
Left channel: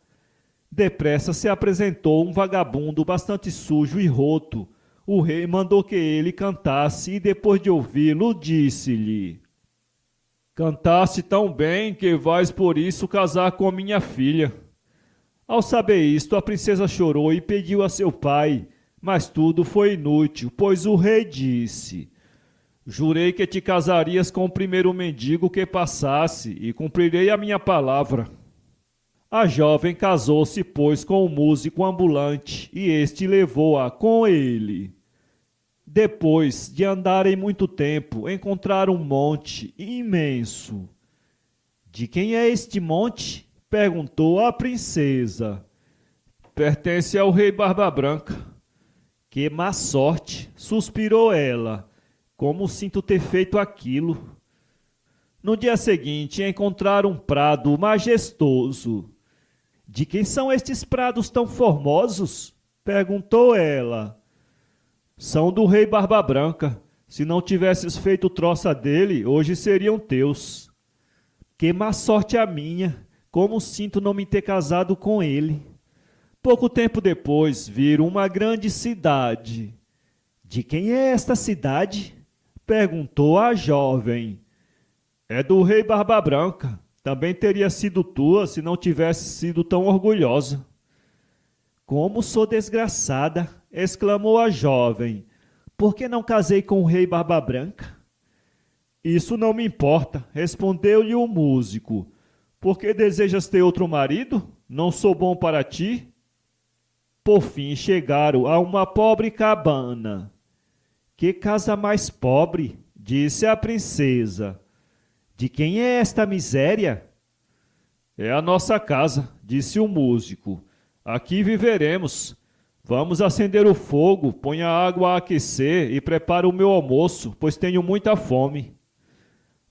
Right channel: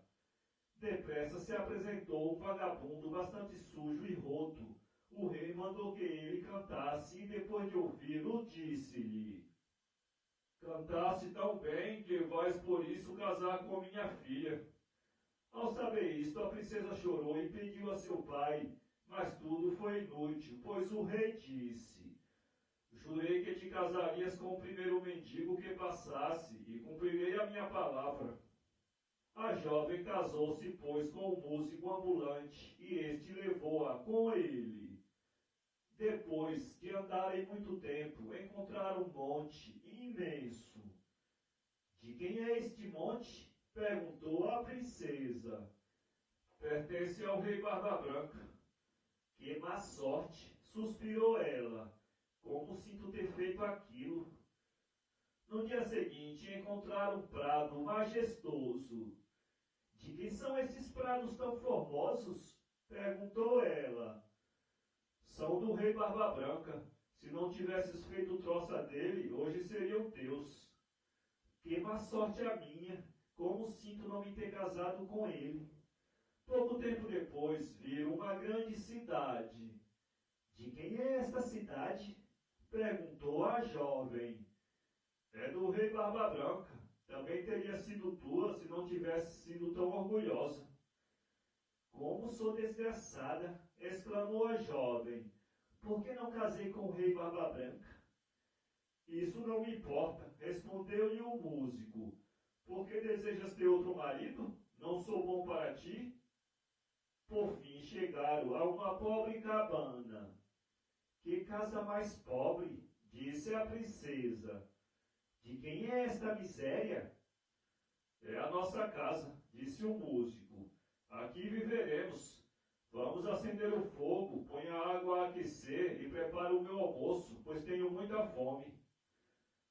Depressa se apresentou um vagabundo bastante sujo e roto. O rei mandou que ele cantasse e depois de ouvi-lo disse-lhe: Cantaste tão bem que vais por isso casar com minha filha. Ao saber isto, a princesa chorou e pediu a seu pai, mas tudo foi inútil, pois o rei disse: Jurei que te casarias com o primeiro mendigo que passasse e cumprirei a minha palavra. A jovem casou-se, pois, com o músico ambulante e este levou-a com ele. Depois de andarem muito tempo, encontraram um monte imenso. De quem é este monte? Perguntou a princesa. Pertence ao rei Barba Branca. Que má sorte, suspirou ela. Como sinto ter feito aquilo. No dia seguinte, encontraram um prado majestoso. De quem são estes prados tão formosos? Perguntou ela. São do rei Barba Branca. Se não tivesses feito troça dele, hoje seriam teus. Que má sorte a minha. Como sinto não me ter casado com ele. Pouco tempo depois, viram uma grande cidade. De quem é esta cidade? Perguntou a jovem. É do rei Barba Branca. Também teria sido tua se não tivesse sido tão orgulhosa. Como sou desgraçada, exclamou a jovem. Por que não casei com o rei Barba Branca? Isso não me importa, respondeu-lhe o músico. Por que desejas ter outro marido? Não sou bom para ti? Por fim chegaram a uma pobre cabana. Que casa mais pobre, disse a princesa. De quem é esta miséria? É a nossa casa, disse o músico. Aqui viveremos. Vamos acender o fogo, põe a água a aquecer e prepara o meu almoço, pois tenho muita fome.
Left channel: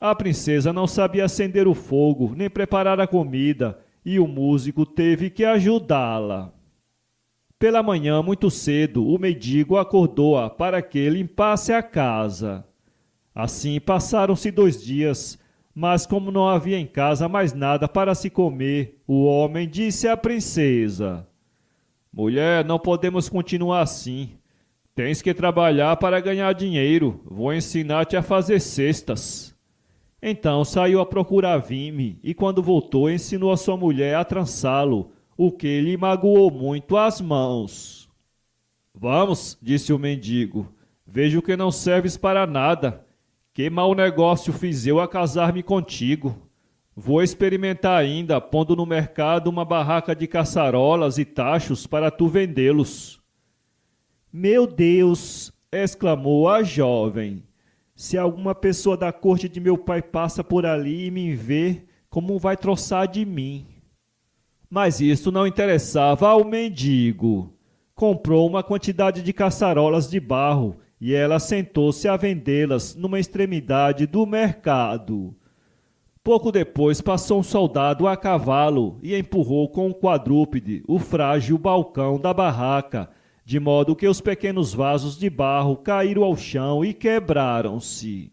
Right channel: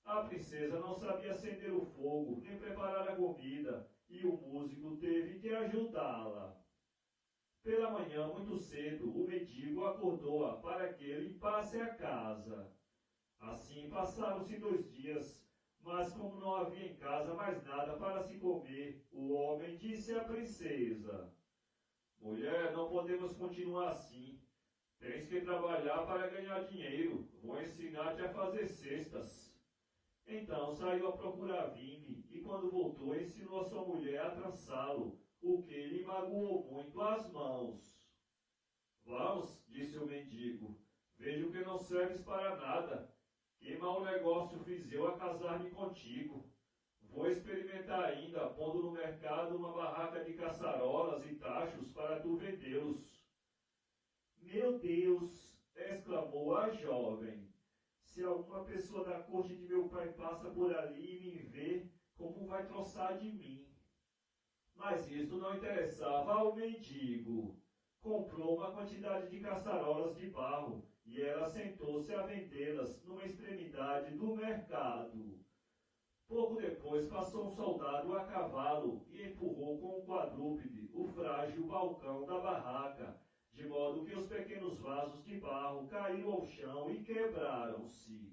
A princesa não sabia acender o fogo, nem preparar a comida, e o músico teve que ajudá-la. Pela manhã, muito cedo, o mendigo acordou-a para que limpasse a casa. Assim passaram-se 2 dias, mas como não havia em casa mais nada para se comer, o homem disse à princesa: Mulher, não podemos continuar assim. Tens que trabalhar para ganhar dinheiro. Vou ensinar-te a fazer cestas. Então saiu a procurar vime e quando voltou ensinou a sua mulher a trançá-lo, o que lhe magoou muito as mãos. Vamos, disse o mendigo, vejo que não serves para nada. Que mau negócio fiz eu a casar-me contigo. Vou experimentar ainda, pondo no mercado uma barraca de caçarolas e tachos para tu vendê-los. Meu Deus! Exclamou a jovem. Se alguma pessoa da corte de meu pai passa por ali e me vê, como vai troçar de mim? Mas isto não interessava ao mendigo. Comprou uma quantidade de caçarolas de barro e ela sentou-se a vendê-las numa extremidade do mercado. Pouco depois passou um soldado a cavalo e empurrou com um quadrúpede o frágil balcão da barraca, de modo que os pequenos vasos de barro caíram ao chão e quebraram-se.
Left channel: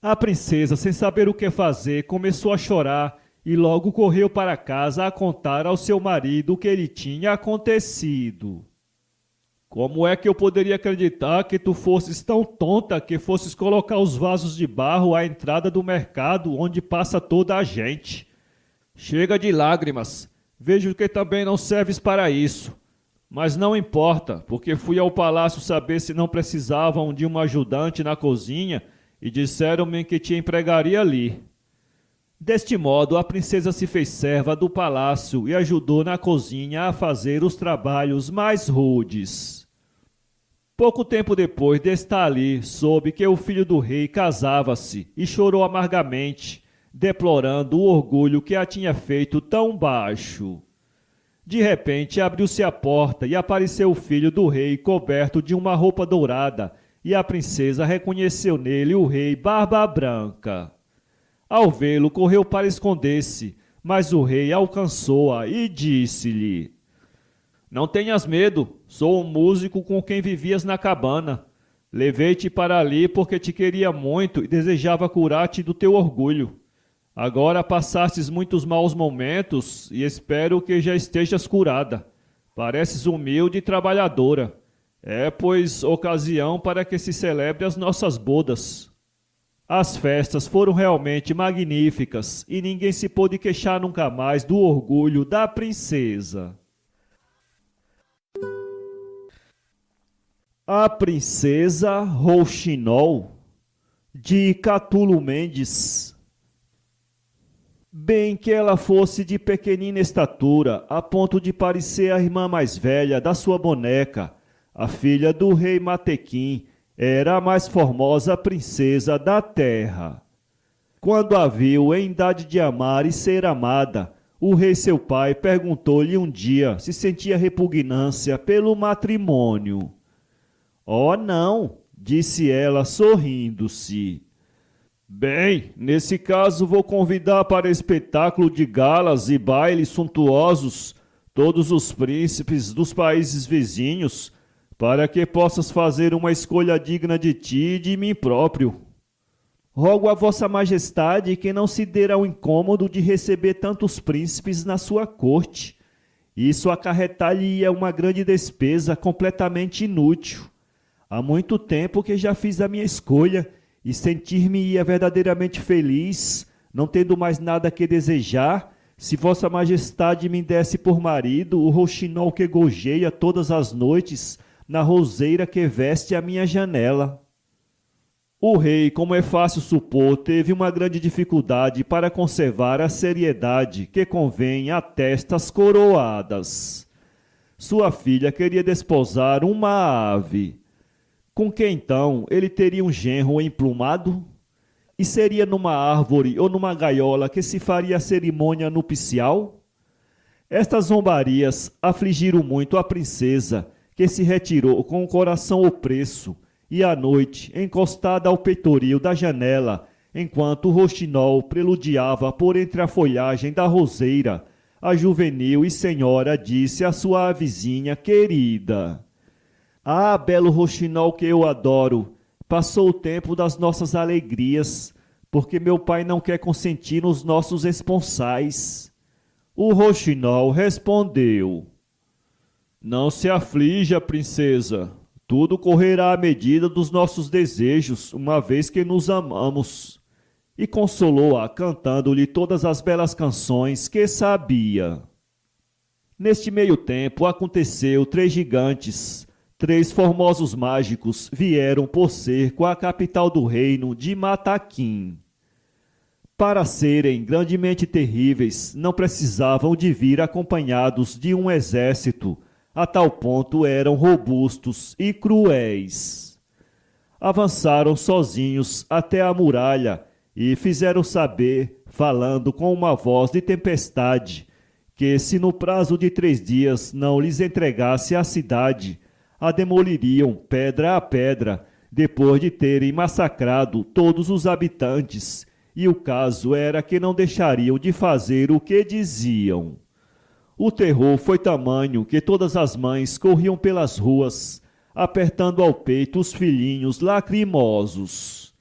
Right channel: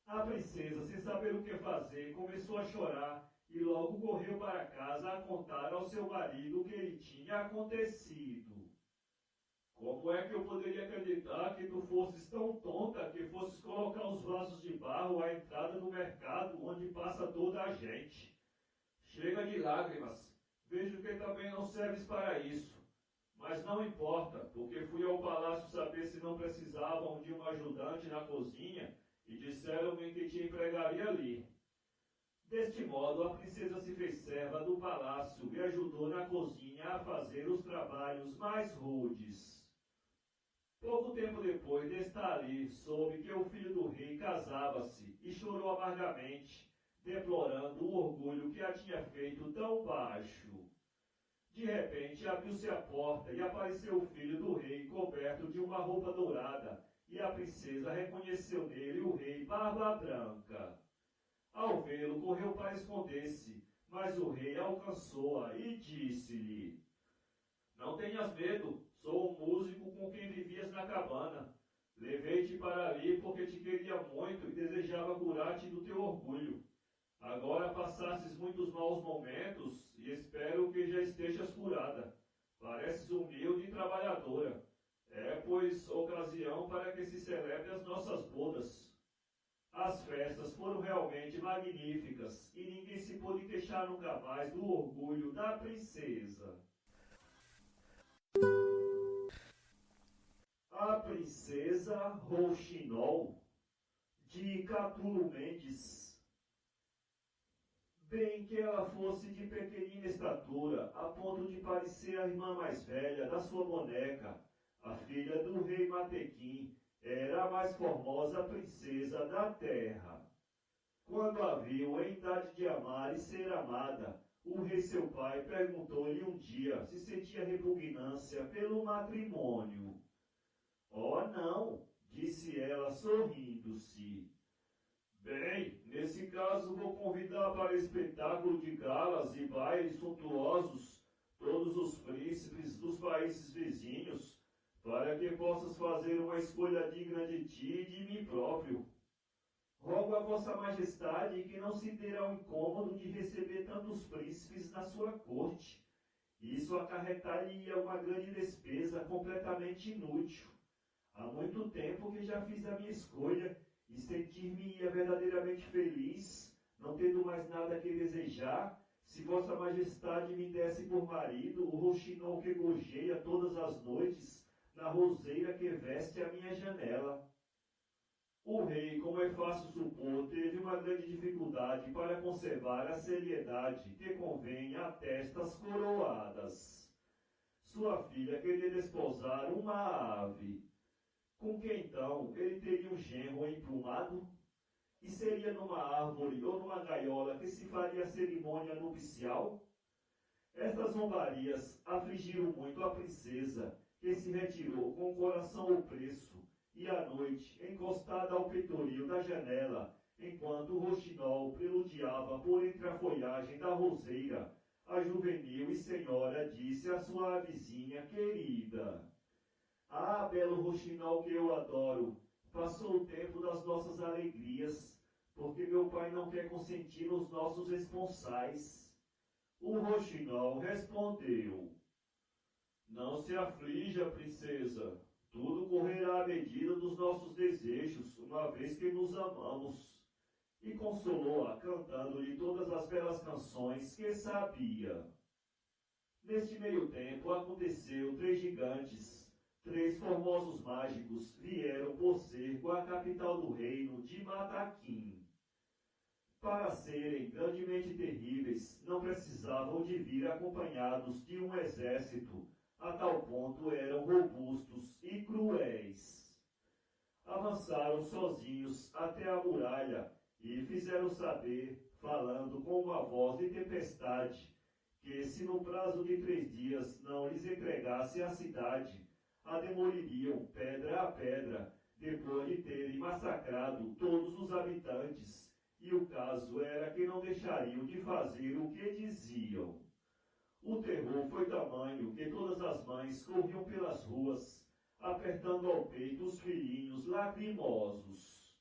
A princesa, sem saber o que fazer, começou a chorar e logo correu para casa a contar ao seu marido o que lhe tinha acontecido. Como é que eu poderia acreditar que tu fosses tão tonta que fosses colocar os vasos de barro à entrada do mercado onde passa toda a gente? Chega de lágrimas, vejo que também não serves para isso. Mas não importa, porque fui ao palácio saber se não precisavam de uma ajudante na cozinha e disseram-me que te empregaria ali. Deste modo, a princesa se fez serva do palácio e ajudou na cozinha a fazer os trabalhos mais rudes. Pouco tempo depois de estar ali, soube que o filho do rei casava-se e chorou amargamente, deplorando o orgulho que a tinha feito tão baixo. De repente abriu-se a porta e apareceu o filho do rei coberto de uma roupa dourada, e a princesa reconheceu nele o rei Barba Branca. Ao vê-lo, correu para esconder-se, mas o rei alcançou-a e disse-lhe: Não tenhas medo, sou o músico com quem vivias na cabana. Levei-te para ali porque te queria muito e desejava curar-te do teu orgulho. Agora passastes muitos maus momentos e espero que já estejas curada. Pareces humilde e trabalhadora. É, pois, ocasião para que se celebre as nossas bodas. As festas foram realmente magníficas e ninguém se pôde queixar nunca mais do orgulho da princesa. A Princesa Rouxinol, de Catulo Mendes. Bem que ela fosse de pequenina estatura, a ponto de parecer a irmã mais velha da sua boneca, a filha do rei Matequim, era a mais formosa princesa da terra. Quando a viu em idade de amar e ser amada, o rei seu pai perguntou-lhe um dia se sentia repugnância pelo matrimônio. Oh, não, disse ela sorrindo-se. Bem, nesse caso vou convidar para espetáculo de galas e bailes suntuosos todos os príncipes dos países vizinhos, para que possas fazer uma escolha digna de ti e de mim próprio. Rogo a vossa majestade que não se dê ao incômodo de receber tantos príncipes na sua corte. Isso acarretar-lhe-ia uma grande despesa completamente inútil. Há muito tempo que já fiz a minha escolha e sentir-me-ia verdadeiramente feliz, não tendo mais nada que desejar, se vossa majestade me desse por marido o rouxinol que gojeia todas as noites na roseira que veste a minha janela. O rei, como é fácil supor, teve uma grande dificuldade para conservar a seriedade que convém a testas coroadas. Sua filha queria desposar uma ave. Com que então ele teria um genro emplumado? E seria numa árvore ou numa gaiola que se faria a cerimônia nupcial? Estas zombarias afligiram muito a princesa, que se retirou com o coração opresso, e à noite, encostada ao peitoril da janela, enquanto o roxinol preludiava por entre a folhagem da roseira, a juvenil e senhora disse à sua vizinha querida: Ah, belo roxinol que eu adoro, passou o tempo das nossas alegrias, porque meu pai não quer consentir nos nossos esponsais. O roxinol respondeu: Não se aflija, princesa, tudo correrá à medida dos nossos desejos, uma vez que nos amamos. E consolou-a cantando-lhe todas as belas canções que sabia. Neste meio tempo aconteceu 3 gigantes, 3 formosos mágicos vieram por cerco à capital do reino de Mataquim. Para serem grandemente terríveis, não precisavam de vir acompanhados de um exército, a tal ponto eram robustos e cruéis. Avançaram sozinhos até a muralha e fizeram saber, falando com uma voz de tempestade, que se no prazo de 3 dias não lhes entregasse a cidade, a demoliriam pedra a pedra, depois de terem massacrado todos os habitantes, e o caso era que não deixariam de fazer o que diziam. O terror foi tamanho que todas as mães corriam pelas ruas, apertando ao peito os filhinhos lacrimosos.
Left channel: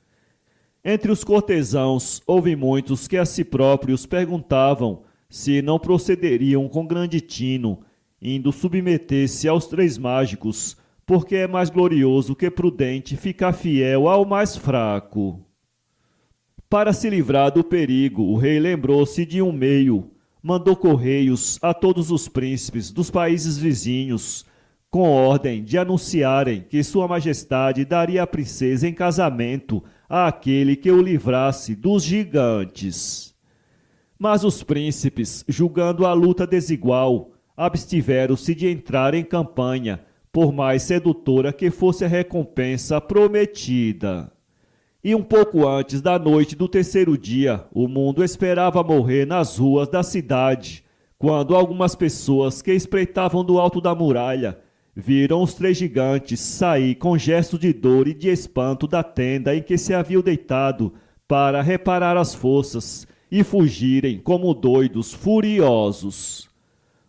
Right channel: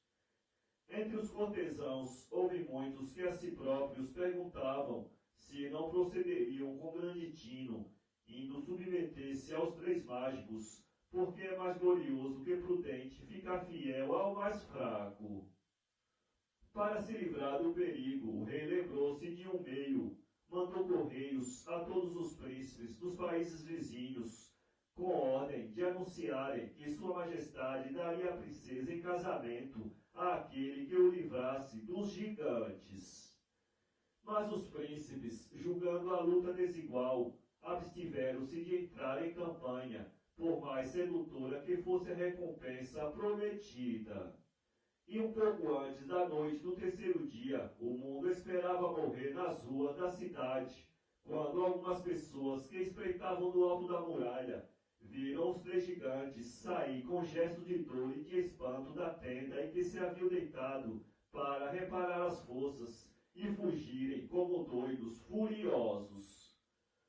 Entre os cortesãos, houve muitos que a si próprios perguntavam se não procederiam com grande tino, indo submeter-se aos 3 mágicos, porque é mais glorioso que prudente ficar fiel ao mais fraco. Para se livrar do perigo, o rei lembrou-se de um meio, mandou correios a todos os príncipes dos países vizinhos, com ordem de anunciarem que Sua Majestade daria a princesa em casamento àquele que o livrasse dos gigantes. Mas os príncipes, julgando a luta desigual, abstiveram-se de entrar em campanha, por mais sedutora que fosse a recompensa prometida. E um pouco antes da noite do 3º dia, o mundo esperava morrer nas ruas da cidade, quando algumas pessoas que espreitavam do alto da muralha viram os 3 gigantes sair com gesto de dor e de espanto da tenda em que se haviam deitado para reparar as forças e fugirem como doidos furiosos.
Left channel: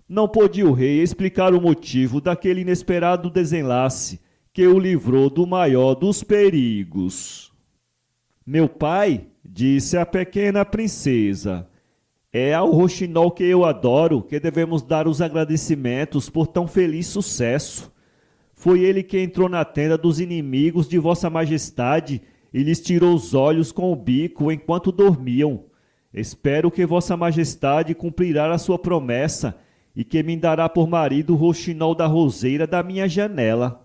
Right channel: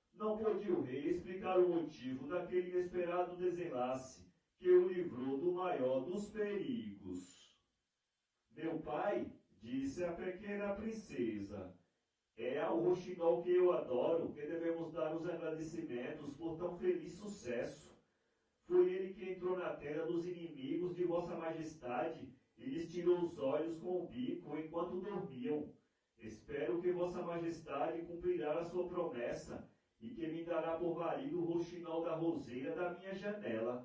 Não podia o rei explicar o motivo daquele inesperado desenlace que o livrou do maior dos perigos. Meu pai, disse a pequena princesa, é ao roxinol que eu adoro que devemos dar os agradecimentos por tão feliz sucesso. Foi ele que entrou na tenda dos inimigos de Vossa Majestade e lhes tirou os olhos com o bico enquanto dormiam. Espero que Vossa Majestade cumprirá a sua promessa e que me dará por marido o roxinol da roseira da minha janela.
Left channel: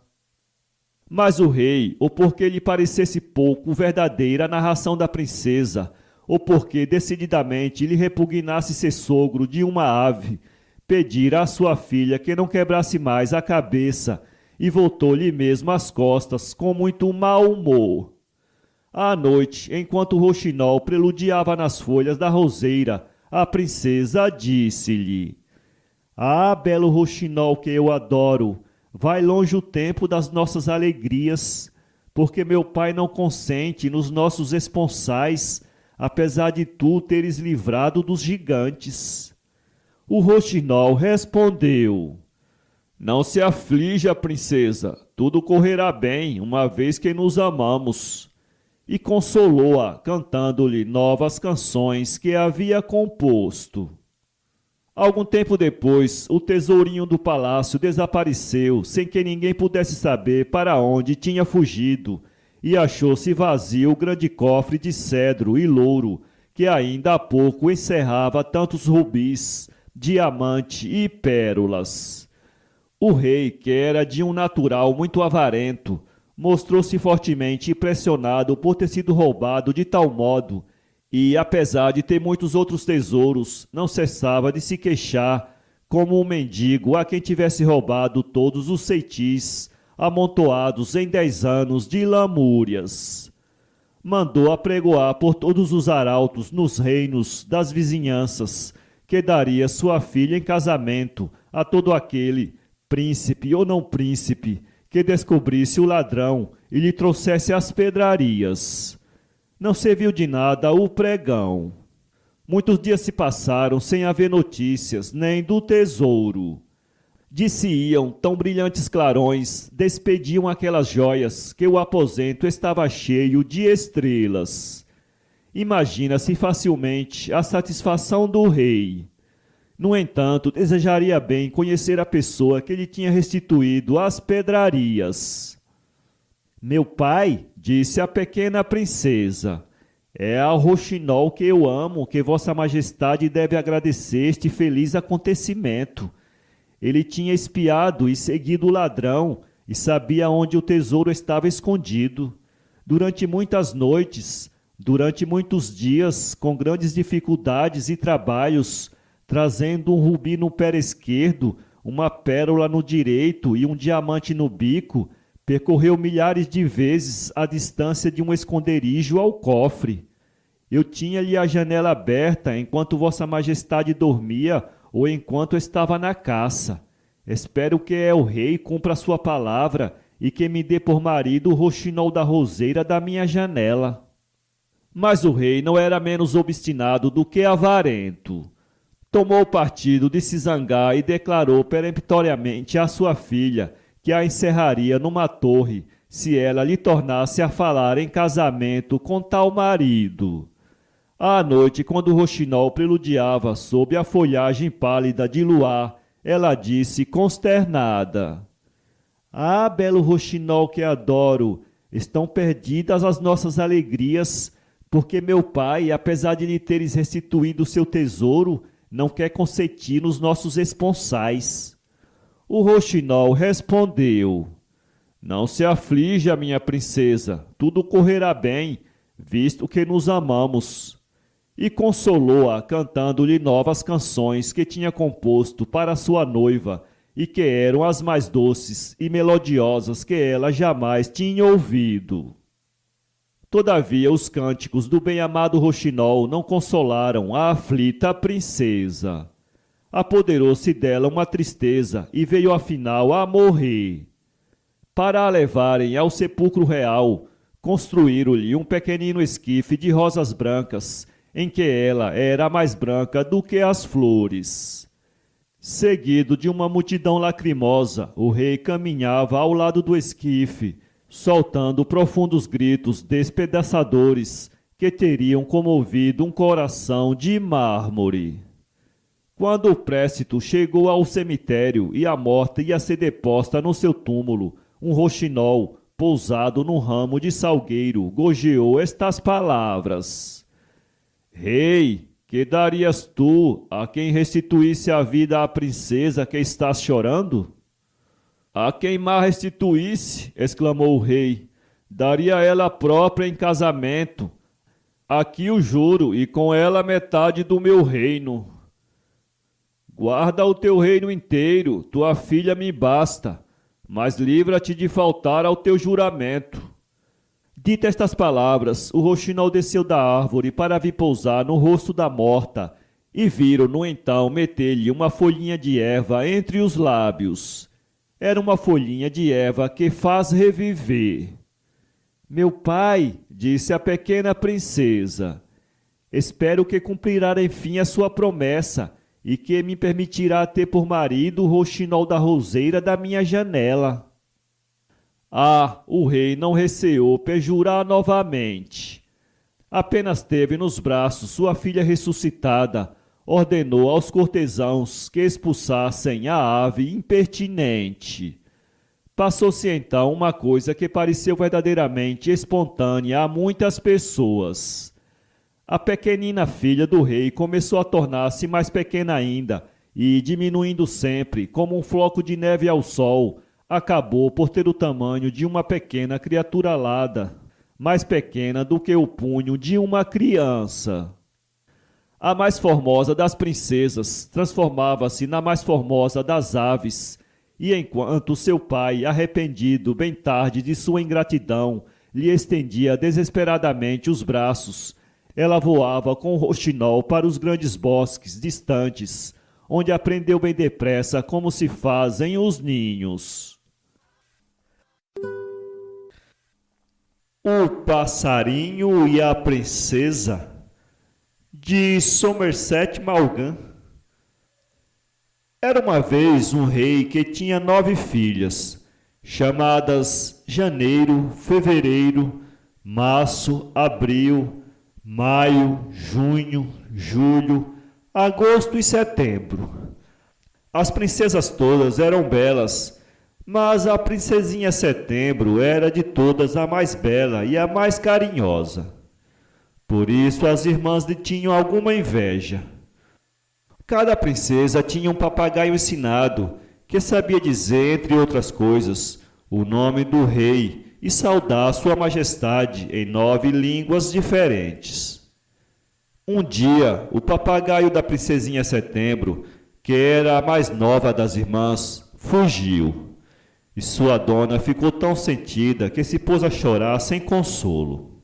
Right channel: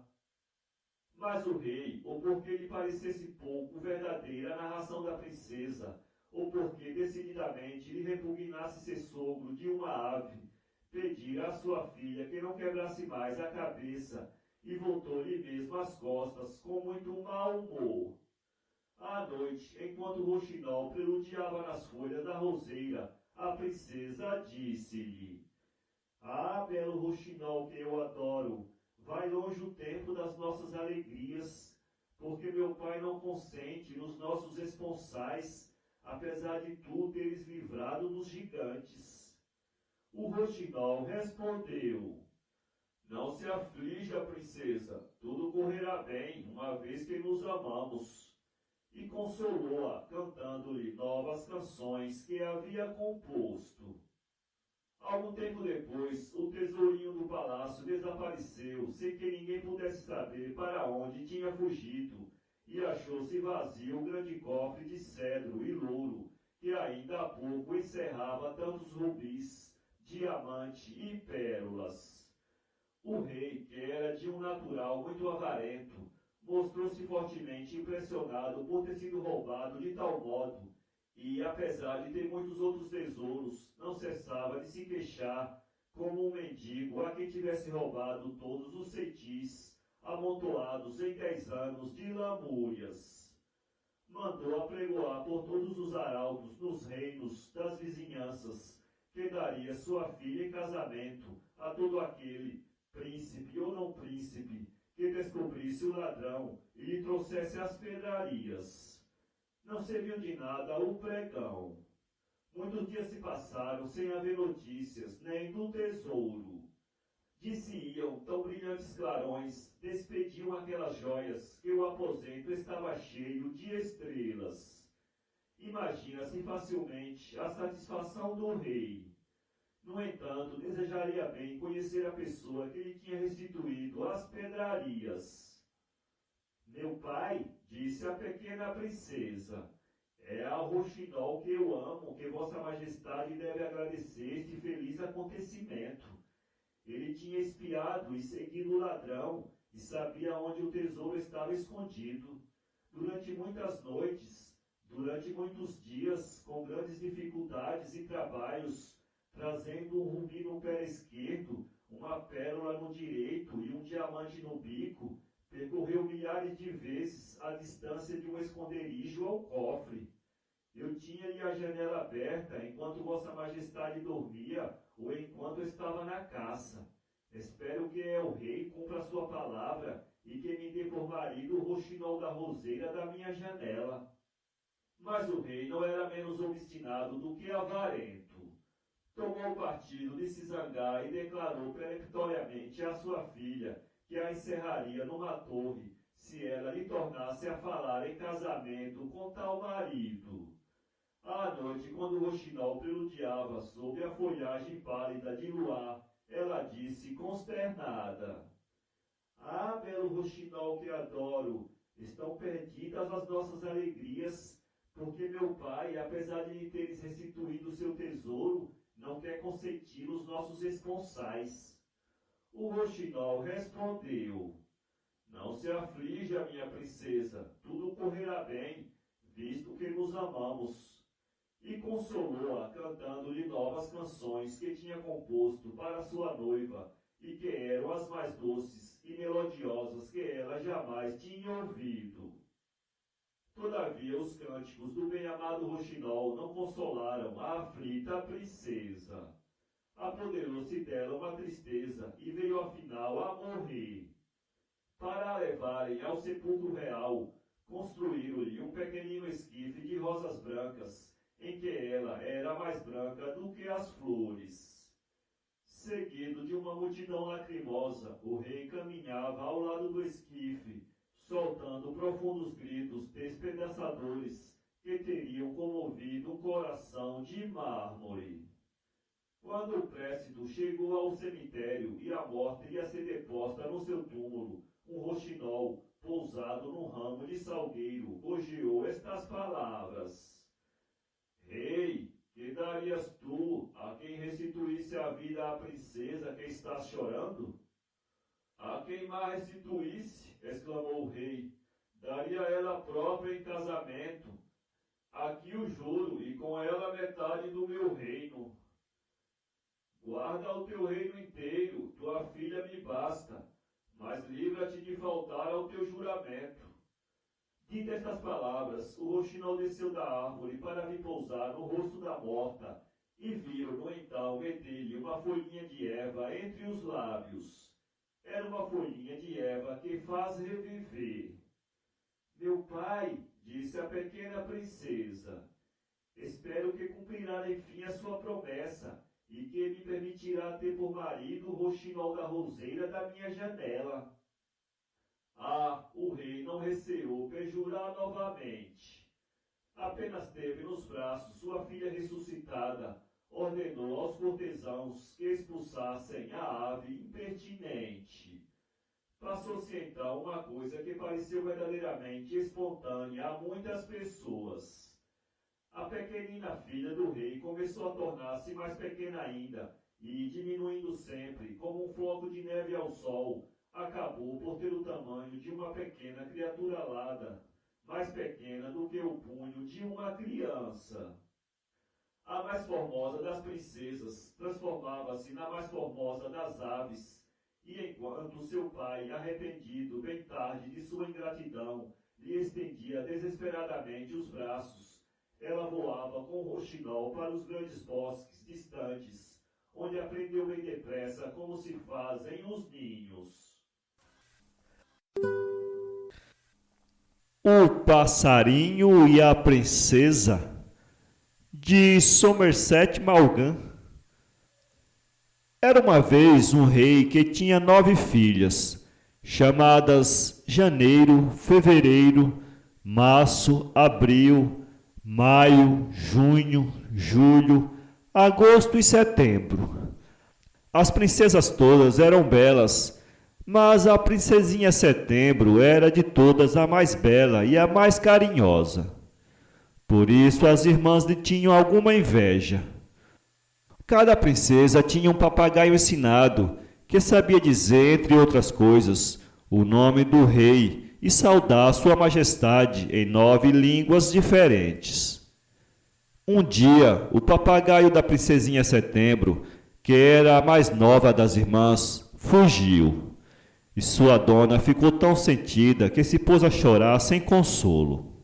Mas o rei, ou porque lhe parecesse pouco verdadeira a narração da princesa, ou porque decididamente lhe repugnasse ser sogro de uma ave, pedira à sua filha que não quebrasse mais a cabeça e voltou-lhe mesmo as costas com muito mau humor. À noite, enquanto o roxinol preludiava nas folhas da roseira, a princesa disse-lhe: Ah, belo roxinol que eu adoro, vai longe o tempo das nossas alegrias, porque meu pai não consente nos nossos esponsais, apesar de tu teres livrado dos gigantes. O roxinol respondeu: Não se aflija, princesa, tudo correrá bem, uma vez que nos amamos. E consolou-a, cantando-lhe novas canções que havia composto. Algum tempo depois, o tesourinho do palácio desapareceu, sem que ninguém pudesse saber para onde tinha fugido, e achou-se vazio o grande cofre de cedro e louro, que ainda há pouco encerrava tantos rubis, diamante e pérolas. O rei, que era de um natural muito avarento, mostrou-se fortemente impressionado por ter sido roubado de tal modo, e, apesar de ter muitos outros tesouros, não cessava de se queixar, como um mendigo a quem tivesse roubado todos os ceitis, amontoados em 10 anos de lamúrias. Mandou apregoar por todos os arautos nos reinos das vizinhanças, que daria sua filha em casamento a todo aquele, príncipe ou não príncipe, que descobrisse o ladrão e lhe trouxesse as pedrarias. Não serviu de nada o pregão. Muitos dias se passaram sem haver notícias nem do tesouro. De-se-iam tão brilhantes clarões, despediam aquelas joias, que o aposento estava cheio de estrelas. Imagina-se facilmente a satisfação do rei. No entanto, desejaria bem conhecer a pessoa que lhe tinha restituído as pedrarias. Meu pai, disse a pequena princesa, é ao roxinol que eu amo que Vossa Majestade deve agradecer este feliz acontecimento. Ele tinha espiado e seguido o ladrão e sabia onde o tesouro estava escondido. Durante muitas noites, durante muitos dias, com grandes dificuldades e trabalhos, trazendo um rubi no pé esquerdo, uma pérola no direito e um diamante no bico, percorreu milhares de vezes a distância de um esconderijo ao cofre. Eu tinha-lhe a janela aberta enquanto Vossa Majestade dormia ou enquanto estava na caça. Espero que o rei cumpra sua palavra e que me dê por marido o roxinol da roseira da minha janela. Mas o rei não era menos obstinado do que avarento. Tomou partido de se zangar e declarou peremptoriamente à sua filha que a encerraria numa torre se ela lhe tornasse a falar em casamento com tal marido. À noite, quando o roxinol preludiava sob a folhagem pálida de luar, ela disse consternada: Ah, belo roxinol que adoro, estão perdidas as nossas alegrias, porque meu pai, apesar de lhe teres restituído o seu tesouro, não quer consentir nos nossos esponsais. O roxinol respondeu: Não se aflija, minha princesa, tudo correrá bem, visto que nos amamos. E consolou-a cantando-lhe novas canções que tinha composto para sua noiva e que eram as mais doces e melodiosas que ela jamais tinha ouvido. Todavia os cânticos do bem-amado roxinol não consolaram a aflita princesa. Apoderou-se dela uma tristeza e veio afinal a morrer. Para a levarem ao sepulcro real, construíram-lhe um pequenino esquife de rosas brancas, em que ela era mais branca do que as flores. Seguido de uma multidão lacrimosa, o rei caminhava ao lado do esquife, soltando profundos gritos despedaçadores que teriam comovido um coração de mármore. Quando o précito chegou ao cemitério e a morta ia ser deposta no seu túmulo, um roxinol, pousado num ramo de salgueiro, gorjeou estas palavras: Rei, que darias tu a quem restituísse a vida à princesa que estás chorando? A quem má restituísse, exclamou o rei, daria ela própria em casamento. Aqui o juro, e com ela metade do meu reino. Guarda o teu reino inteiro, tua filha me basta, mas livra-te de faltar ao teu juramento. Dita estas palavras, o roxinol desceu da árvore para vir pousar no rosto da morta, e viram-no então meter-lhe uma folhinha de erva entre os lábios. Era uma folhinha de erva que faz reviver. Meu pai, disse a pequena princesa, espero que cumprirá enfim a sua promessa e que me permitirá ter por marido o roxinol da roseira da minha janela. Ah, o rei não receou perjurar novamente. Apenas teve nos braços sua filha ressuscitada, ordenou aos cortesãos que expulsassem a ave impertinente. Passou-se então uma coisa que pareceu verdadeiramente espontânea a muitas pessoas. A pequenina filha do rei começou a tornar-se mais pequena ainda e, diminuindo sempre, como um floco de neve ao sol, acabou por ter o tamanho de uma pequena criatura alada, mais pequena do que o punho de uma criança. A mais formosa das princesas transformava-se na mais formosa das aves, e enquanto seu pai, arrependido bem tarde de sua ingratidão, lhe estendia desesperadamente os braços, ela voava com o roxinol para os grandes bosques distantes, onde aprendeu bem depressa como se fazem os ninhos. O Passarinho e a Princesa, de Somerset Maugham. Era uma vez um rei que tinha 9 filhas, chamadas Janeiro, Fevereiro, Março, Abril, Maio, Junho, Julho, Agosto e Setembro. As princesas todas eram belas, mas a princesinha Setembro era de todas a mais bela e a mais carinhosa. Por isso as irmãs lhe tinham alguma inveja. Cada princesa tinha um papagaio ensinado, que sabia dizer, entre outras coisas, o nome do rei e saudar sua majestade em 9 línguas diferentes. Um dia, o papagaio da princesinha Setembro, que era a mais nova das irmãs, fugiu. E sua dona ficou tão sentida que se pôs a chorar sem consolo.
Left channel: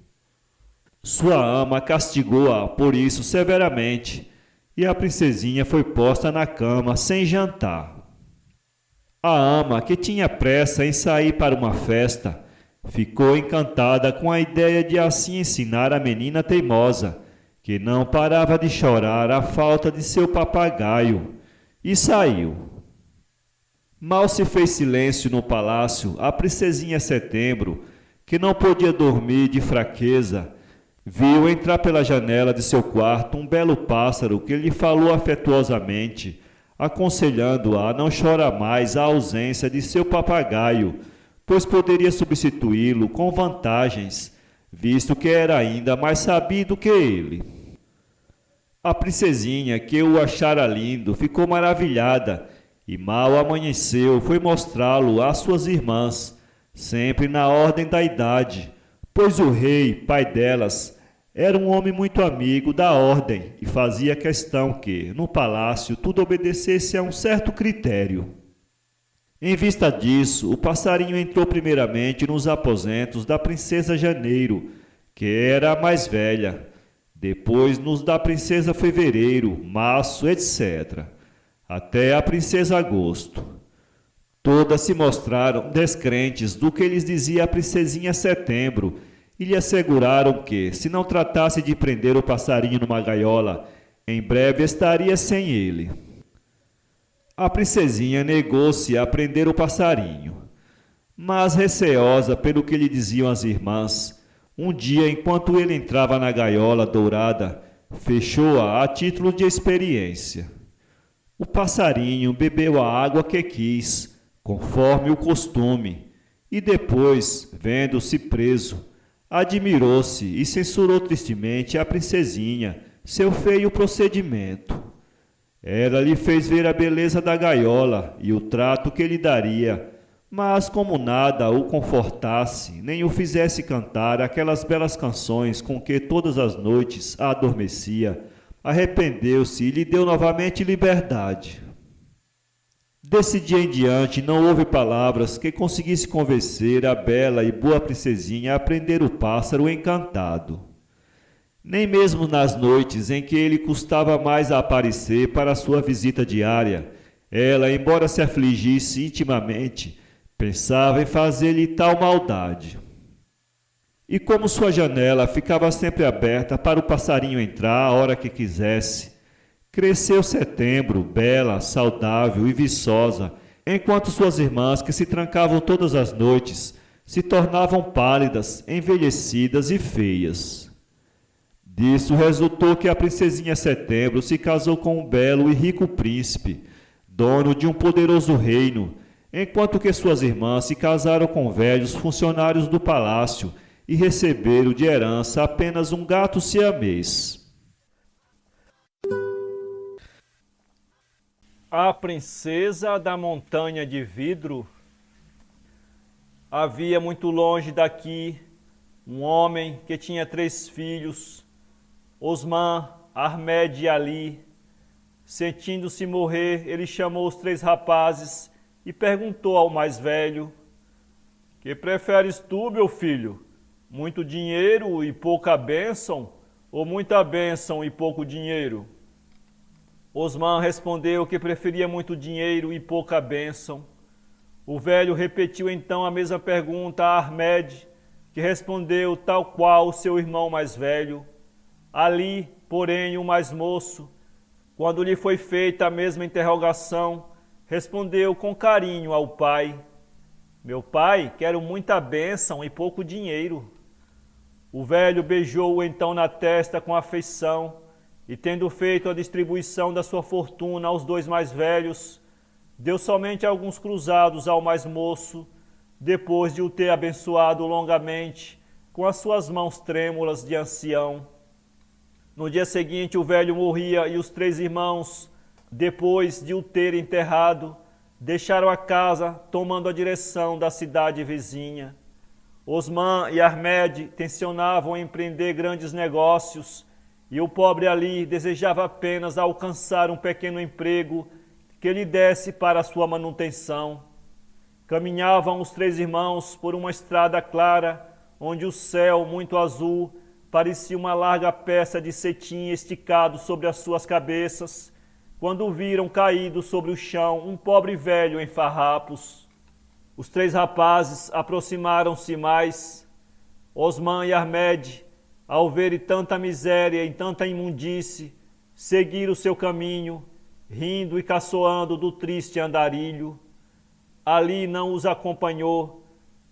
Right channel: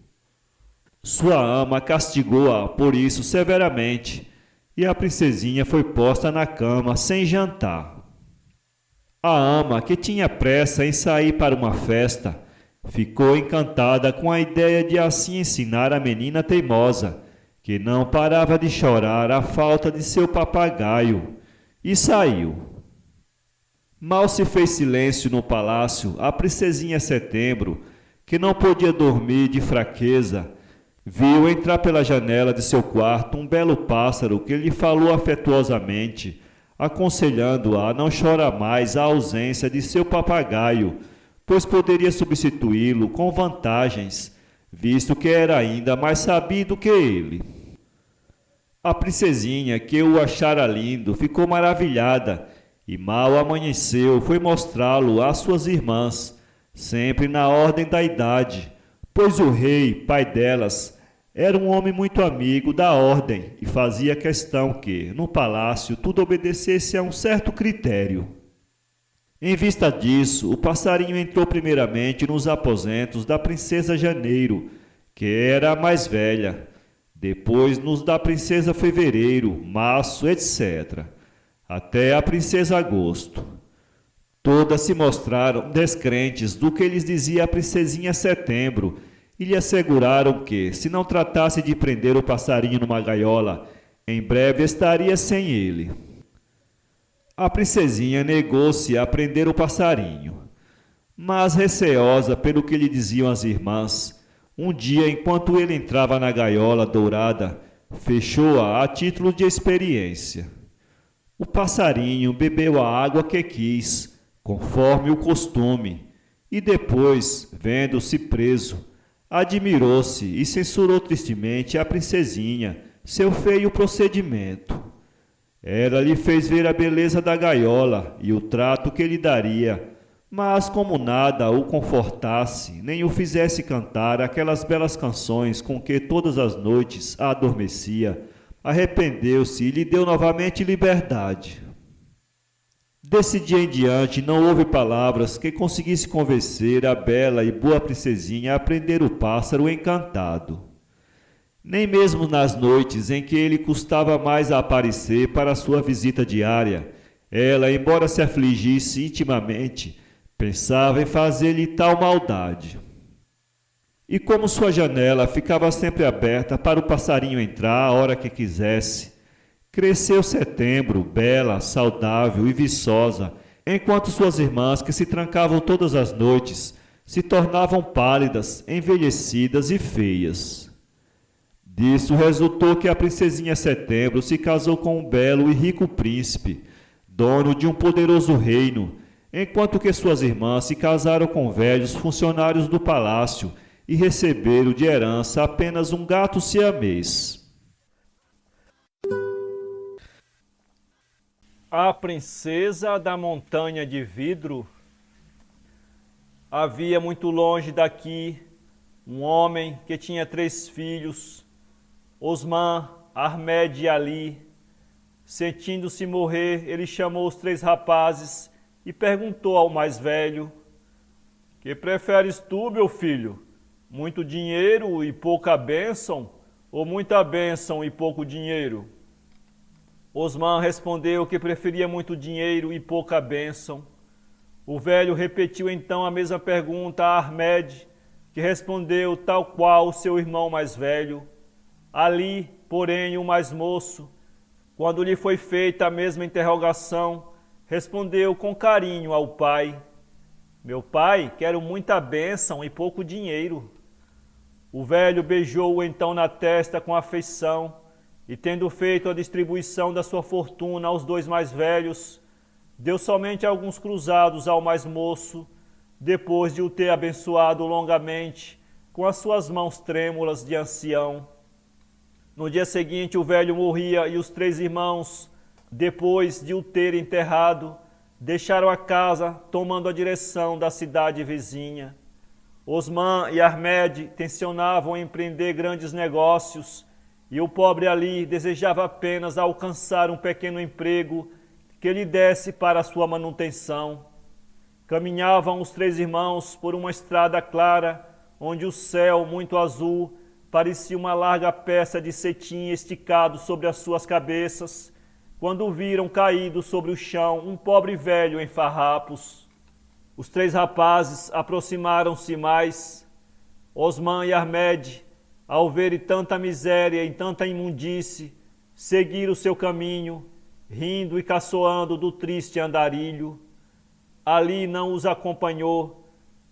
Sua ama castigou-a por isso severamente, e a princesinha foi posta na cama sem jantar. A ama, que tinha pressa em sair para uma festa, ficou encantada com a ideia de assim ensinar a menina teimosa, que não parava de chorar a falta de seu papagaio, e saiu. Mal se fez silêncio no palácio, a princesinha Setembro, que não podia dormir de fraqueza, viu entrar pela janela de seu quarto um belo pássaro que lhe falou afetuosamente, aconselhando-a a não chorar mais a ausência de seu papagaio, pois poderia substituí-lo com vantagens, visto que era ainda mais sabido que ele. A princesinha, que o achara lindo, ficou maravilhada, e mal amanheceu foi mostrá-lo às suas irmãs, sempre na ordem da idade, pois o rei, pai delas, era um homem muito amigo da ordem e fazia questão que, no palácio, tudo obedecesse a um certo critério. Em vista disso, o passarinho entrou primeiramente nos aposentos da princesa Janeiro, que era a mais velha, depois nos da princesa Fevereiro, Março, etc., até a princesa Agosto. Todas se mostraram descrentes do que lhes dizia a princesinha Setembro e lhe asseguraram que, se não tratasse de prender o passarinho numa gaiola, em breve estaria sem ele. A princesinha negou-se a prender o passarinho, mas receosa pelo que lhe diziam as irmãs, um dia, enquanto ele entrava na gaiola dourada, fechou-a a título de experiência. O passarinho bebeu a água que quis, conforme o costume, e depois, vendo-se preso, admirou-se e censurou tristemente a princesinha, seu feio procedimento. Ela lhe fez ver a beleza da gaiola e o trato que lhe daria, mas como nada o confortasse, nem o fizesse cantar aquelas belas canções com que todas as noites a adormecia, arrependeu-se e lhe deu novamente liberdade. Desse dia em diante não houve palavras que conseguisse convencer a bela e boa princesinha a prender o pássaro encantado. Nem mesmo nas noites em que ele custava mais a aparecer para sua visita diária, ela, embora se afligisse intimamente, pensava em fazer-lhe tal maldade. E como sua janela ficava sempre aberta para o passarinho entrar a hora que quisesse, cresceu Setembro, bela, saudável e viçosa, enquanto suas irmãs, que se trancavam todas as noites, se tornavam pálidas, envelhecidas e feias. Disso resultou que a princesinha Setembro se casou com um belo e rico príncipe, dono de um poderoso reino, enquanto que suas irmãs se casaram com velhos funcionários do palácio e receberam de herança apenas um gato siamês. A princesa da montanha de vidro. Havia muito longe daqui um homem que tinha 3 filhos, Osman, Ahmed e Ali. Sentindo-se morrer, ele chamou os 3 rapazes e perguntou ao mais velho: "Que preferes tu, meu filho? Muito dinheiro e pouca bênção, ou muita bênção e pouco dinheiro?" Osman respondeu que preferia muito dinheiro e pouca bênção. O velho repetiu então a mesma pergunta a Ahmed, que respondeu tal qual o seu irmão mais velho. Ali, porém, o mais moço, quando lhe foi feita a mesma interrogação, respondeu com carinho ao pai: Meu pai, quero muita bênção e pouco dinheiro. O velho beijou-o então na testa com afeição, e tendo feito a distribuição da sua fortuna aos dois mais velhos, deu somente alguns cruzados ao mais moço, depois de o ter abençoado longamente com as suas mãos trêmulas de ancião. No dia seguinte o velho morria e os três irmãos, depois de o ter enterrado, deixaram a casa tomando a direção da cidade vizinha. Osman e Ahmed tensionavam empreender grandes negócios e o pobre Ali desejava apenas alcançar um pequeno emprego que lhe desse para a sua manutenção. Caminhavam os três irmãos por uma estrada clara, onde o céu, muito azul, parecia uma larga peça de cetim esticado sobre as suas cabeças, quando viram caído sobre o chão um pobre velho em farrapos. Os três rapazes aproximaram-se mais. Osman e Ahmed, ao verem tanta miséria e tanta imundície, seguiram o seu caminho, rindo e caçoando do triste andarilho. Ali não os acompanhou,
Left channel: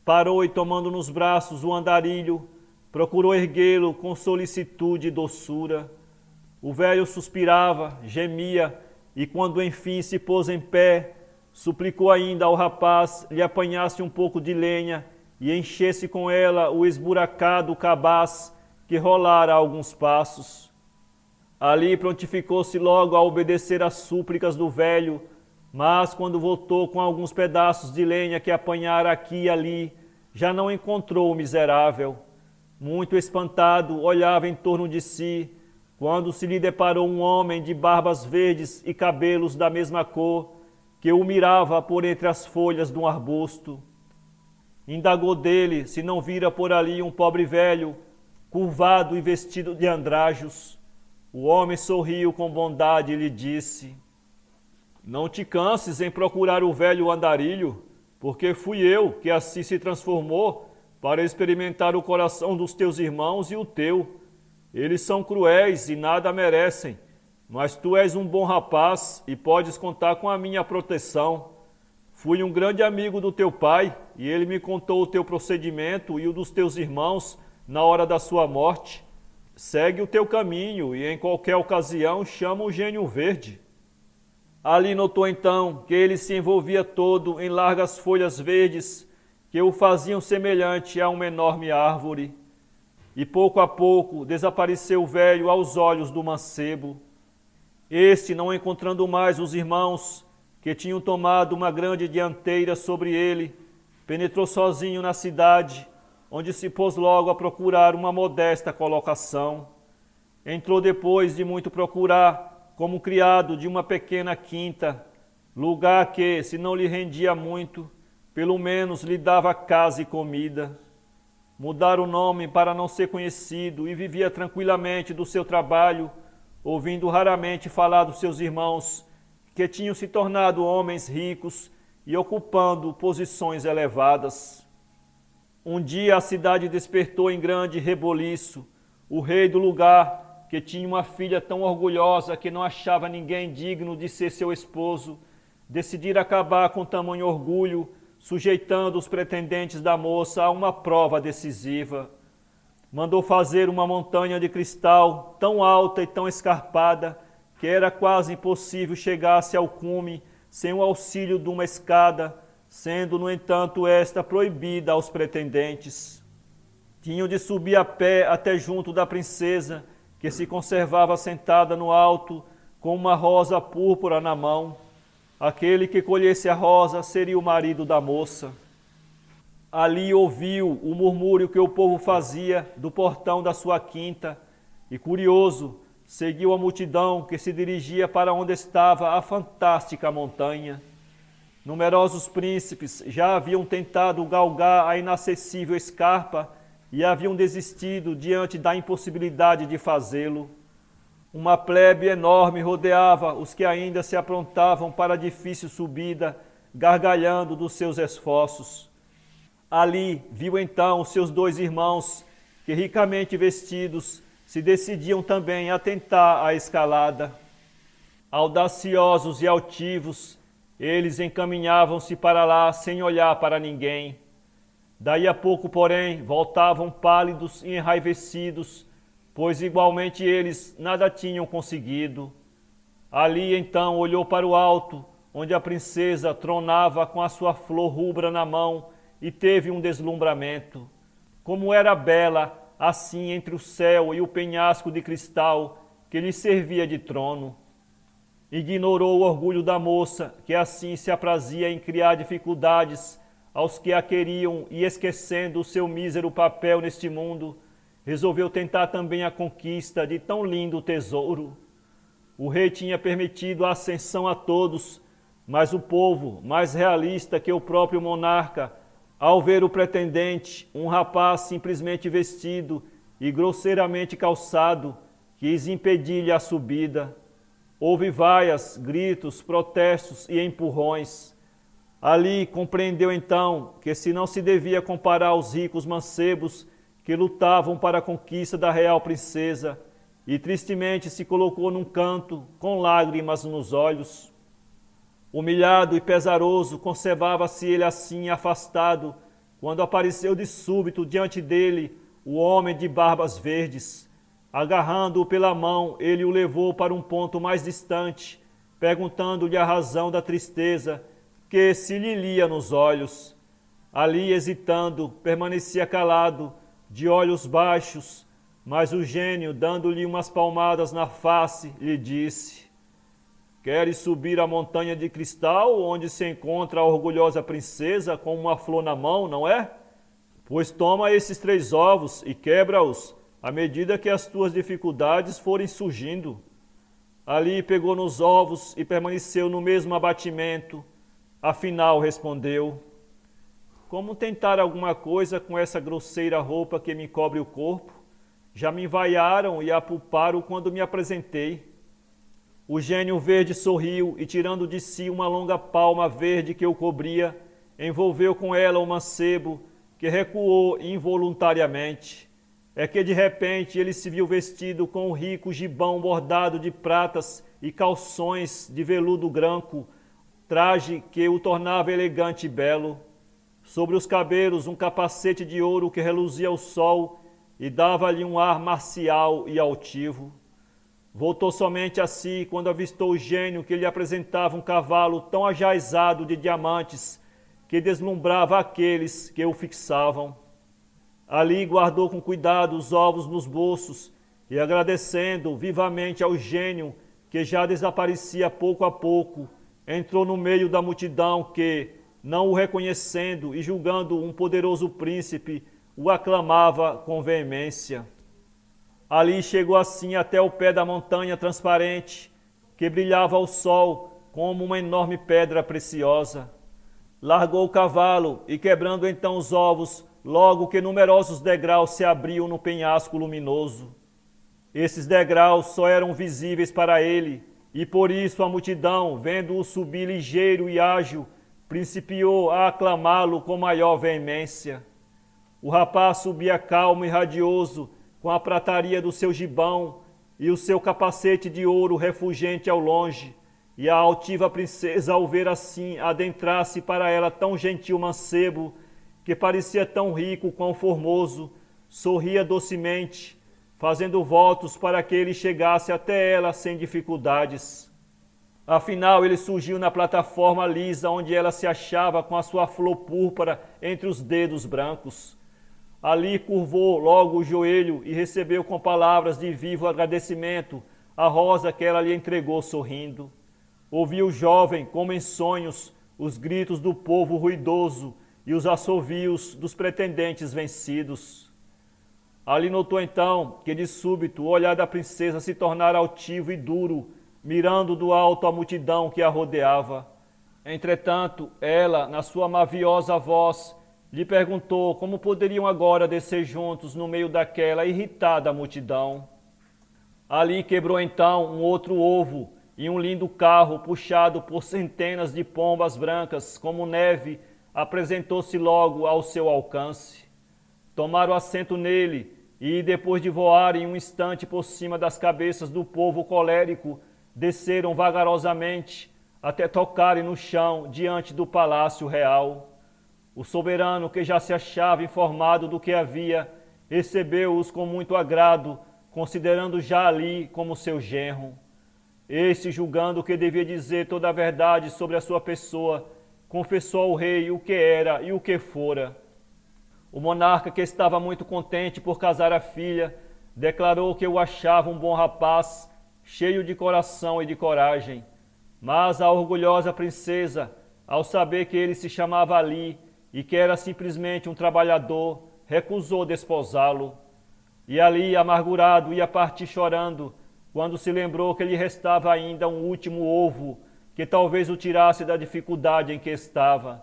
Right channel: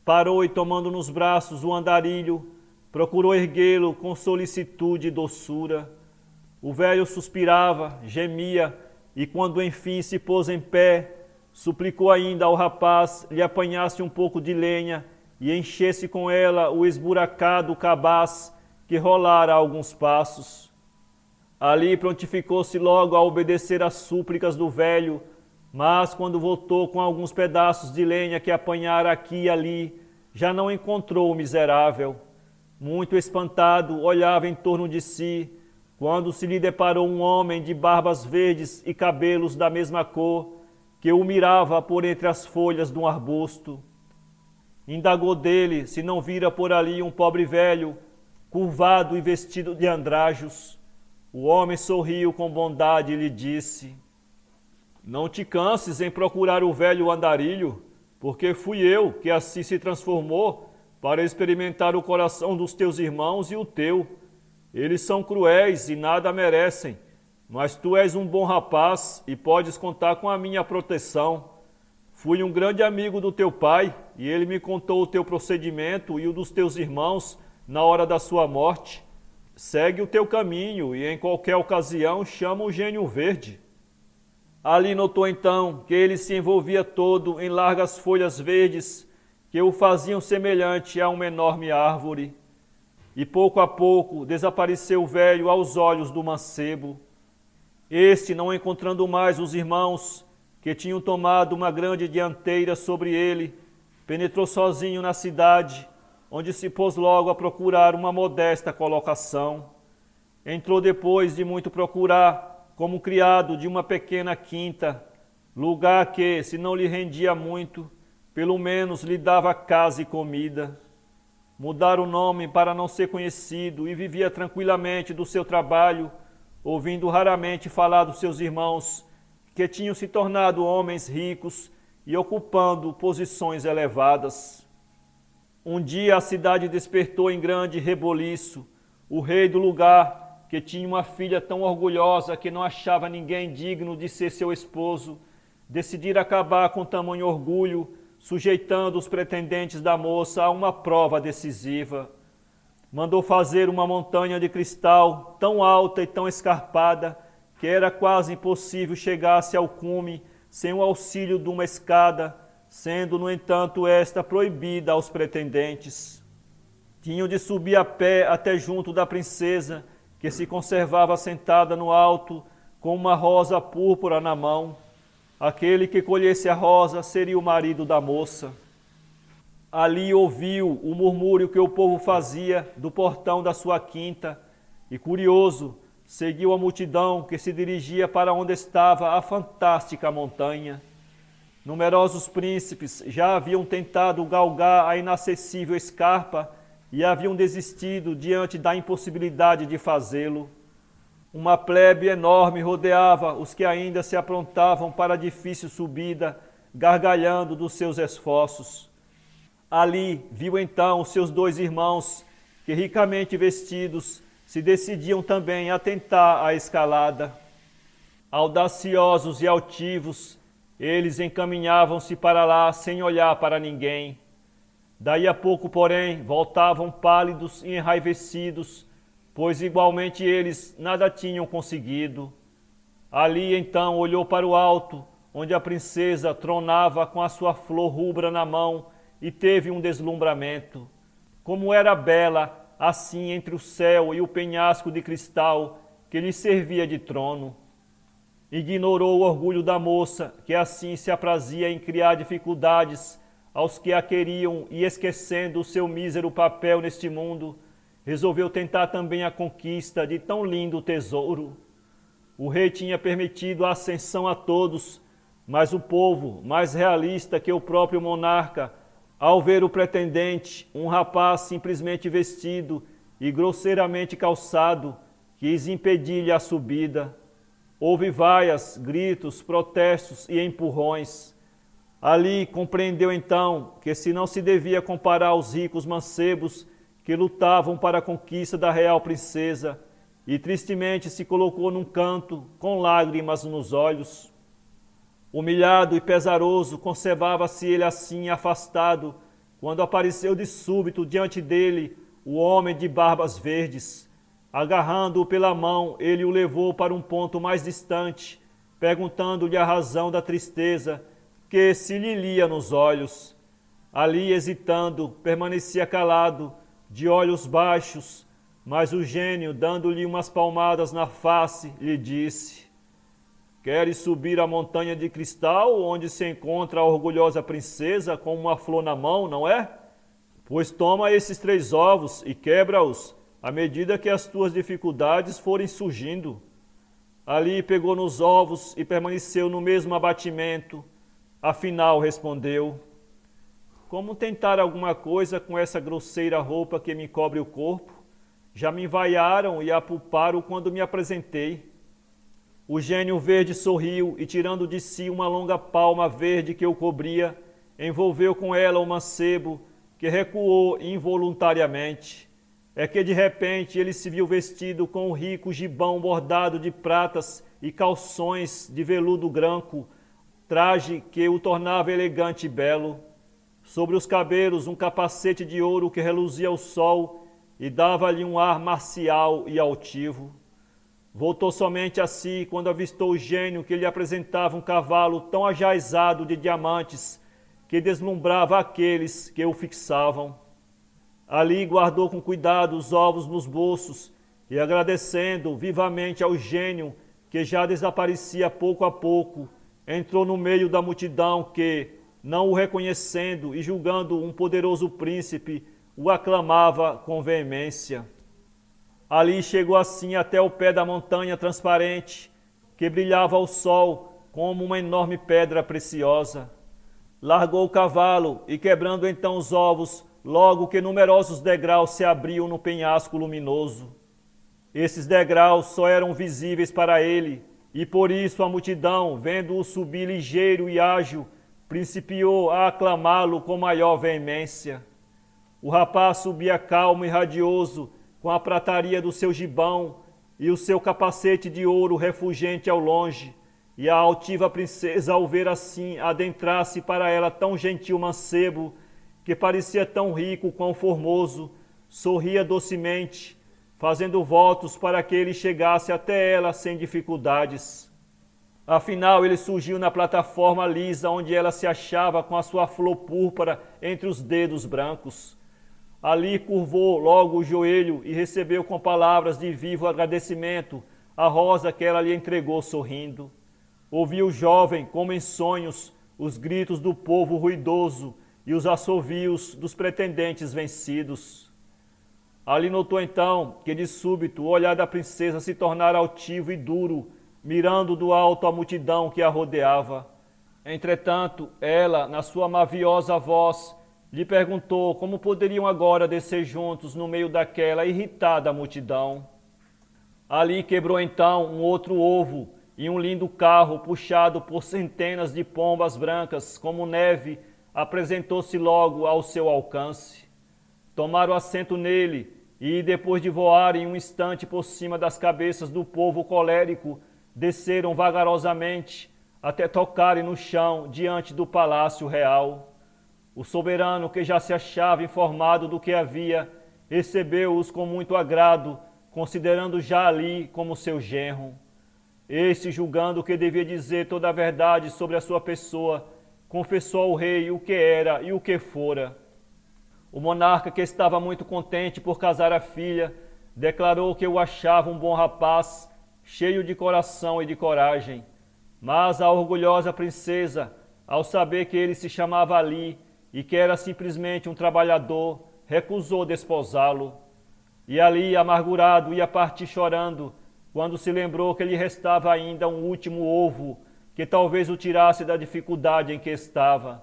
parou e tomando nos braços o andarilho, procurou erguê-lo com solicitude e doçura. O velho suspirava, gemia, e quando enfim se pôs em pé, suplicou ainda ao rapaz lhe apanhasse um pouco de lenha e enchesse com ela o esburacado cabaz que rolara alguns passos. Ali prontificou-se logo a obedecer às súplicas do velho, mas quando voltou com alguns pedaços de lenha que apanhara aqui e ali, já não encontrou o miserável. Muito espantado, olhava em torno de si, quando se lhe deparou um homem de barbas verdes e cabelos da mesma cor, que o mirava por entre as folhas de um arbusto. Indagou dele se não vira por ali um pobre velho, curvado e vestido de andrajos. O homem sorriu com bondade e lhe disse: Não te canses em procurar o velho andarilho, porque fui eu que assim se transformou para experimentar o coração dos teus irmãos e o teu. Eles são cruéis e nada merecem, mas tu és um bom rapaz e podes contar com a minha proteção. Fui um grande amigo do teu pai e ele me contou o teu procedimento e o dos teus irmãos na hora da sua morte. Segue o teu caminho e em qualquer ocasião chama o gênio verde. Ali notou então que ele se envolvia todo em largas folhas verdes que o faziam semelhante a uma enorme árvore. E pouco a pouco desapareceu o velho aos olhos do mancebo. Este, não encontrando mais os irmãos, que tinham tomado uma grande dianteira sobre ele, penetrou sozinho na cidade, onde se pôs logo a procurar uma modesta colocação. Entrou depois de muito procurar, como criado de uma pequena quinta, lugar que, se não lhe rendia muito, pelo menos lhe dava casa e comida. Mudara o nome para não ser conhecido e vivia tranquilamente do seu trabalho, ouvindo raramente falar dos seus irmãos, que tinham se tornado homens ricos e ocupando posições elevadas. Um dia a cidade despertou em grande reboliço. O rei do lugar, que tinha uma filha tão orgulhosa que não achava ninguém digno de ser seu esposo, decidira acabar com tamanho orgulho, sujeitando os pretendentes da moça a uma prova decisiva. Mandou fazer uma montanha de cristal tão alta e tão escarpada que era quase impossível chegar-se ao cume sem o auxílio de uma escada, sendo, no entanto, esta proibida aos pretendentes. Tinham de subir a pé até junto da princesa, que se conservava sentada no alto, com uma rosa púrpura na mão. Aquele que colhesse a rosa seria o marido da moça. Ali ouviu o murmúrio que o povo fazia do portão da sua quinta e, curioso, seguiu a multidão que se dirigia para onde estava a fantástica montanha. Numerosos príncipes já haviam tentado galgar a inacessível escarpa e haviam desistido diante da impossibilidade de fazê-lo. Uma plebe enorme rodeava os que ainda se aprontavam para a difícil subida, gargalhando dos seus esforços. Ali viu então os seus dois irmãos, que ricamente vestidos, se decidiam também a tentar a escalada. Audaciosos e altivos, eles encaminhavam-se para lá sem olhar para ninguém. Daí a pouco, porém, voltavam pálidos e enraivecidos, pois igualmente eles nada tinham conseguido. Ali então olhou para o alto, onde a princesa tronava com a sua flor rubra na mão, e teve um deslumbramento. Como era bela, assim entre o céu e o penhasco de cristal que lhe servia de trono. Ignorou o orgulho da moça, que assim se aprazia em criar dificuldades aos que a queriam, e esquecendo o seu mísero papel neste mundo, resolveu tentar também a conquista de tão lindo tesouro. O rei tinha permitido a ascensão a todos, mas o povo, mais realista que o próprio monarca, ao ver o pretendente, um rapaz simplesmente vestido e grosseiramente calçado, quis impedir-lhe a subida. Houve vaias, gritos, protestos e empurrões. Ali compreendeu então que se não se devia comparar aos ricos mancebos que lutavam para a conquista da real princesa, e tristemente se colocou num canto, com lágrimas nos olhos. Humilhado e pesaroso, conservava-se ele assim afastado, quando apareceu de súbito diante dele o homem de barbas verdes. Agarrando-o pela mão, ele o levou para um ponto mais distante, perguntando-lhe a razão da tristeza que se lhe lia nos olhos. Ali, hesitando, permanecia calado, de olhos baixos, mas o gênio, dando-lhe umas palmadas na face, lhe disse: queres subir a montanha de cristal, onde se encontra a orgulhosa princesa com uma flor na mão, não é? Pois toma esses 3 ovos e quebra-os, à medida que as tuas dificuldades forem surgindo. Ali pegou nos ovos e permaneceu no mesmo abatimento. Afinal respondeu: como tentar alguma coisa com essa grosseira roupa que me cobre o corpo? Já me vaiaram e apulparam quando me apresentei. O gênio verde sorriu e, tirando de si uma longa palma verde que o cobria, envolveu com ela o mancebo, que recuou involuntariamente. É que de repente ele se viu vestido com um rico gibão bordado de pratas e calções de veludo branco, traje que o tornava elegante e belo. Sobre os cabelos um capacete de ouro que reluzia ao sol e dava-lhe um ar marcial e altivo. Voltou somente a si quando avistou o gênio, que lhe apresentava um cavalo tão ajaezado de diamantes que deslumbrava aqueles que o fixavam. Ali guardou com cuidado os ovos nos bolsos e, agradecendo vivamente ao gênio, que já desaparecia pouco a pouco, entrou no meio da multidão que, não o reconhecendo e julgando um poderoso príncipe, o aclamava com veemência. Ali chegou assim até o pé da montanha transparente, que brilhava ao sol como uma enorme pedra preciosa. Largou o cavalo e, quebrando então os ovos, logo que numerosos degraus se abriam no penhasco luminoso. Esses degraus só eram visíveis para ele, e por isso a multidão, vendo-o subir ligeiro e ágil, principiou a aclamá-lo com maior veemência. O rapaz subia calmo e radioso, com a prataria do seu gibão e o seu capacete de ouro refulgente ao longe, e a altiva princesa, ao ver assim adentrar-se para ela tão gentil mancebo, que parecia tão rico quão formoso, sorria docemente, fazendo votos para que ele chegasse até ela sem dificuldades. Afinal, ele surgiu na plataforma lisa onde ela se achava com a sua flor púrpura entre os dedos brancos. Ali curvou logo o joelho e recebeu com palavras de vivo agradecimento a rosa que ela lhe entregou sorrindo. Ouviu o jovem, como em sonhos, os gritos do povo ruidoso e os assovios dos pretendentes vencidos. Ali notou então que de súbito o olhar da princesa se tornara altivo e duro, mirando do alto a multidão que a rodeava. Entretanto, ela, na sua maviosa voz, lhe perguntou como poderiam agora descer juntos no meio daquela irritada multidão. Ali quebrou então um outro ovo e um lindo carro puxado por centenas de pombas brancas como neve apresentou-se logo ao seu alcance. Tomaram assento nele e, depois de voarem um instante por cima das cabeças do povo colérico, desceram vagarosamente até tocarem no chão diante do palácio real. O soberano, que já se achava informado do que havia, recebeu-os com muito agrado, considerando já ali como seu genro. Este, julgando que devia dizer toda a verdade sobre a sua pessoa, confessou ao rei o que era e o que fora. O monarca, que estava muito contente por casar a filha, declarou que o achava um bom rapaz, cheio de coração e de coragem. Mas a orgulhosa princesa, ao saber que ele se chamava Ali e que era simplesmente um trabalhador, recusou desposá-lo. E Ali, amargurado, ia partir chorando, quando se lembrou que lhe restava ainda um último ovo, que talvez o tirasse da dificuldade em que estava.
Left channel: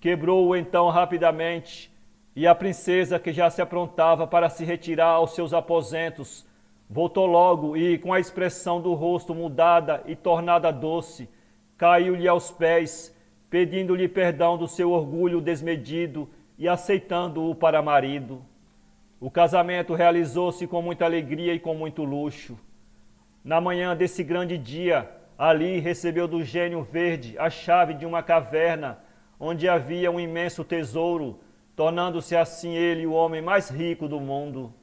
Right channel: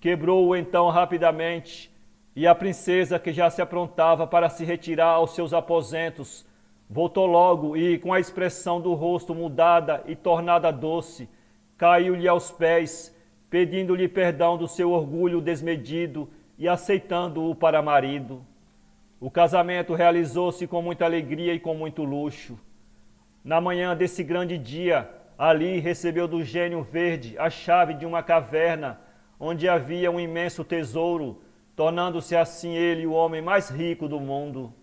Quebrou-o então rapidamente, e a princesa, que já se aprontava para se retirar aos seus aposentos, voltou logo e, com a expressão do rosto mudada e tornada doce, caiu-lhe aos pés, pedindo-lhe perdão do seu orgulho desmedido e aceitando-o para marido. O casamento realizou-se com muita alegria e com muito luxo. Na manhã desse grande dia, Ali recebeu do gênio verde a chave de uma caverna, onde havia um imenso tesouro, tornando-se assim ele o homem mais rico do mundo.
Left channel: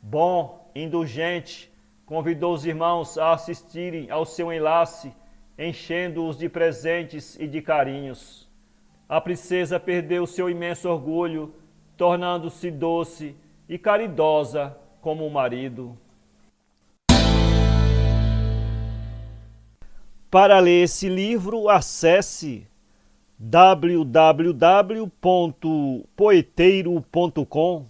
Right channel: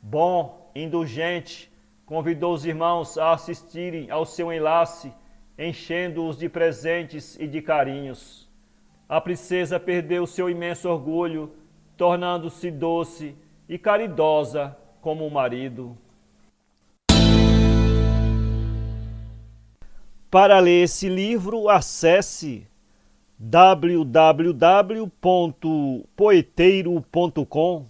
Bom, indulgente, convidou os irmãos a assistirem ao seu enlace, enchendo-os de presentes e de carinhos. A princesa perdeu seu imenso orgulho, tornando-se doce e caridosa como o marido. Para ler esse livro, acesse www.poeteiro.com